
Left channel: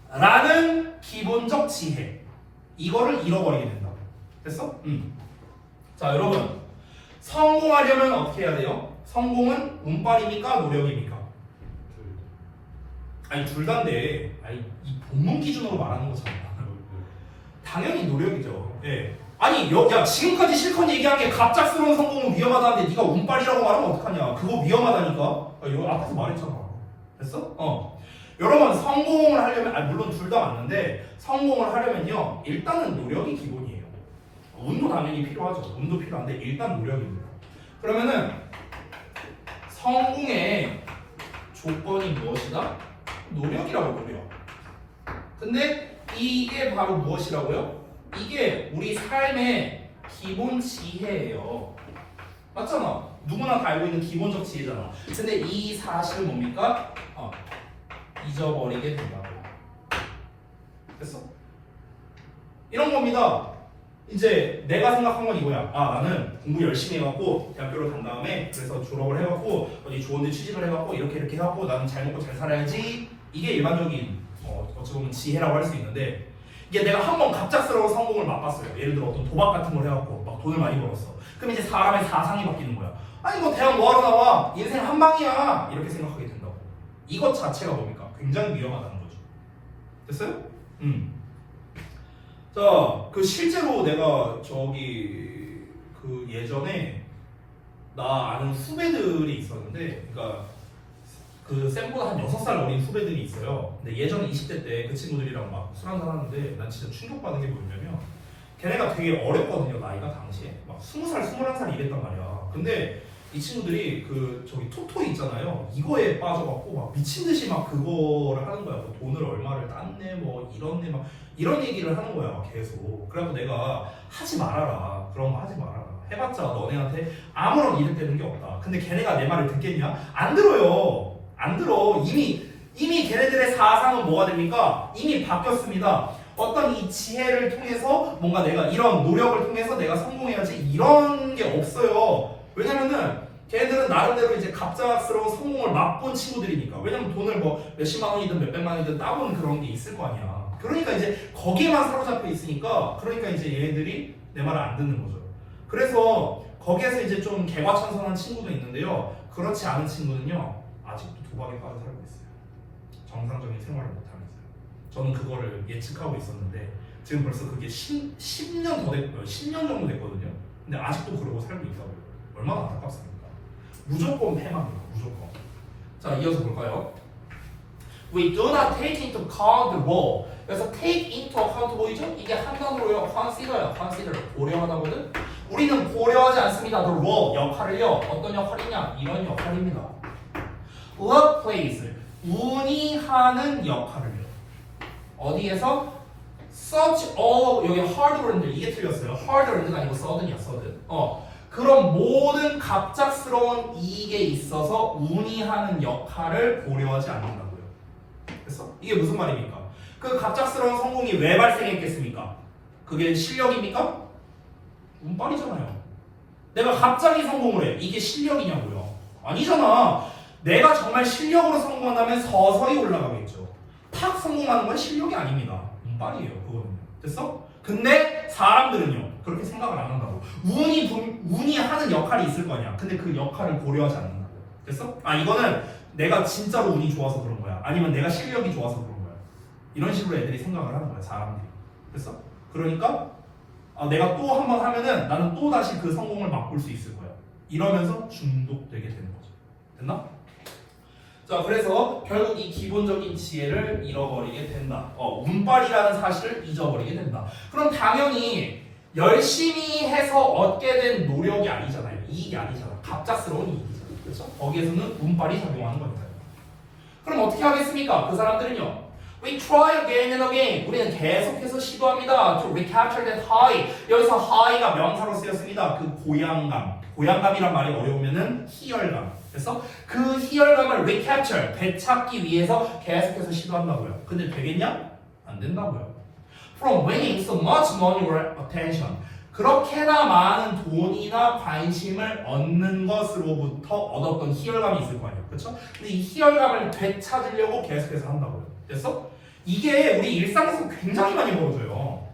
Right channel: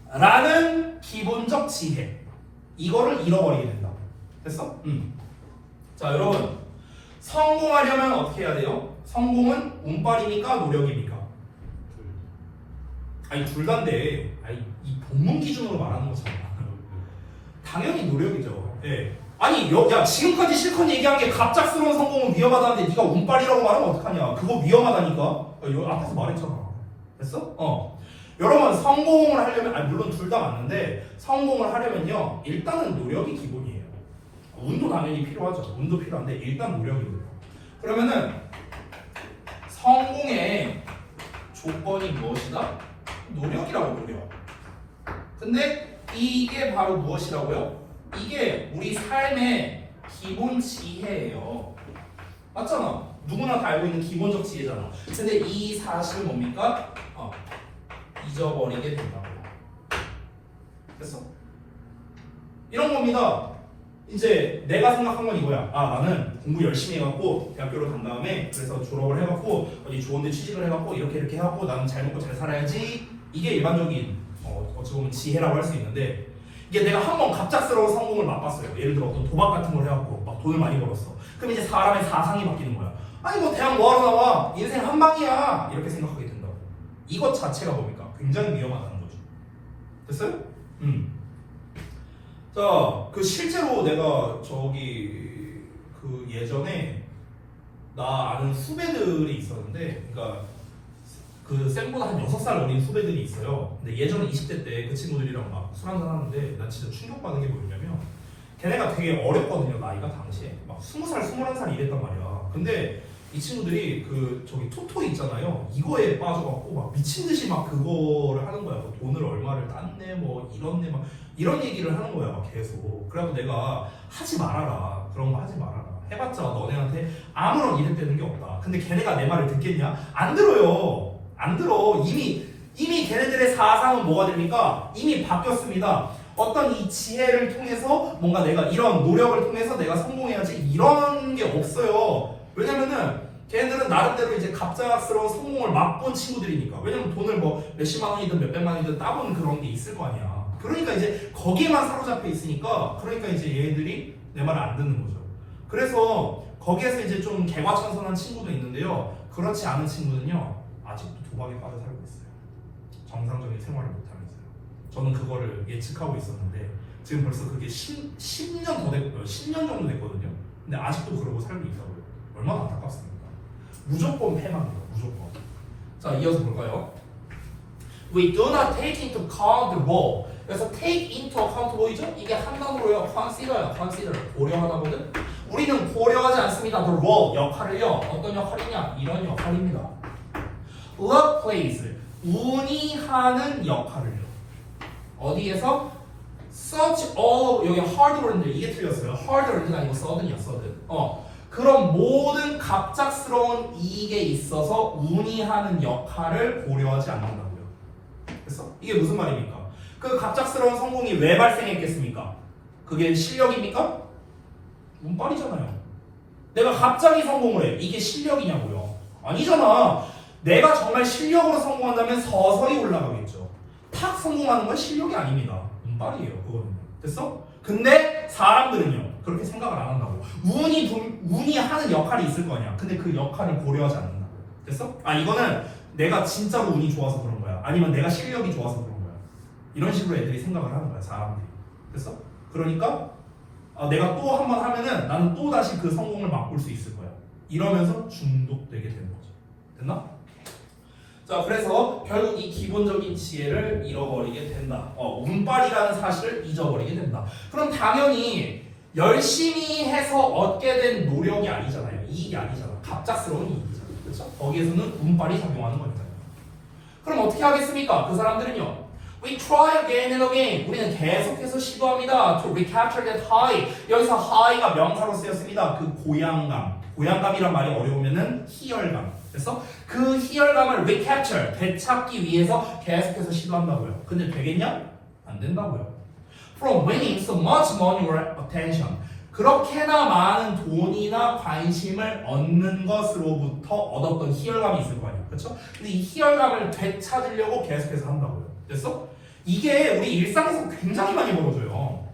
라는 기본적 지혜, 이거를 잃어버리게 된다. 됐어? 자, 여러분, 성공하려면 어떻게 해야 돼요? 성공은 운빨입니까? 노력입니까? 아니, 둘 다인데, 아니, 이 본문 기준으로 말하는 거잖아. 당연히 노력이죠. 예. 아니, 야, 지금까지 실컷 얘기한 게 갑작스러운 성공은 위험하다는데 네가 운빨이라고 말하면 어떡하냐? 그거 위험하다니까? 여기 앞에서 말했잖아. 됐어? 여러분, 성공을 하려면, 아니, 물론 둘 다 맞는데, 성공을 하려면요, 일단은 노력이 기본이에요. 운도 당연히 필요하죠. 운도 필요한데 일단 노력입니다. 그러면은 성공의 조건이 무엇이다? 노력이라고, 노력. 근데 이게 바로 무엇이라고요? 이게 우리 삶의 기본 지혜예요. 맞잖아. 누구나 다 알고 있는 기본적 지혜잖아. 근데 이 사실은 뭡니까? 잊어버리게 된다고요. 됐어? 이런 겁니다. 이제 내가 생각한 건 이거야. 나는 공부 열심히 해갖고 대학교를 간 다음에 그래서 졸업을 해갖고 어디 좋은데 취직을 해갖고 이렇게 해갖고 나는 잘 먹고 잘 살아야지. 이게 일반적인 어찌 보면 지혜라고 할 수 있는데, 이게 내가 한번 갑작스러운 성공을 맛봤어요. 예를 들어 어떤 도박 같은 걸 해갖고 막 돈을 많이 벌었어. 그럼 이제 사람의 사상이 바뀌는 거야. 아니, 뭐 대학 뭐하러 나와? 인생 한 방이야. 이렇게 생각하게 된다고. 이것 자체가 뭡니까? 굉장히 위험하다는 거죠. 됐어요? 자, 그 실제로 내가 그 예전에 나 아는 후배들이 있었는데, 그러니까 그 쌤보다 한 6살 어린 후배들이 있어요. 근데 예전에 20대 때 그 친구들이랑 막 술 한잔 하는데 난 진짜 충격받은 게 뭐냐면, 걔네가 되게 어렸거든요. 나이가 당시에 막 20살, 21살 이랬단 말이야. 근데 이 친구들이 토토이 있잖아요. 이거에 빠져갖고 막 미친 듯이 막 그거를 하는 거야. 뭐 돈을 얼마를 땄네, 뭐 이렇네, 막 이런 얘기를 하는 거야, 막 계속. 그래갖고 내가 하지 말아라. 그런 거 하지 말아라. 해봤자 너네한테 아무런 이득 되는 게 없다. 근데 걔네가 내 말을 듣겠냐? 안 들어요. 안 들어. 이미 걔네들의 사상은 뭐가 됩니까? 이미 바뀌었습니다. 어떤 이 지혜를 통해서 뭔가 내가 이런 노력을 통해서 내가 성공해야지, 이런 게 없어요. 왜냐면은 걔네들은 나름대로 이제 갑작스러운 성공을 맛본 친구들이니까. 왜냐면 돈을 뭐 몇십만 원이든 몇백만 원이든 따본 그런 게 있을 거 아니야. 그러니까 이제 거기에만 사로잡혀 있으니까, 그러니까 이제 얘네들이 내 말을 안 듣는 거죠. 그래서 거기에서 이제 좀 개과천선한 친구도 있는데요. 그렇지 않은 친구는요, 아직도 도박에 빠져 살고 있어요. 정상적인 생활을 못하면서요. 저는 그거를 예측하고 있었는데 지금 벌써 그게 10년 더 됐고요. 10년 정도 됐거든요. 근데 아직도 그러고 살고 있다고요. 얼마나 안타깝습니까? 무조건 패망이에요. 무조건. 자, 이어서 볼까요? We do not take into account the role. 그래서 take into account 뭐이죠? 이게 한 단어로요. consider. 고려하다거든. 우리는 고려하지 않습니다. The role, 역할을요. 어떤 역할이냐? 이런 역할입니다. luck plays, 운이 하는 역할을요. 어디에서? such all, 여기 hard earned, 이게 틀렸어요. hard earned가 아니고 sudden이야, sudden. 그런 모든 갑작스러운 이익에 있어서 운이 하는 역할을 고려하지 않는다고요. 됐어? 이게 무슨 말입니까? 그 갑작스러운 성공이 왜 발생했겠습니까? 그게 실력입니까? 운빨이잖아요. 내가 갑자기 성공을 해. 이게 실력이냐고요? 아니잖아. 내가 정말 실력으로 성공한다면 서서히 올라가겠죠. 탁 성공하는 건 실력이 아닙니다. 운빨이에요. 그거는. 됐어? 근데 사람들은요, 그렇게 생각을 안 한다고. 운이 하는 역할이 있을 거 아니야. 근데 그 역할을 고려하지 않는다고. 됐어? 이거는 내가 진짜로 운이 좋아서 그런 거야. 아니면 내가 실력이 좋아서 그런 거야. 이런 식으로 애들이 생각을 하는 거야, 사람들이. 됐어? 그러니까 내가 또 한 번 하면은 나는 또 다시 그 성공을 맛볼 수 있을 거야. 이러면서 중독되게 되는 거죠. 됐나? 자, 그래서 결국 이 기본적인 지혜를 잃어버리게 된다. 운빨이라는 사실을 잊어버리게 된다. 그럼 당연히 열심히 해서 얻게 된 노력이 아니잖아요. 이익이 아니잖아. 갑작스러운 이익이잖아. 그렇죠? 거기에서는 운빨이 작용하는 거니까요. 그럼 어떻게 하겠습니까? 그 사람들은요. We try again and again. 우리는 계속해서 시도합니다. To recapture that high. 여기서 high가 명사로 쓰였습니다. 그 고향감. 고향감이란 말이 어려우면은 희열감. 그래서 그 희열감을 recapture, 되찾기 위해서 계속해서 시도한다고요. 근데 되겠냐? 안 된다고요. From winning so much money or attention. 그렇게나 많은 돈이나 관심을 얻는 것으로부터 얻었던 희열감이 있을 거 아니에요. 그렇죠? 근데 이 희열감을 되찾으려고 계속해서 한다고요. 됐어? 이게 우리 일상에서 굉장히 많이 벌어져요.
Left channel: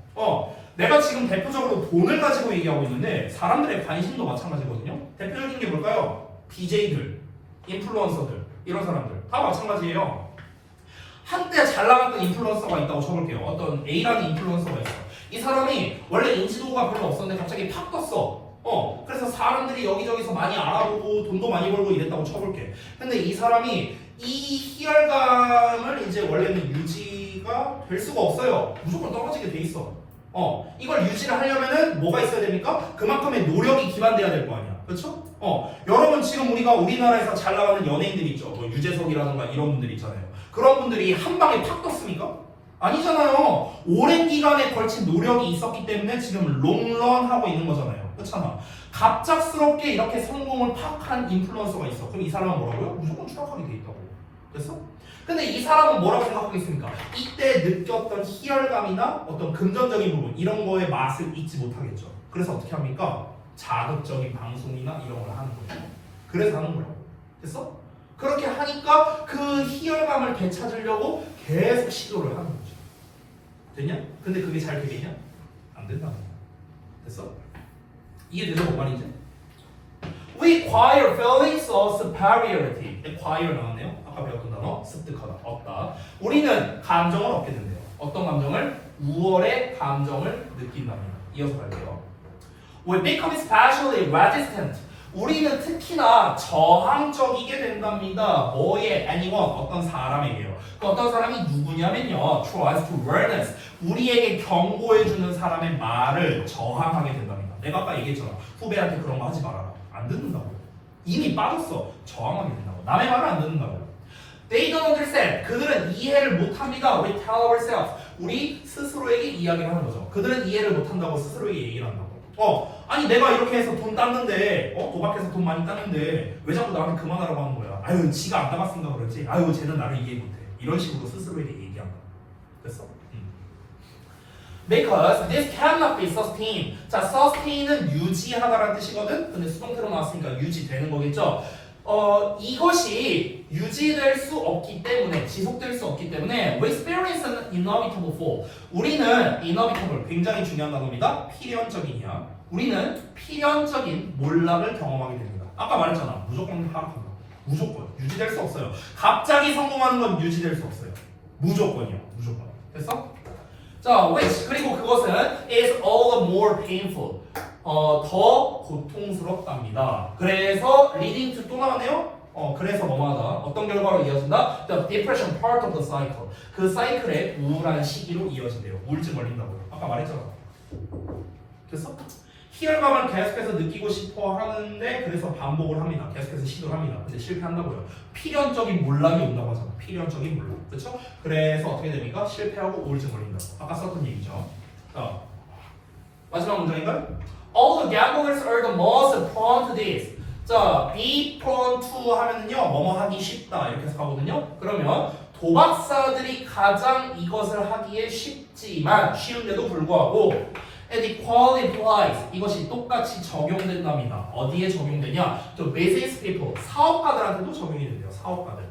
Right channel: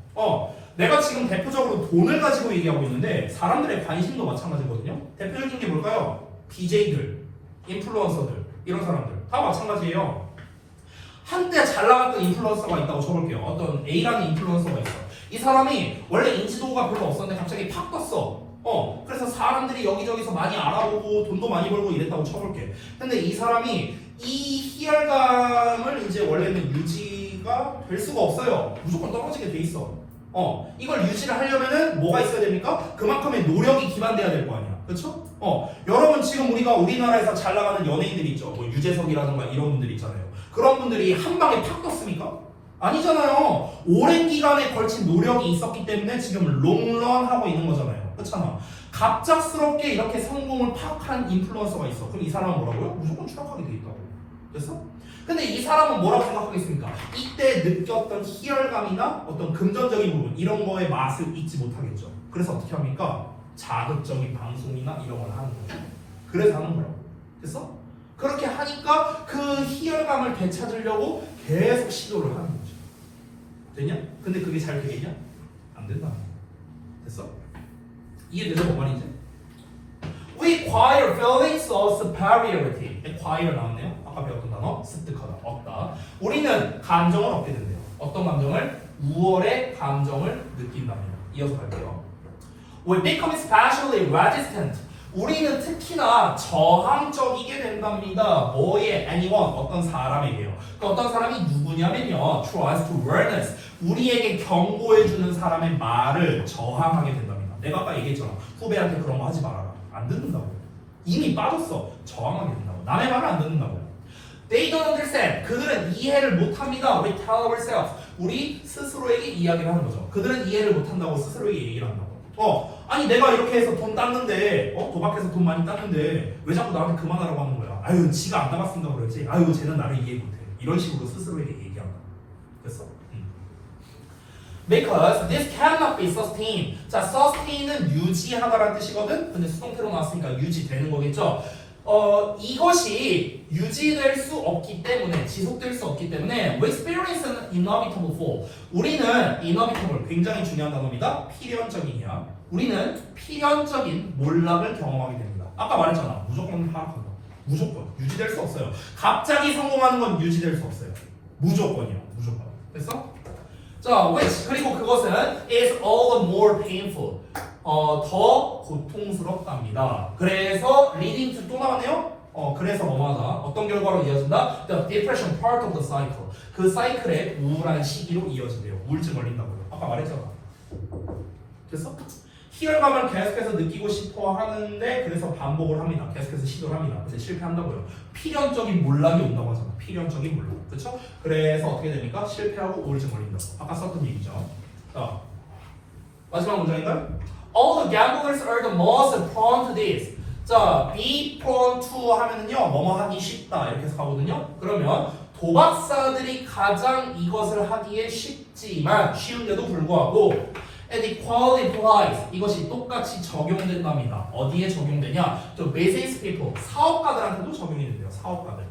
내가 지금 대표적으로 돈을 가지고 얘기하고 있는데 사람들의 관심도 마찬가지거든요. 대표적인 게 뭘까요? BJ들, 인플루언서들, 이런 사람들 다 마찬가지예요. 한때 잘 나갔던 인플루언서가 있다고 쳐볼게요. 어떤 A라는 인플루언서가 있어. 이 사람이 원래 인지도가 별로 없었는데 갑자기 팍 떴어. 그래서 사람들이 여기저기서 많이 알아보고 돈도 많이 벌고 이랬다고 쳐볼게. 근데 이 사람이 이 희열감을 이제 원래는 유지가 될 수가 없어요. 무조건 떨어지게 돼 있어. 이걸 유지를 하려면은 뭐가 있어야 됩니까? 그만큼의 노력이 기반돼야 될 거 아니야. 그렇죠? 여러분 지금 우리가 우리나라에서 잘 나가는 연예인들이 있죠. 뭐 유재석이라던가 이런 분들 있잖아요. 그런 분들이 한 방에 팍 떴습니까? 아니잖아요. 오랜 기간에 걸친 노력이 있었기 때문에 지금 롱런 하고 있는 거잖아요. 그렇잖아. 갑작스럽게 이렇게 성공을 팍 한 인플루언서가 있어. 그럼 이 사람은 뭐라고요? 무조건 추락하게 돼 있다고. 됐어? 근데 이 사람은 뭐라고 생각하겠습니까? 이때 느꼈던 희열감이나 어떤 금전적인 부분 이런 거의 맛을 잊지 못하겠죠. 그래서 어떻게 합니까? 자극적인 방송이나 이런 걸 하는 거예요. 그래서 하는 거라고. 됐어? 그렇게 하니까 그 희열감을 되찾으려고 계속 시도를 하는 거죠. 됐냐? 근데 그게 잘 되겠냐? 안 된다. 됐어? 이해되죠? 뭔 말인지? We acquire feelings of superiority. acquire 나왔네요. 아까 배웠던 단어 습득하다, 얻다. 우리는 감정을 얻게 된대요. 어떤 감정을? 우월의 감정을 느낀답니다. 이어서 갈게요. We become especially resistant. 우리는 특히나 저항적이게 된답니다. 뭐에? anyone, 어떤 사람에게요. 그 어떤 사람이 누구냐면요. tries to warn us. 우리에게 경고해주는 사람의 말을 저항하게 된답니다. 내가 아까 얘기했잖아. 후배한테 그런 거 하지 말아라. 안 듣는다고요. 이미 빠졌어. 저항하게 된다고. 남의 말을 안 듣는다고요. They don't understand. 그들은 이해를 못합니다. We tell ourselves. 우리 스스로에게 이야기를 하는 거죠. 그들은 이해를 못한다고 스스로에게 얘기를 한다고. 아니 내가 이렇게 해서 돈 땄는데 도박해서 돈 많이 땄는데 왜 자꾸 나한테 그만하라고 하는 거야. 아유 지가 안 따봤으니까 그렇지. 아유 쟤는 나를 이해 못해. 이런 식으로 스스로에게 얘기한다. 됐어? Because this cannot be sustained. 자, sustain은 유지하다라는 뜻이거든. 근데 수동태로 나왔으니까 유지되는 거겠죠. 이것이 유지될 수 없기 때문에, 지속될 수 없기 때문에 we experience an inevitable fall. 우리는 inevitable, 굉장히 중요한 단어입니다. 필연적이냐. 우리는 필연적인 몰락을 경험하게 됩니다. 아까 말했잖아. 무조건 하락한다. 무조건. 유지될 수 없어요. 갑자기 성공하는 건 유지될 수 없어요. 무조건이야. 무조건. 됐어? 자, which, 그리고 그것은 is all the more painful. 더 고통스럽답니다. 그래서 leading to 또 나왔네요. 그래서 뭐하다? 어떤 결과로 이어진다? The depression part of the cycle. 그 사이클의 우울한 시기로 이어진대요. 우울증 걸린다고요. 아까 말했잖아. 됐어? 희열감을 계속해서 느끼고 싶어 하는데 그래서 반복을 합니다. 계속해서 시도를 합니다. 근데 실패한다고요. 필연적인 몰락이 온다고 하잖아. 필연적인 몰락. 그렇죠? 그래서 어떻게 됩니까? 실패하고 우울증 걸린다고. 아까 썼던 얘기죠. 자, 마지막 문장인가요? All the gamblers are the most prone to this. 자, be prone to 하면은요, 뭐뭐 하기 쉽다 이렇게 해서 가거든요. 그러면 도박사들이 가장 이것을 하기에 쉽지만 쉬운데도 불구하고 and equally applies. 이것이 똑같이 적용된답니다. 어디에 적용되냐? To business people. 사업가들한테도 적용이 된대요. 사업가들.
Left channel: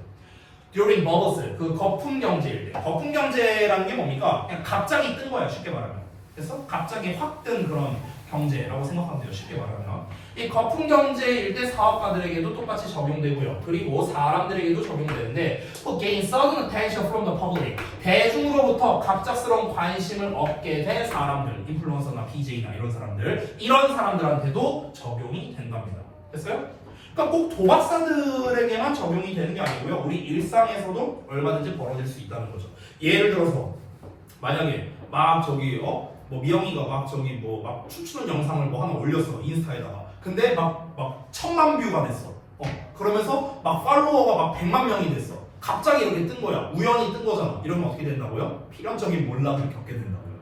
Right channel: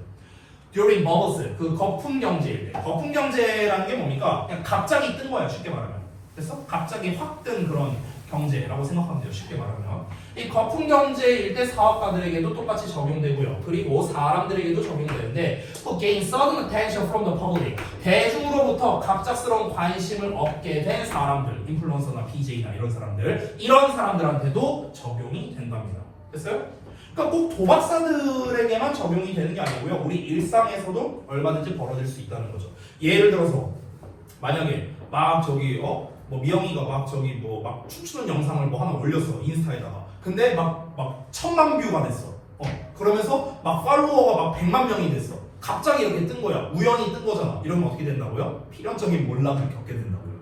During bubbles. 그 거품 경제일 때. 거품 경제라는 게 뭡니까? 그냥 갑자기 뜬 거예요. 쉽게 말하면. 그래서 갑자기 확 뜬 그런 경제라고 생각하면 돼요. 쉽게 말하면. 이 거품 경제일 때 사업가들에게도 똑같이 적용되고요. 그리고 사람들에게도 적용되는데 to gain sudden attention from the public. 대중으로부터 갑작스러운 관심을 얻게 된 사람들, 인플루언서나 BJ나 이런 사람들한테도 적용이 된답니다. 됐어요? 그러니까 꼭 도박사들에게만 적용이 되는 게 아니고요. 우리 일상에서도 얼마든지 벌어질 수 있다는 거죠. 예를 들어서 만약에 막 저기 뭐 미영이가 막 저기 뭐 막 춤추는 영상을 뭐 하나 올렸어 인스타에다가. 근데 막 1000만 뷰가 됐어. 그러면서 막 팔로워가 막 100만 명이 됐어. 갑자기 이렇게 뜬 거야. 우연히 뜬 거잖아. 이러면 어떻게 된다고요? 필연적인 몰락을 겪게 된다고요.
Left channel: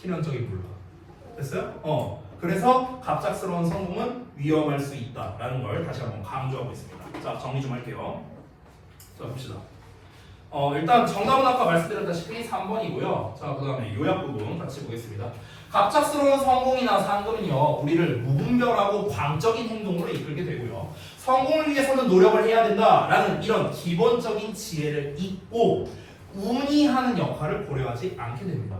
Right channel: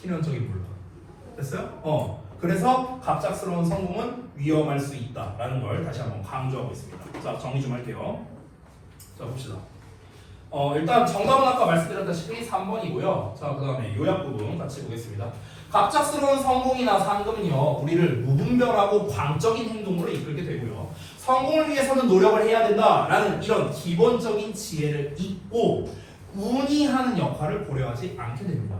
필연적인 몰락. 됐어요? 그래서 갑작스러운 성공은 위험할 수 있다라는 걸 다시 한번 강조하고 있습니다. 자, 정리 좀 할게요. 자, 봅시다. 일단 정답은 아까 말씀드렸다시피 3번이고요. 자, 그 다음에 요약 부분 같이 보겠습니다. 갑작스러운 성공이나 상금은요, 우리를 무분별하고 광적인 행동으로 이끌게 되고요. 성공을 위해서는 노력을 해야 된다라는 이런 기본적인 지혜를 잊고 운이 하는 역할을 고려하지 않게 됩니다.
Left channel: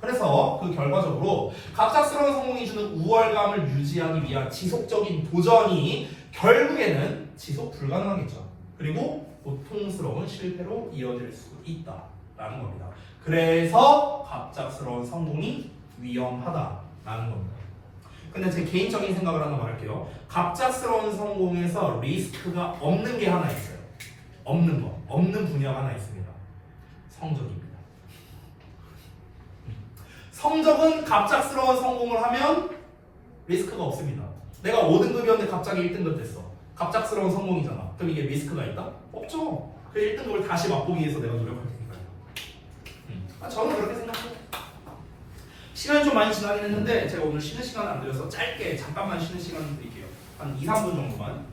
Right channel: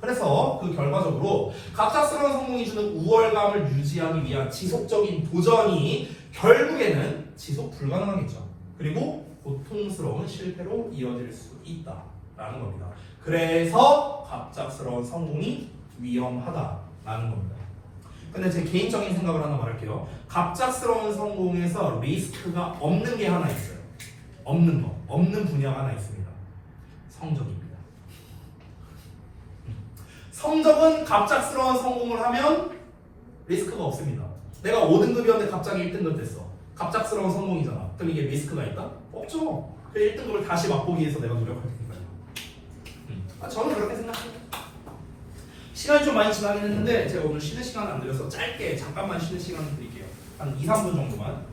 그래서 그 결과적으로 갑작스러운 성공이 주는 우월감을 유지하기 위한 지속적인 도전이 결국에는 지속 불가능하겠죠. 그리고 고통스러운 실패로 이어질 수 있다라는 겁니다. 그래서 갑작스러운 성공이 위험하다라는 겁니다. 근데 제 개인적인 생각을 하나 말할게요. 갑작스러운 성공에서 리스크가 없는 게 하나 있어요. 없는 분야가 하나 있습니다. 성적입니다. 성적은 갑작스러운 성공을 하면 리스크가 없습니다. 내가 5등급이었는데 갑자기 1등급 됐어. 갑작스러운 성공이잖아. 그럼 이게 리스크가 있다? 없죠. 그 1등급을 다시 맛보기 위해서 내가 노력할 테니까요. 저는 그렇게 생각해요. 시간이 좀 많이 지나긴 했는데 제가 오늘 쉬는 시간 안 드려서 짧게 잠깐만 쉬는 시간 드릴게요. 한 2, 3분 정도만.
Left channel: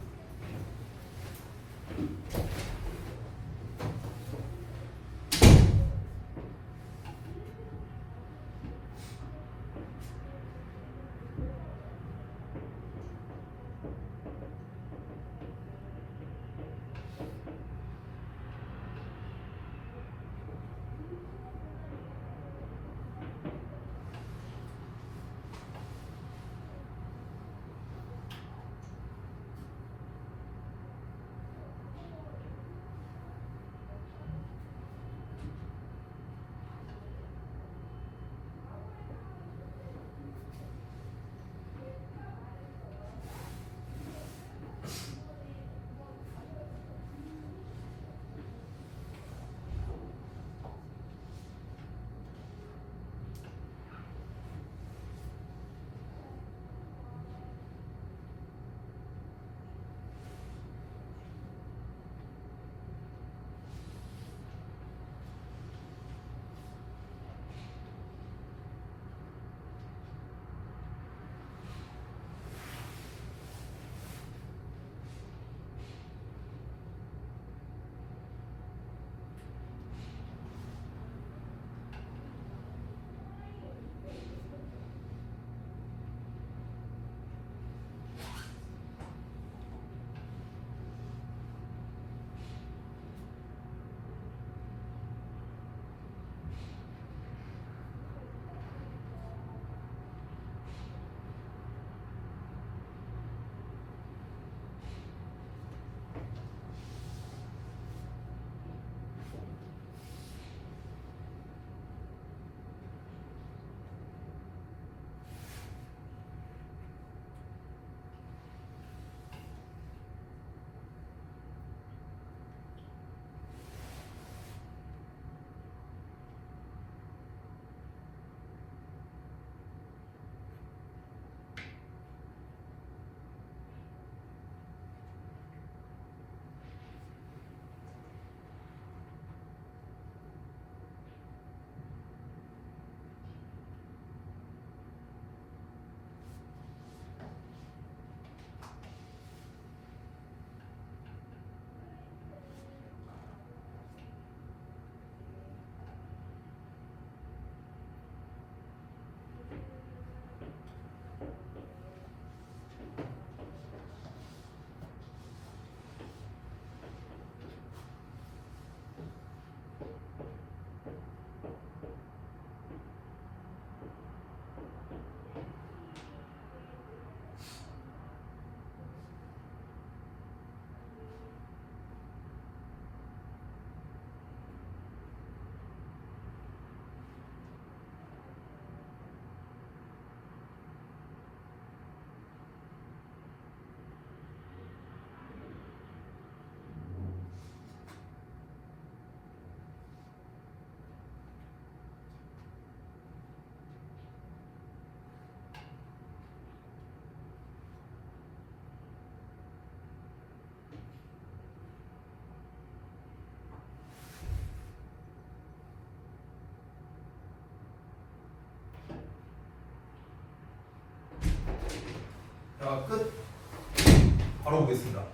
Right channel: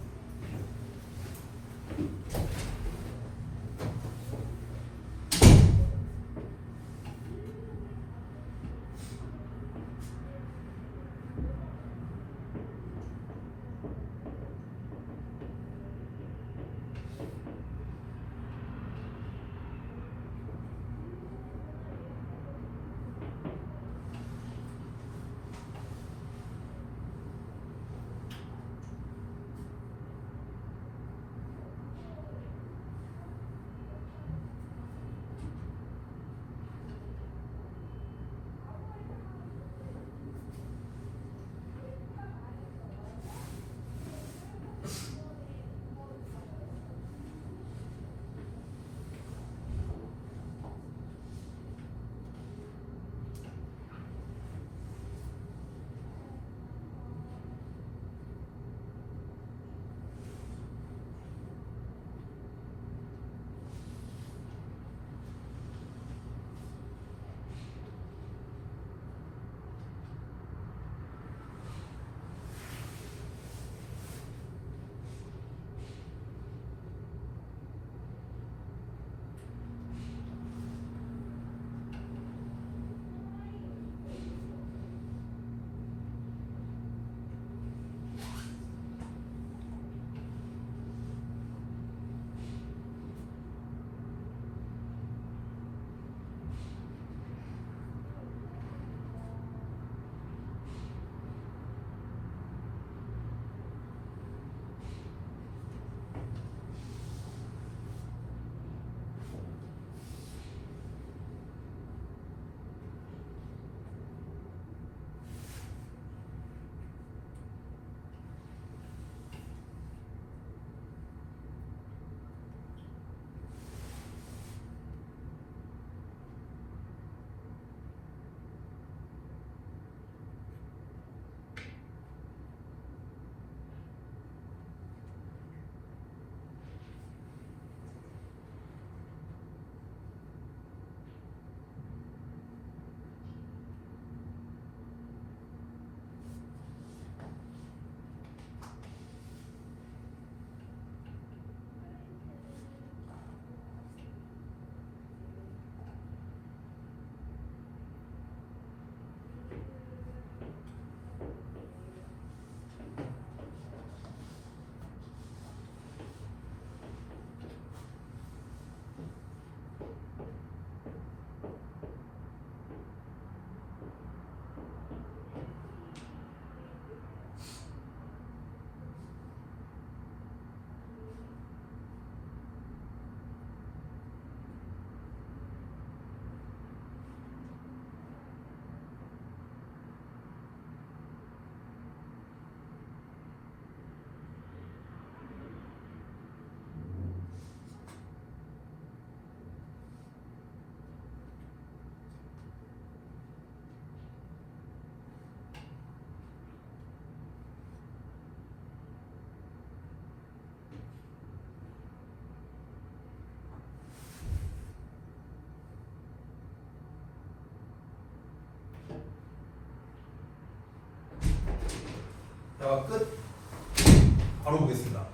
가보겠습니다.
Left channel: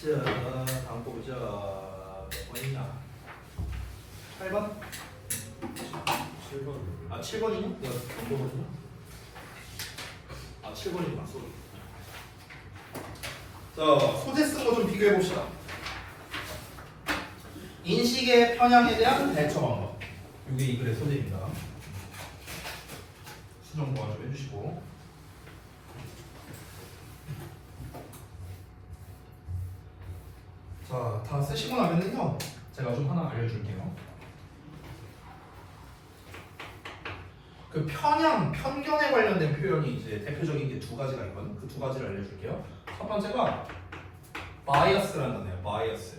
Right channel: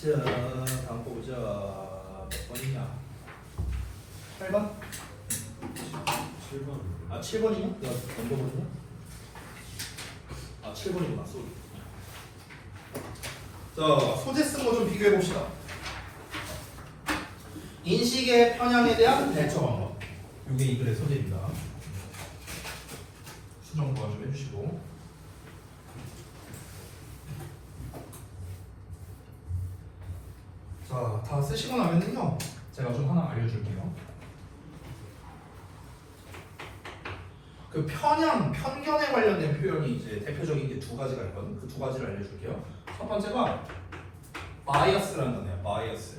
자, 다음 거 보자. 몇 번이냐? 8번? 7번. 아, 7번이냐? 내가 넘겨보자. 아, 7번이구나. 소리. 자, 소재 쓴 거 좀 비교해 봅시다. 인식의 편향에 대한 대처 방법. 이게 이 글의 소재입니다. 수정 도와 좀 해주시고. 자, 다 쓰시고 나면은요, 제가 좀 하나 알려줄게요. 그 편향, 편견에 관련된 표현이 이제 대표적인 게 두 가지가 있거든. 그 두 가지를 알려줄게요. 첫 번째가 bias라는 단어예요. bias.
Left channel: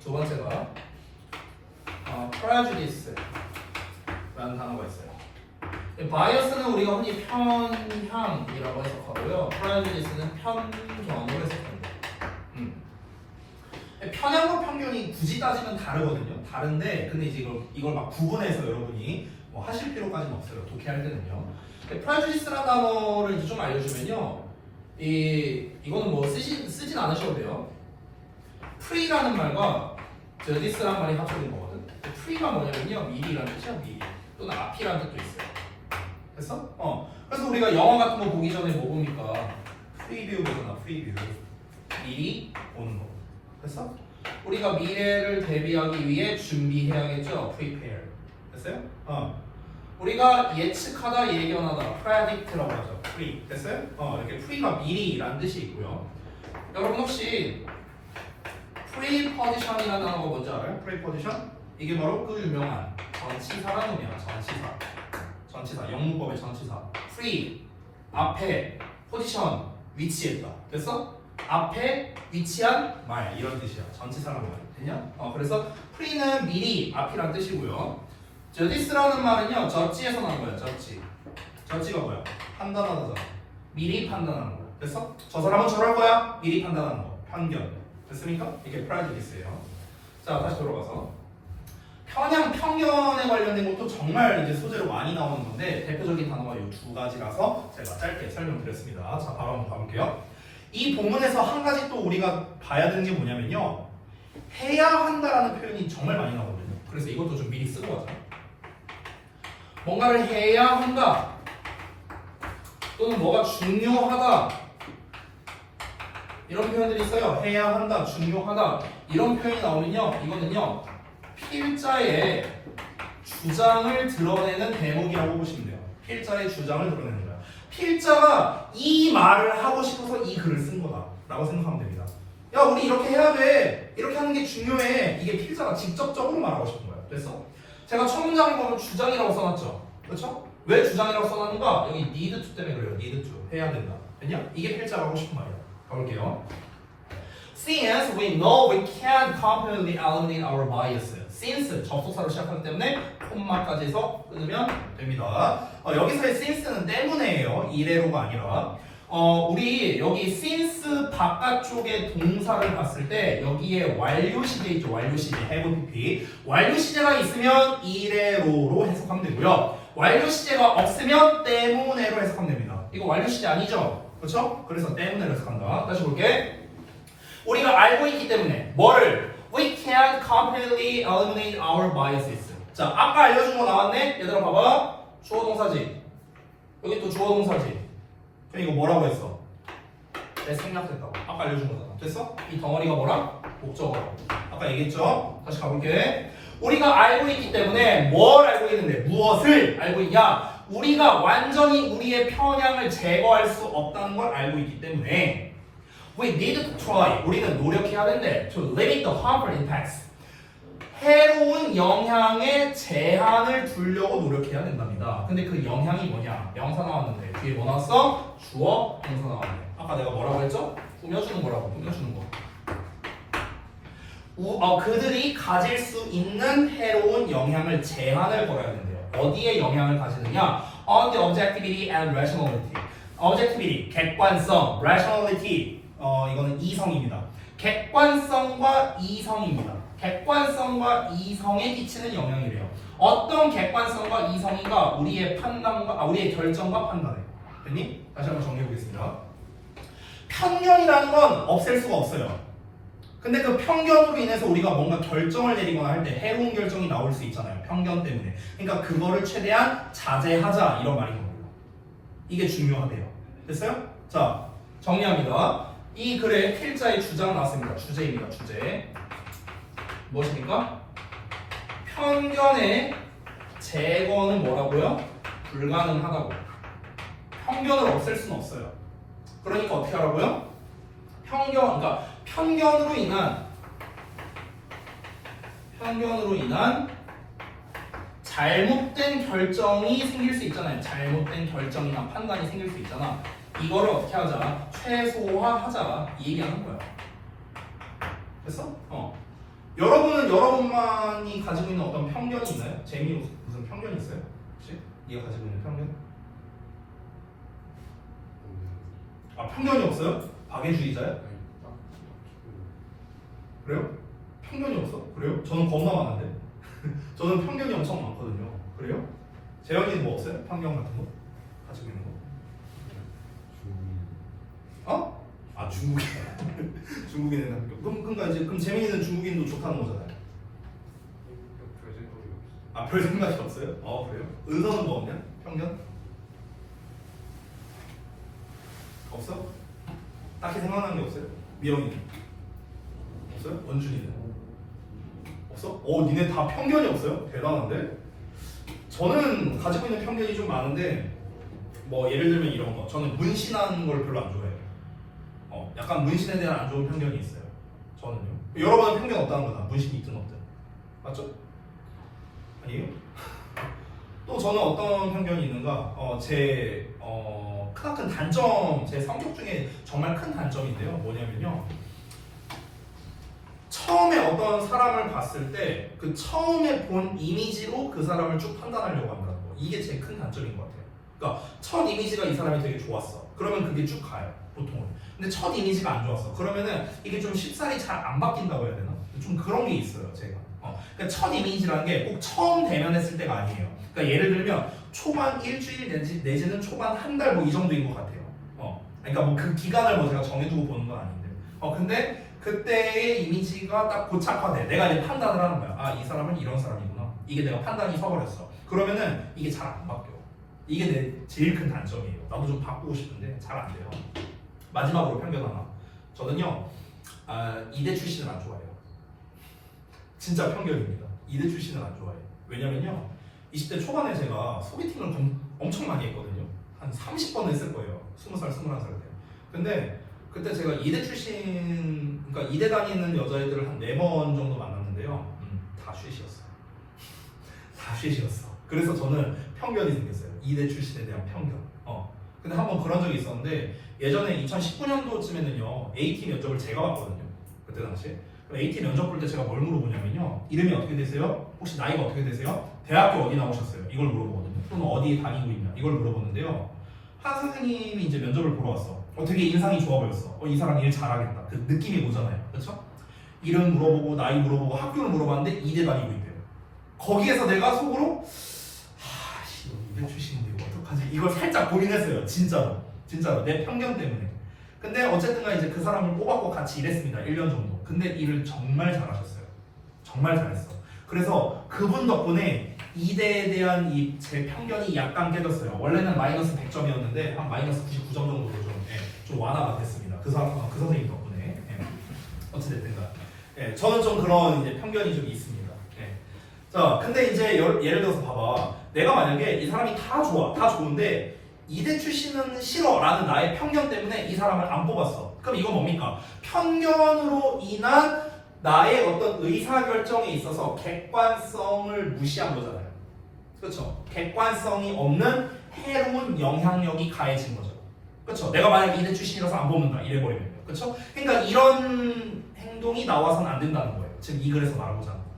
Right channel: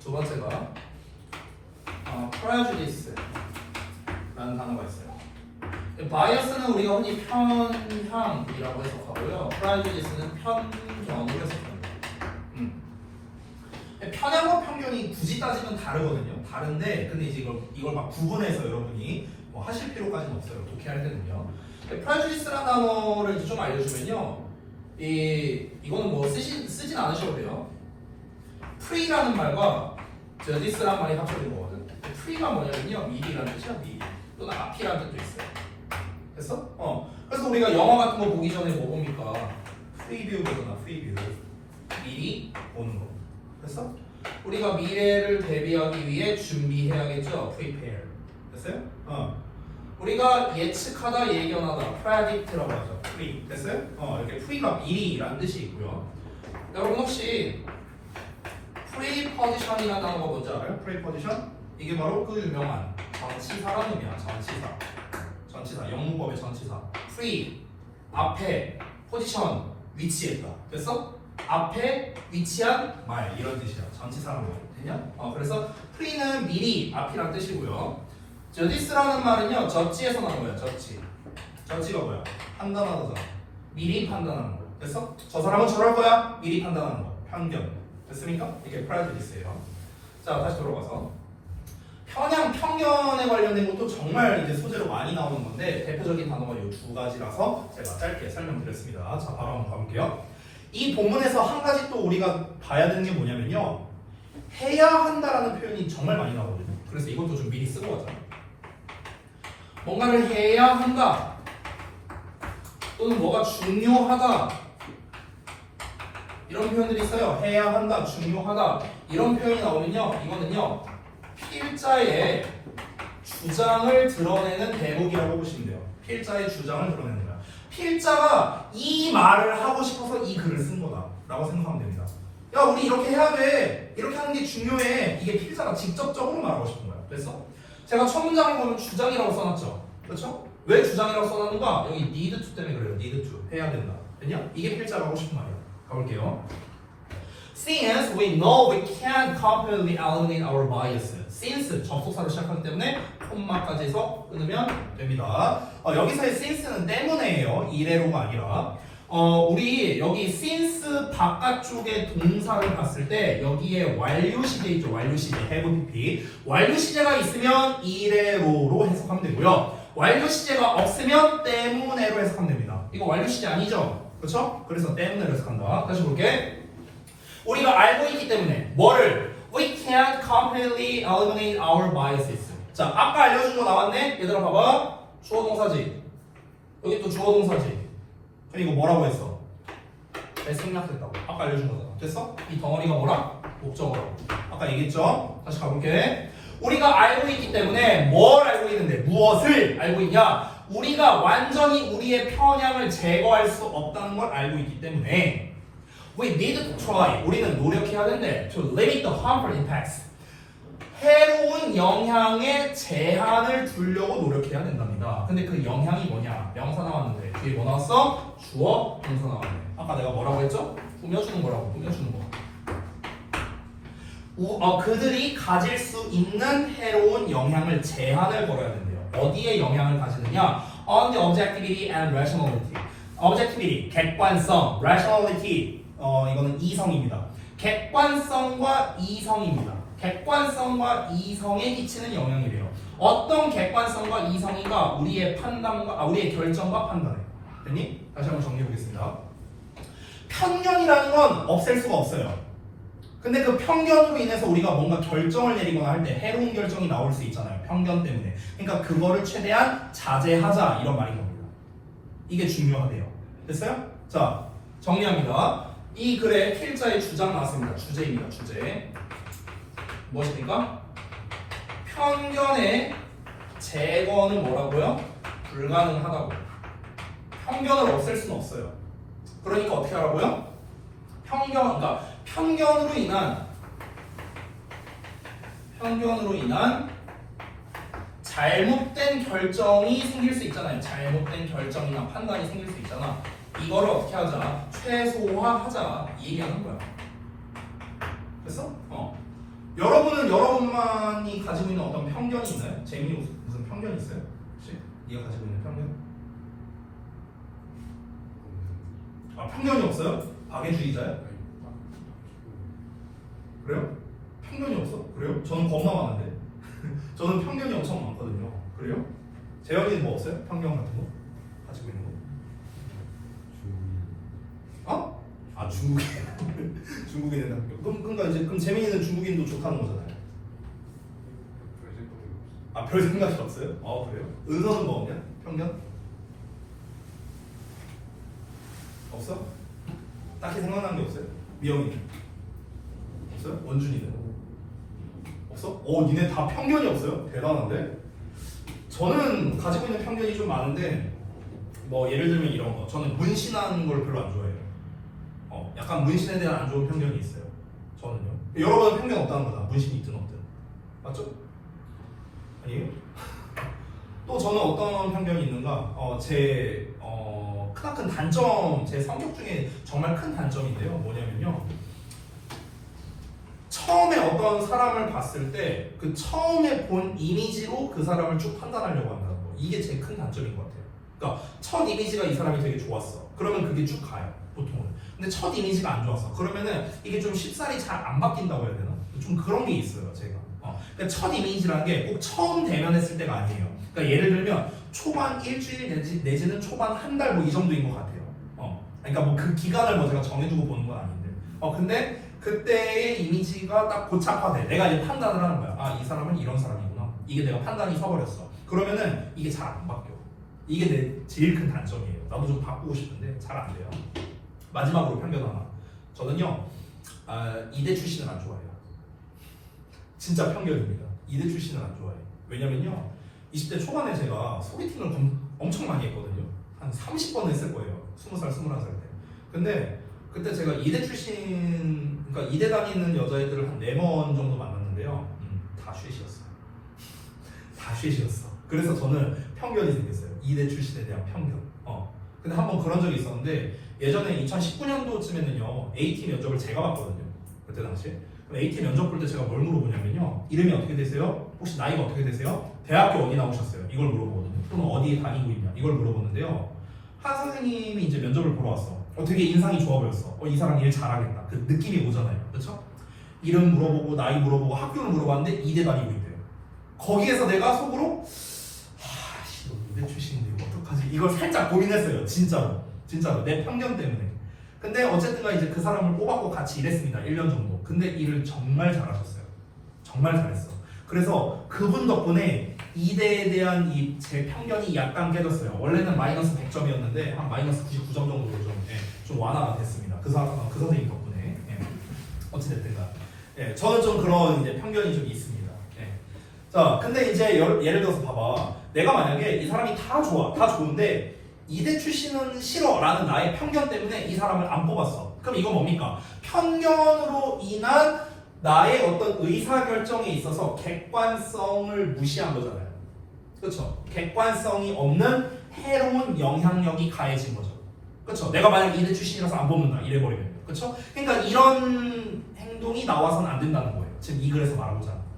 두 번째가 prejudice라는 단어가 있어요. bias는 우리가 흔히 편향이라고 해석하고요. prejudice는 편견으로 해석합니다. 편향과 편견이 굳이 따지면 다르거든요. 다른데 근데 이제 이걸 막 구분해서 여러분이 뭐 하실 필요까지는 없어요. 독해할 때는요. prejudice라는 단어를 이제 좀 알려주면요. 이거는 뭐 쓰진 않으셔도 돼요. pre라는 말과 judice라는 말이 합쳐진 거거든. pre가 뭐냐면요. 미리라는 뜻이야. 미리. 또는 앞이라는 뜻도 있어요. 됐어? 그래서 우리가 영화 같은 거 보기 전에 뭐 봅니까? 프리뷰 보잖아. 프리뷰. 미리 보는 거. 됐어? 우리가 미래를 대비하기 위해 준비해야겠죠? prepare. 됐어요? 우리가 예측하다, 예견하다, predict라고 하죠. pre. 됐어요? 이렇게 pre가 미리라는 뜻이 있고요. 여러분 혹시 preposition이라는 단어가 뭔지 알아요? preposition? 이게 바로 그 유명한 전치사라는 의미야. 전치사. 영문법의 전치사. pre, 앞에, position, 위치했다. 됐어? 앞에 위치한 말 이런 뜻이야. 전치사란 말. 됐냐? 그래서 pre는 미리, 앞이란 뜻이고요. judice라는 말은요. 저지에서 나온 거예요. 저지가 뭐야? 판단하다잖아. 미리 판단하는 거. 됐어? 저 사람은 저럴 거야. 미리 판단하는 거. 편견. 됐습니까? 이게 prejudice예요. 자, 다시 돌아가서 편견에 관련된 것도 정말 이제 소재로 많이 나오는 건데 대표적인 단어가 이 두 가지라서 제가 짧게 설명드렸습니다. 자, 바로 한번 가볼게요. 이 본문에서 한 가지 또 우리가 봐야 되는 게 뭐냐면요. 해야 한다라는 표현이 정말 많이 나오거든요. 그래서 이것도 좀 미리 쓰고 가자. 뭔가를 해야 한다. 또는 뭐가 중요하다. 이런 표현들이 있어요. 해야 한다, 중요하다. 이런 표현이 나오면요. 이거는요. 필자의 주장을 드러내는 대목이라고 보시면 돼요. 필자의 주장을 드러내는 거야. 필자가 이 말을 하고 싶어서 이 글을 쓴 거다 라고 생각하면 됩니다. 야, 우리 이렇게 해야 돼. 이렇게 하는 게 중요해. 이게 필자가 직접적으로 말하고 싶은 거야. 그래서 제가 첫 문장에 보면 주장이라고 써놨죠. 그렇죠? 왜 주장이라고 써놨는가? 여기 need to 때문에 그래요. need to. 해야 된다. 됐냐? 이게 필자가 하고 싶은 말이야. 가볼게요. Since we know we can't completely eliminate our bias. Since 접속사로 시작하기 때문에 콤마까지 해서 끊으면 됩니다. 여기서의 since는 때문에예요. 이래로가 아니라. 우리 여기 since 바깥쪽에 동사를 봤을 때 여기에 완료 시제 있죠. 완료 시제, have PP. 완료 시제가 있으면 이래로로 해석하면 되고요. 완료 시제가 없으면 때문에로 해석하면 됩니다. 이거 완료 시제 아니죠? 그렇죠? 그래서 때문에로 해석한다. 다시 볼게. 우리가 알고 있기 때문에 뭐를? We can't completely eliminate our biases. 자, 아까 알려준 거 나왔네? 얘들아 봐봐. 주어 동사지. 여기 또 주어 동사지. 그럼 이거 뭐라고 했어? 생략했다고. 아까 알려준 거잖아. 됐어? 이 덩어리가 뭐라? 목적어라고. 아까 얘기했죠? 다시 가볼게. 우리가 알고 있기 때문에 뭘 알고 있는데? 무엇을 알고 있냐? 우리가 완전히 우리의 편향을 제거할 수 없다는 걸 알고 있기 때문에 We need to try. 우리는 노력해야 된대. To limit the harmful impacts. 해로운 영향에 제한을 두려고 노력해야 된답니다. 근데 그 영향이 뭐냐? 명사 나왔는데 뒤에 뭐 나왔어? 주어, 동사 나왔네. 아까 내가 뭐라고 했죠? 꾸며주는 거라고. 꾸며주는 거. 그들이 가질 수 있는 해로운 영향을 제한을 걸어야 된대요. 어디에 영향을 가지느냐? On the objectivity and rationality. objectivity, 객관성, rationality. 이거는 이성입니다. 객관성과 이성입니다. 객관성과 이성에 끼치는 영향이래요. 어떤 객관성과 이성인가? 우리의 판단과 우리의 결정과 판단을. 됐니? 다시 한번 정리해 보겠습니다. 편견이라는 건 없앨 수가 없어요. 근데 그 편견으로 인해서 우리가 뭔가 결정을 내리거나 할 때 해로운 결정이 나올 수 있잖아요. 편견 때문에. 그러니까 그거를 최대한 자제하자 이런 말이거든요. 이게 중요하대요. 됐어요? 자, 정리합니다. 이 글에 필자의 주장 나왔습니다. 주제입니다. 주제. 무엇입니까? 편견의 제거는 뭐라고요? 불가능하다고. 편견을 없앨 수는 없어요. 그러니까 어떻게 하라고요? 그러니까 편견으로 인한 잘못된 결정이 생길 수 있잖아요. 잘못된 결정이나 판단이 생길 수 있잖아. 이거를 어떻게 하자? 최소화하자. 이 얘기하는 거야. 됐어? 여러분은 여러분만이 가지고 있는 어떤 편견이 있나요? 재미 무슨 편견이 있어요? 혹시? 네가 가지고 있는 편견? 아, 편견이 없어요? 박애주의자야? 그래요? 편견이 없어? 그래요? 저는 겁나 많은데. 저는 편견이 엄청 많거든요. 그래요? 재혁이는 뭐 없어요? 편견 같은 거? 가지고 있는 거? 어? 아, 중국인. 중국인은 학교. 그럼 재민이는 중국인도 좋다는 거잖아요. 아, 별 생각이 없어요? 그래요? 은서는 뭐 없냐? 편견? 없어? 딱히 생각나는 게 없어요? 미영이 없어요? 원준이는 없어? 니네 다 편견이 없어요? 대단한데? 저는 가지고 있는 편견이 좀 많은데 뭐 예를 들면 이런 거. 저는 문신하는 걸 별로 안 좋아해요. 약간 문신에 대한 안 좋은 편견이 있어요. 저는요. 여러분은 편견 없다는 거다. 문신이 있든 없든. 맞죠? 아니에요? 또 저는 어떤 편견이 있는가? 제 크나큰 단점, 제 성격 중에 정말 큰 단점인데요. 뭐냐면요. 처음에 어떤 사람을 봤을 때 그 처음에 본 이미지로 그 사람을 쭉 판단하려고 한다는 거. 이게 제일 큰 단점인 것 같아요. 그러니까 첫 이미지가 이 사람이 되게 좋았어. 그러면 그게 쭉 가요. 보통은. 근데 첫 이미지가 안 좋았어. 그러면은 이게 좀 쉽사리 잘 안 바뀐다고 해야 되나? 좀 그런 게 있어요. 제가. 그러니까 첫 이미지라는 게 꼭 처음 대면했을 때가 아니에요. 그러니까 예를 들면 초반 일주일 내지는 초반 한 달 뭐 이 정도인 것 같아요. 그러니까 뭐 그 기간을 뭐 제가 정해두고 보는 건 아닌데. 근데 그때의 이미지가 딱 고착화돼. 내가 이제 판단을 하는 거야. 아, 이 사람은 이런 사람이구나. 이게 내가 판단이 서버렸어. 그러면은 이게 잘 안 바뀌어. 이게 내 제일 큰 단점이에요. 나도 좀 바꾸고 싶은데 잘 안 돼요. 마지막으로 편견 하나. 저는요, 이대 출신을 안 좋아해요. 진짜 편견입니다. 이대 출신을 안 좋아해요. 왜냐면요, 20대 초반에 제가 소개팅을 엄청 많이 했거든요. 한 30번 했을 거예요. 20살, 21살 때. 근데 그때 제가 이대 출신, 그러니까 이대 다니는 여자애들을 한 4번 정도 만났는데요. 다 쉐시였어요. 다 쉐시였어. 그래서 저는 편견이 생겼어요. 이대 출신에 대한 편견. 근데 한번 그런 적이 있었는데 예전에 2019년도쯤에는요 AT 면접을 제가 봤거든요. 그때 당시에. 그럼 AT 면접 볼 때 제가 뭘 물어보냐면요. 이름이 어떻게 되세요? 혹시 나이가 어떻게 되세요? 대학교 어디 나오셨어요? 이걸 물어보거든요. 또는 어디에 다니고 있냐? 이걸 물어보는데요. 한 선생님이 이제 면접을 보러 왔어. 되게 인상이 좋아 보였어. 이 사람 일 잘하겠다. 그 느낌이 오잖아요. 그렇죠? 이름 물어보고 나이 물어보고 학교를 물어봤는데 이대 다니고 있대요. 거기에서 내가 속으로 너 이대 출신인데 이거 어떡하지? 이걸 살짝 고민했어요. 진짜로 내 편견 때문에. 근데 어쨌든간 이제 그 사람을 뽑았고 같이 일했습니다. 1년 정도. 근데 일을 정말 잘하셨어요. 정말 잘했어. 그래서 그분 덕분에 이대에 대한 제 편견이 약간 깨졌어요. 원래는 마이너스 100점이었는데 한 마이너스 99점 정도로 좀 완화가 됐습니다. 그 선생님 덕분에. 어찌됐든가. 저는 좀 그런 이제 편견이 좀 있습니다. 자, 근데 이제 예를 들어서 봐봐. 내가 만약에 이 사람이 다 좋아, 다 좋은데 이대 출신은 싫어라는 나의 편견 때문에 이 사람을 안 뽑았어. 그럼 이건 뭡니까? 편견으로 인한 나의 어떤 의사결정에 있어서 객관성을 무시한 거잖아요. 그렇죠? 객관성이 없는 해로운 영향력이 가해진 거죠. 그렇죠? 내가 만약 이대 출신이라서 안 뽑는다 이래버리면요. 그렇죠? 그러니까 이런 행동이 나와서는 안 된다는 거예요. 지금 이 글에서 말하고자 하는 거.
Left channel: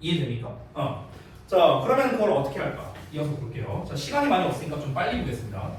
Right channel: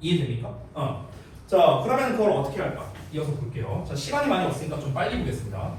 이해됩니까? 자, 그러면 그걸 어떻게 할까? 이어서 볼게요. 자, 시간이 많이 없으니까 좀 빨리 보겠습니다.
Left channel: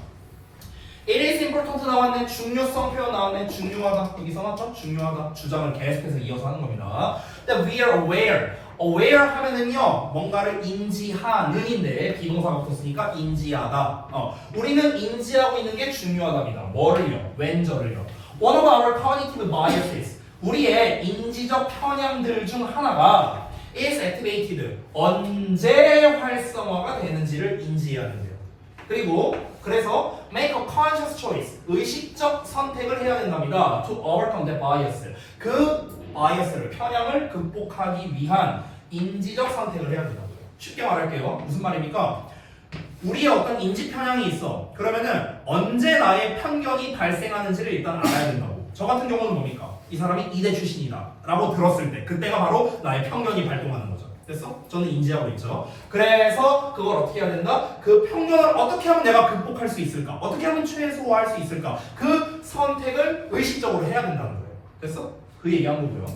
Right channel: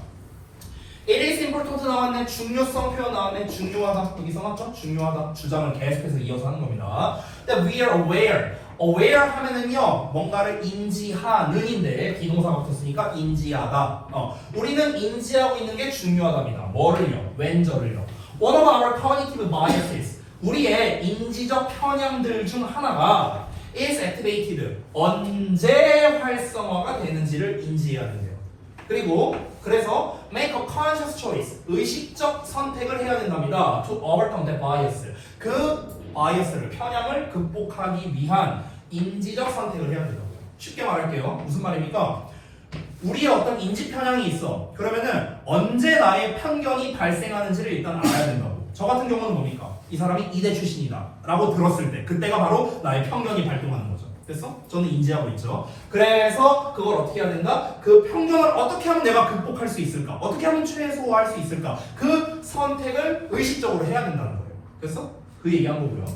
It is important 나왔네. 중요성 표현 나왔네. 중요하다. 여기서 맞죠? 중요하다. 주장을 계속해서 이어서 하는 겁니다. That we are aware. aware 하면은요, 뭔가를 인지하는인데 비동사가 붙었으니까 인지하다. 우리는 인지하고 있는 게 중요하답니다. 뭐를요? 웬저를요. One of our cognitive biases. 우리의 인지적 편향들 중 하나가 is activated. 언제 활성화가 되는지를 인지해야 된대요. 그리고 그래서 make a conscious choice. 의식적 선택을 해야 된답니다. To overcome the bias. 그 바이어스를 편향을 극복하기 위한 인지적 선택을 해야 돼요. 쉽게 말할게요. 무슨 말입니까? 우리의 어떤 인지 편향이 있어. 그러면은 언제 나의 편견이 발생하는지를 일단 알아야 된다고. 저 같은 경우는 뭡니까? 이 사람이 이대 출신이다 라고 들었을 때 그때가 바로 나의 편견이 발동하는 거죠. 됐어? 저는 인지하고 있죠. 그래서 그걸 어떻게 해야 된다? 그 편견을 어떻게 하면 내가 극복할 수 있을까? 어떻게 하면 최소화할 수 있을까? 그 선택을 의식적으로 해야 된다는 거예요. 됐어? 그 얘기한 거고요.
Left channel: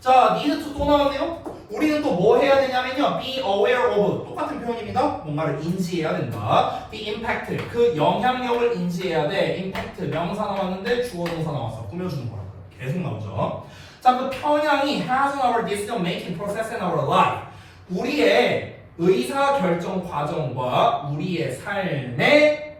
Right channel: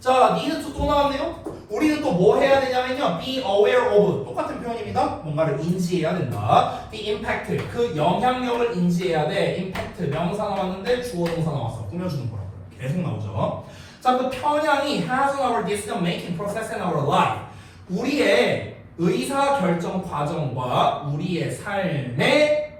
자, need to 또 나왔네요. 우리는 또 뭐 해야 되냐면요. be aware of. 똑같은 표현입니다. 뭔가를 인지해야 된다. the impact. 그 영향력을 인지해야 돼. impact. 명사 나왔는데 주어 동사 나왔어. 꾸며주는 거라고요. 계속 나오죠. 자, 그 편향이 has on our decision making process in our life. 우리의 의사 결정 과정과 우리의 삶에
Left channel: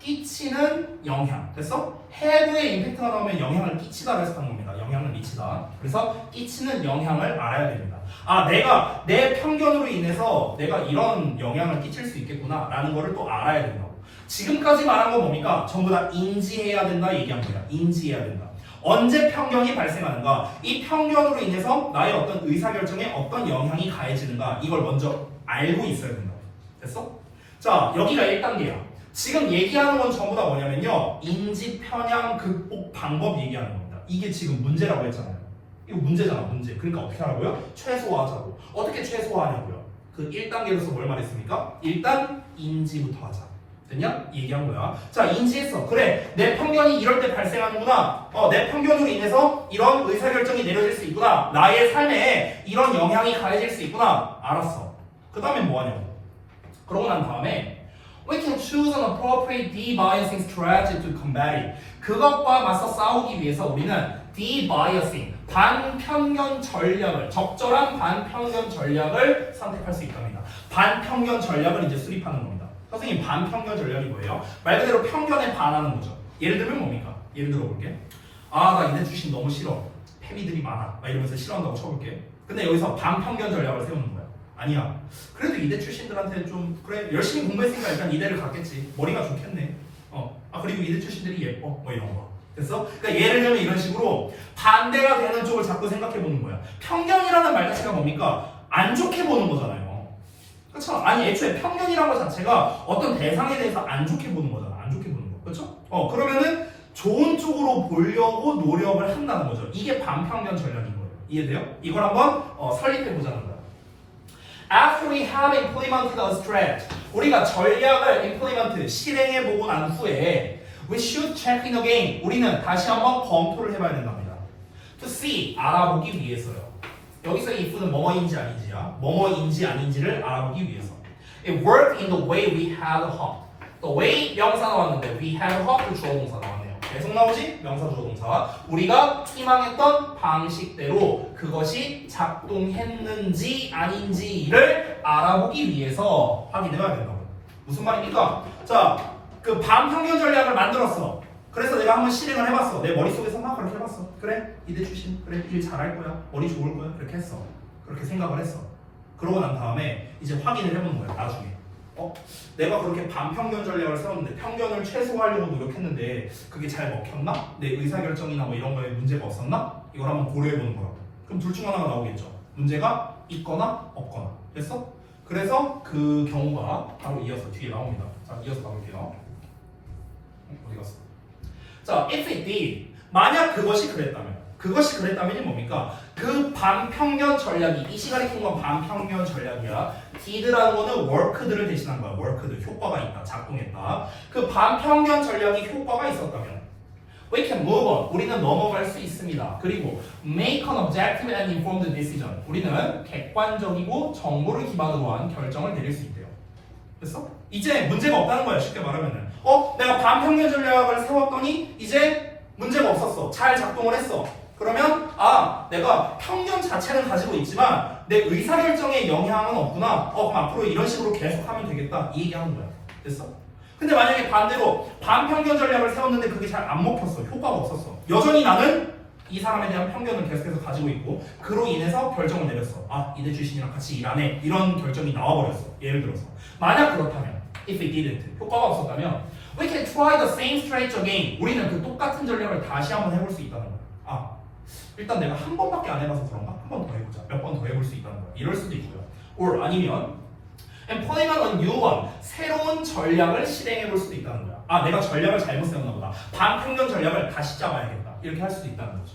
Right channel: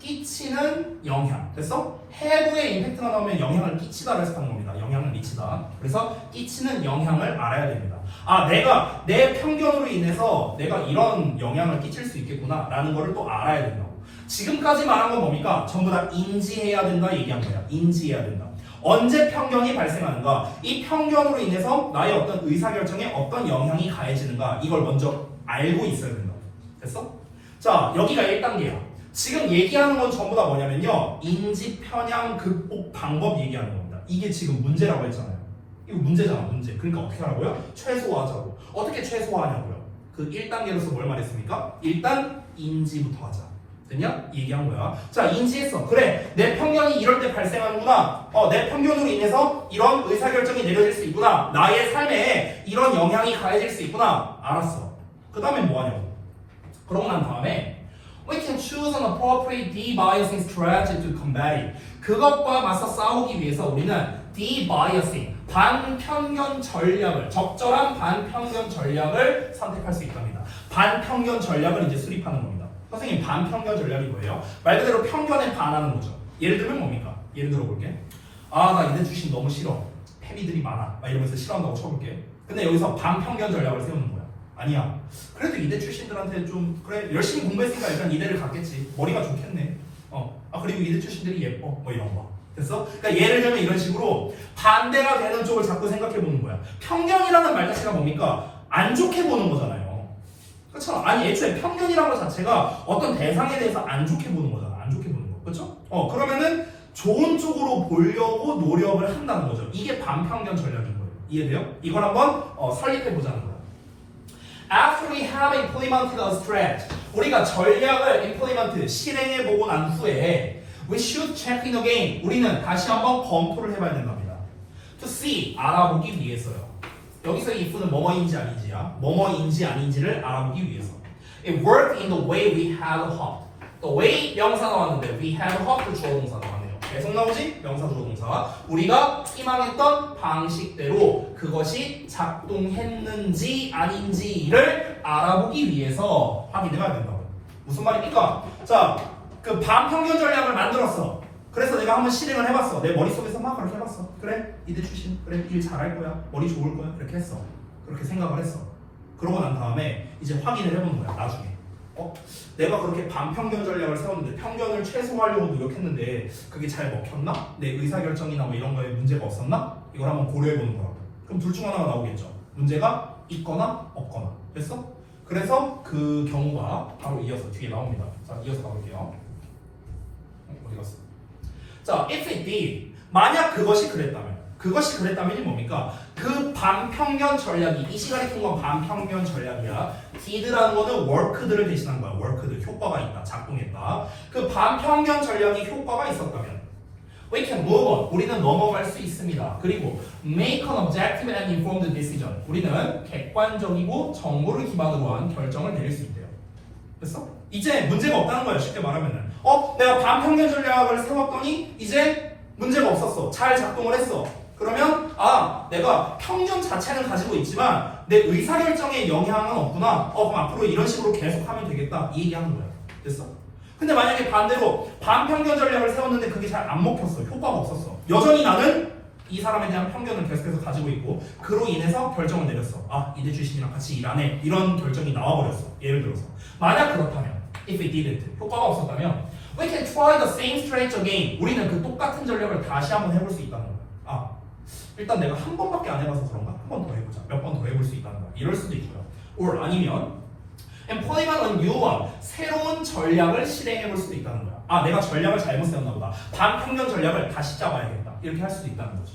끼치는 영향. 됐어? have의 임팩트가 나오면 영향을 끼치다를 해서 하는 겁니다. 영향을 미치다. 그래서 끼치는 영향을 알아야 됩니다. 아, 내가 내 편견으로 인해서 내가 이런 영향을 끼칠 수 있겠구나 라는 거를 또 알아야 된다고. 지금까지 말한 건 뭡니까? 전부 다 인지해야 된다 얘기한 거야. 인지해야 된다. 언제 편견이 발생하는가? 이 편견으로 인해서 나의 어떤 의사결정에 어떤 영향이 가해지는가? 이걸 먼저 알고 있어야 된다. 됐어? 자, 여기가 1단계야. 지금 얘기하는 건 전부 다 뭐냐면요. 인지 편향 극복 방법 얘기하는 겁니다. 이게 지금 문제라고 했잖아요. 이거 문제잖아, 문제. 그러니까 어떻게 하라고요? 최소화하자고. 어떻게 최소화하냐고요? 그 1단계로서 뭘 말했습니까? 일단 인지부터 하자. 됐냐? 얘기한 거야. 자, 인지했어. 그래, 내 편견이 이럴 때 발생하는구나. 내 편견으로 인해서 이런 의사결정이 내려질 수 있구나. 나의 삶에 이런 영향이 가해질 수 있구나. 알았어. 그 다음에 뭐 하냐고. 그러고 난 다음에 we can choose an appropriate de-biasing strategy to combat it. 그것과 맞서 싸우기 위해서 우리는 de-biasing, 반편견 전략을, 적절한 반편견 전략을 선택할 수 있답니다. 반편견 전략을 이제 수립하는 겁니다. 선생님, 반편견 전략이 뭐예요? 말 그대로 편견에 반하는 거죠. 예를 들면 뭡니까? 예를 들어 볼게. 아, 나 이대 출신 너무 싫어. 패미들이 많아. 막 이러면서 싫어한다고 쳐볼게. 근데 여기서 반편견 전략을 세우는 거야. 아니야. 그래도 이대 출신들한테 좀 그래 열심히 공부했으니까 일단 이대를 갔겠지. 머리가 좋겠네. 그리고 이대 출신들이 예뻐. 뭐 이런 거. 됐어? 그러니까 예를 들면 이런 식으로 반대가 되는 쪽을 자꾸 생각해 보는 거야. 편견이라는 말 자체가 뭡니까? 안 좋게 보는 거잖아요. 그렇죠? 아니 애초에 편견이라는 것 자체가 어떤 대상에 대해서 안 좋게 보는 거잖아. 안 좋게 보는 거. 그렇죠? 그러면은 좋은 쪽으로 보려고 노력을 한다는 거죠. 이게 반편견 전략인 거예요. 이해돼요? 이걸 한번 설립해 보자는 거야. After we have implemented a strategy, 우리가 전략을 implement, 실행해보고 난 후에 we should check in again. 우리는 다시 한번 검토를 해봐야 된답니다. To see, 알아보기 위해서요. 여기서 if는 뭐뭐인지 아닌지야. 뭐뭐인지 아닌지를 알아보기 위해서. It worked in the way we had hoped. The way 명사 나왔는데 we had hoped 주어 동사 나왔네요. 계속 나오지? 명사 주어 동사. 우리가 희망했던 방식대로 그것이 작동했는지 아닌지를 알아보기 위해서 확인해야 된다고. 무슨 말입니까? 자, 그 반편견 전략을 만들었어. 그래서 내가 한번 실행을 해봤어. 내 머릿속에서 막 그렇게 해봤어. 그래, 이대 출신. 그래, 일 잘할 거야. 머리 좋을 거야. 이렇게 했어. 그렇게 생각을 했어. 그러고 난 다음에 이제 확인을 해보는 거야. 나중에. 내가 그렇게 반편견 전략을 세웠는데 편견을 최소화하려고 노력했는데 그게 잘 먹혔나? 내 의사결정이나 뭐 이런 거에 문제가 없었나? 이걸 한번 고려해보는 거라고. 그럼 둘 중 하나가 나오겠죠. 문제가 있거나 없거나. 됐어? 그래서 그 경우가 바로 이어서 뒤에 나옵니다. 자, 이어서 가볼게요. 어디 갔어? 자, if it did. 만약 그것이 그랬다면. 그것이 그랬다면이 뭡니까? 그 반편견 전략이, 이 시간에 통한 반편견 전략이야. did라는 거는 worked를 대신한 거야. worked, 효과가 있다, 작동했다. 그 반편견 전략이 효과가 있었다면 we can move on. 우리는 넘어갈 수 있습니다. 그리고 make an objective and informed decision. 우리는 객관적이고 정보를 기반으로 한 결정을 내릴 수 있대요. 됐어? 이제 문제가 없다는 거야. 쉽게 말하면은 내가 반편견 전략을 세웠더니 이제 문제가 없었어. 잘 작동을 했어. 그러면 내가 편견 자체는 가지고 있지만 내 의사결정에 영향은 없구나. 그럼 앞으로 이런 식으로 계속 하면 되겠다. 이 얘기하는 거야. 됐어? 근데 만약에 반대로 반평균 전략을 세웠는데 그게 잘 안 먹혔어. 효과가 없었어. 여전히 나는 이 사람에 대한 편견을 계속해서 가지고 있고 그로 인해서 결정을 내렸어. 아, 이대 출신이랑 같이 일 안 해. 이런 결정이 나와버렸어. 예를 들어서 만약 그렇다면 if we didn't 효과가 없었다면 we can try the same strategy again. 우리는 그 똑같은 전략을 다시 한번 해볼 수 있다는 거야. 아, 일단 내가 한 번밖에 안 해봐서 그런가? 한 번 더 해보자. 몇 번 더 해볼 수 있다는 거야. 이럴 수도 있고요. or 아니면 employment on new one. 새로운 전략을 실행해볼 수도 있다는 거야. 아, 내가 전략을 잘못 세웠나 보다. 반평균 전략을 다시 짜봐야겠다. 이렇게 할 수도 있다는 거지.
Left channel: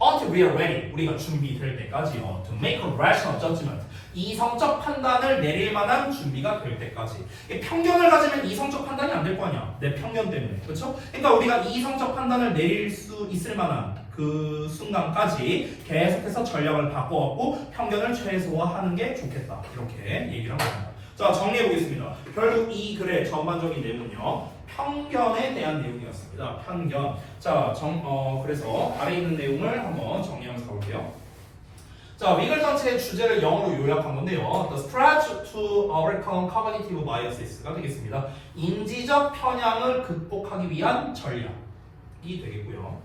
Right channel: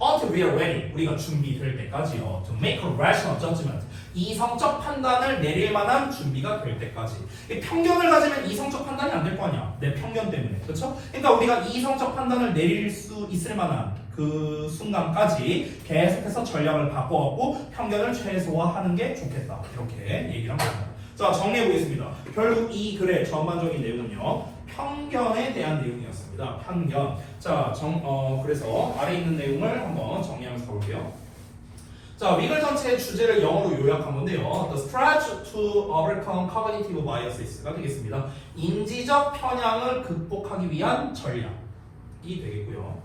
Until we are ready. 우리가 준비될 때까지요. To make a rational judgment. 이성적 판단을 내릴 만한 준비가 될 때까지. 편견을 가지면 이성적 판단이 안 될 거 아니야. 내 편견 때문에. 그렇죠? 그러니까 우리가 이성적 판단을 내릴 수 있을 만한 그 순간까지 계속해서 전략을 바꿔갖고 편견을 최소화하는 게 좋겠다. 이렇게 얘기를 한 겁니다. 자, 정리해 보겠습니다. 결국 이 글의 전반적인 내용은요. 편견에 대한 내용이었습니다. 편견. 자, 그래서 아래 있는 내용을 한번 정리하면서 가볼게요. 자, 위글 전체의 주제를 영어로 요약한 건데요. The strategy to overcome cognitive biases가 되겠습니다. 인지적 편향을 극복하기 위한 전략이 되겠고요.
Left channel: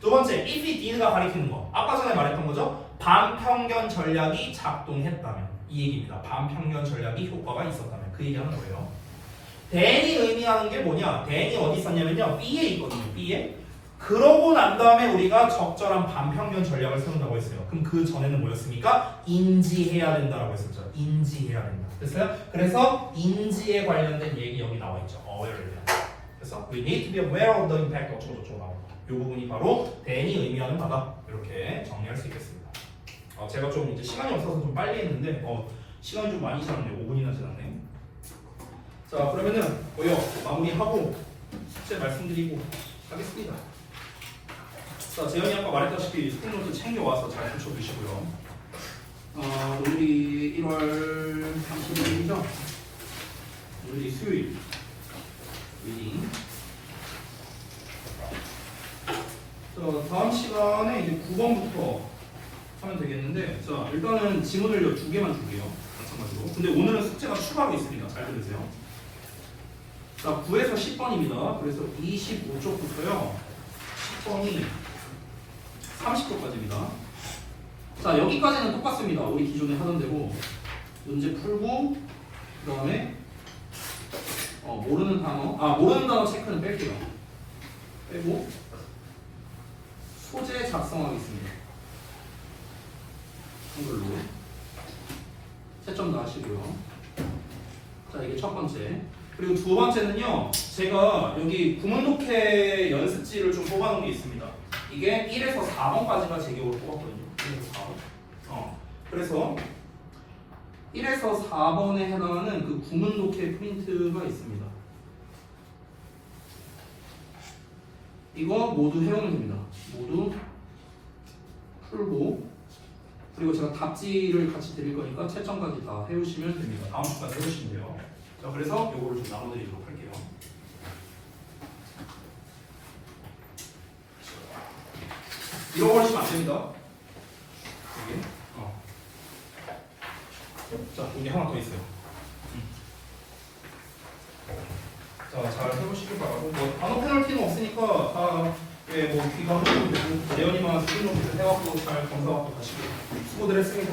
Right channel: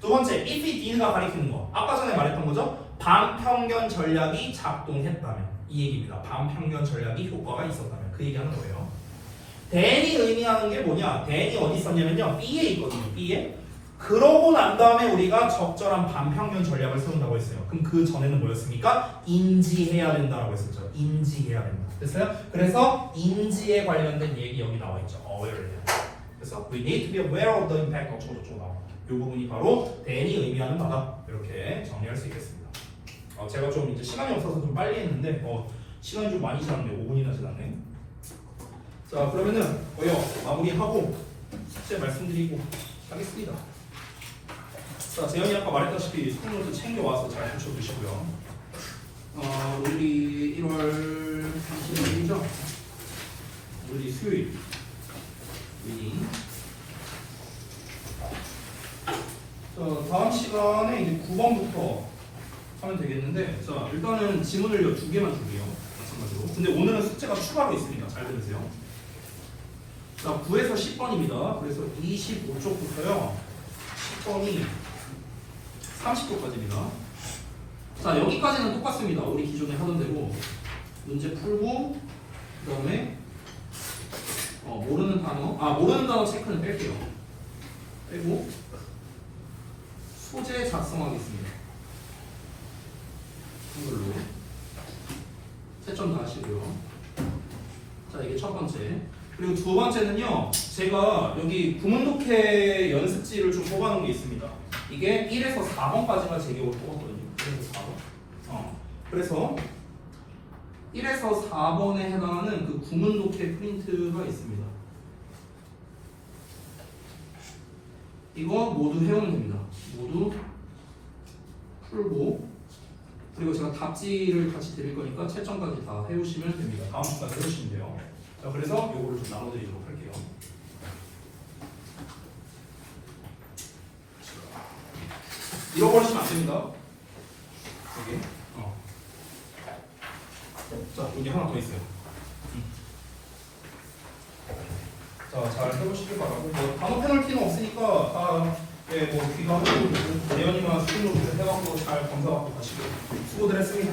두 번째, if it did가 가리키는 거. 아까 전에 말했던 거죠? 반편견 전략이 작동했다면. 이 얘기입니다. 반편견 전략이 효과가 있었다면. 그 얘기하는 거예요. then이 의미하는 게 뭐냐? then이 어디 있었냐면요. B에 있거든요. B에. 그러고 난 다음에 우리가 적절한 반평균 전략을 세운다고 했어요. 그럼 그 전에는 뭐였습니까? 인지해야 된다라고 했었죠. 인지해야 된다. 됐어요? 그래서 인지에 관련된 얘기 여기 나와 있죠. awareness. 그래서 we need to be aware of the impact 어쩌고저쩌고 나와. 이 부분이 바로 then이 의미하는 바다. 이렇게 정리할 수 있겠습니다. 제가 좀 이제 시간이 없어서 좀 빨리 했는데 시간이 좀 많이 지났네. 5분이나 지났네. 자, 그러면은 마무리하고 숙제 말씀드리고 하겠습니다. 자, 재현이 아까 말했다시피 스틱노트 챙겨와서 잘 붙여주시고요. 오늘이 1월 30일이죠? 오늘이 수요일. 리딩. 자, 다음 시간에 이제 9번부터 하면 되겠는데, 자, 일단은 지문을 2개만 줄게요. 마찬가지로. 근데 오늘은 숙제가 추가로 있습니다. 잘 들으세요. 자, 9에서 10번입니다. 그래서 25쪽부터요. 10번이 30쪽까지입니다. 자, 여기까지는 똑같습니다. 우리 기존에 하던 대로 문제 풀고 그 다음에 모르는 단어 체크는 뺄게요. 빼고 소재 작성하겠습니다. 한글로 채점 다 하시고요. 자, 이게 첫 번째. 그리고 두 번째는요, 제가 여기 구문독해 연습지를 좀 뽑아놓은 게 있습니다. 이게 1에서 4번까지가 제 기억으로 뽑았거든요. 1에서 4번. 그래서 1에서 4번에 해당하는 그 구문독해 프린트가 있습니다. 이거 모두 해오면 됩니다. 모두 풀고, 그리고 제가 답지를 같이 드릴 거니까 채점까지 다 해오시면 됩니다. 다음 주까지 해오시면 돼요. 자, 그래서 요거를 좀 나눠드리도록 할게요. 잃어버리시면 안 됩니다. 여기. 자, 여기 하나 더 있어요. 자, 잘 해보시길 바라고. 단어 페널티는 없으니까 다 귀가 하고 예언이만 수준으로 해갖고 잘 검사하고 가시고 수고들 했습니다.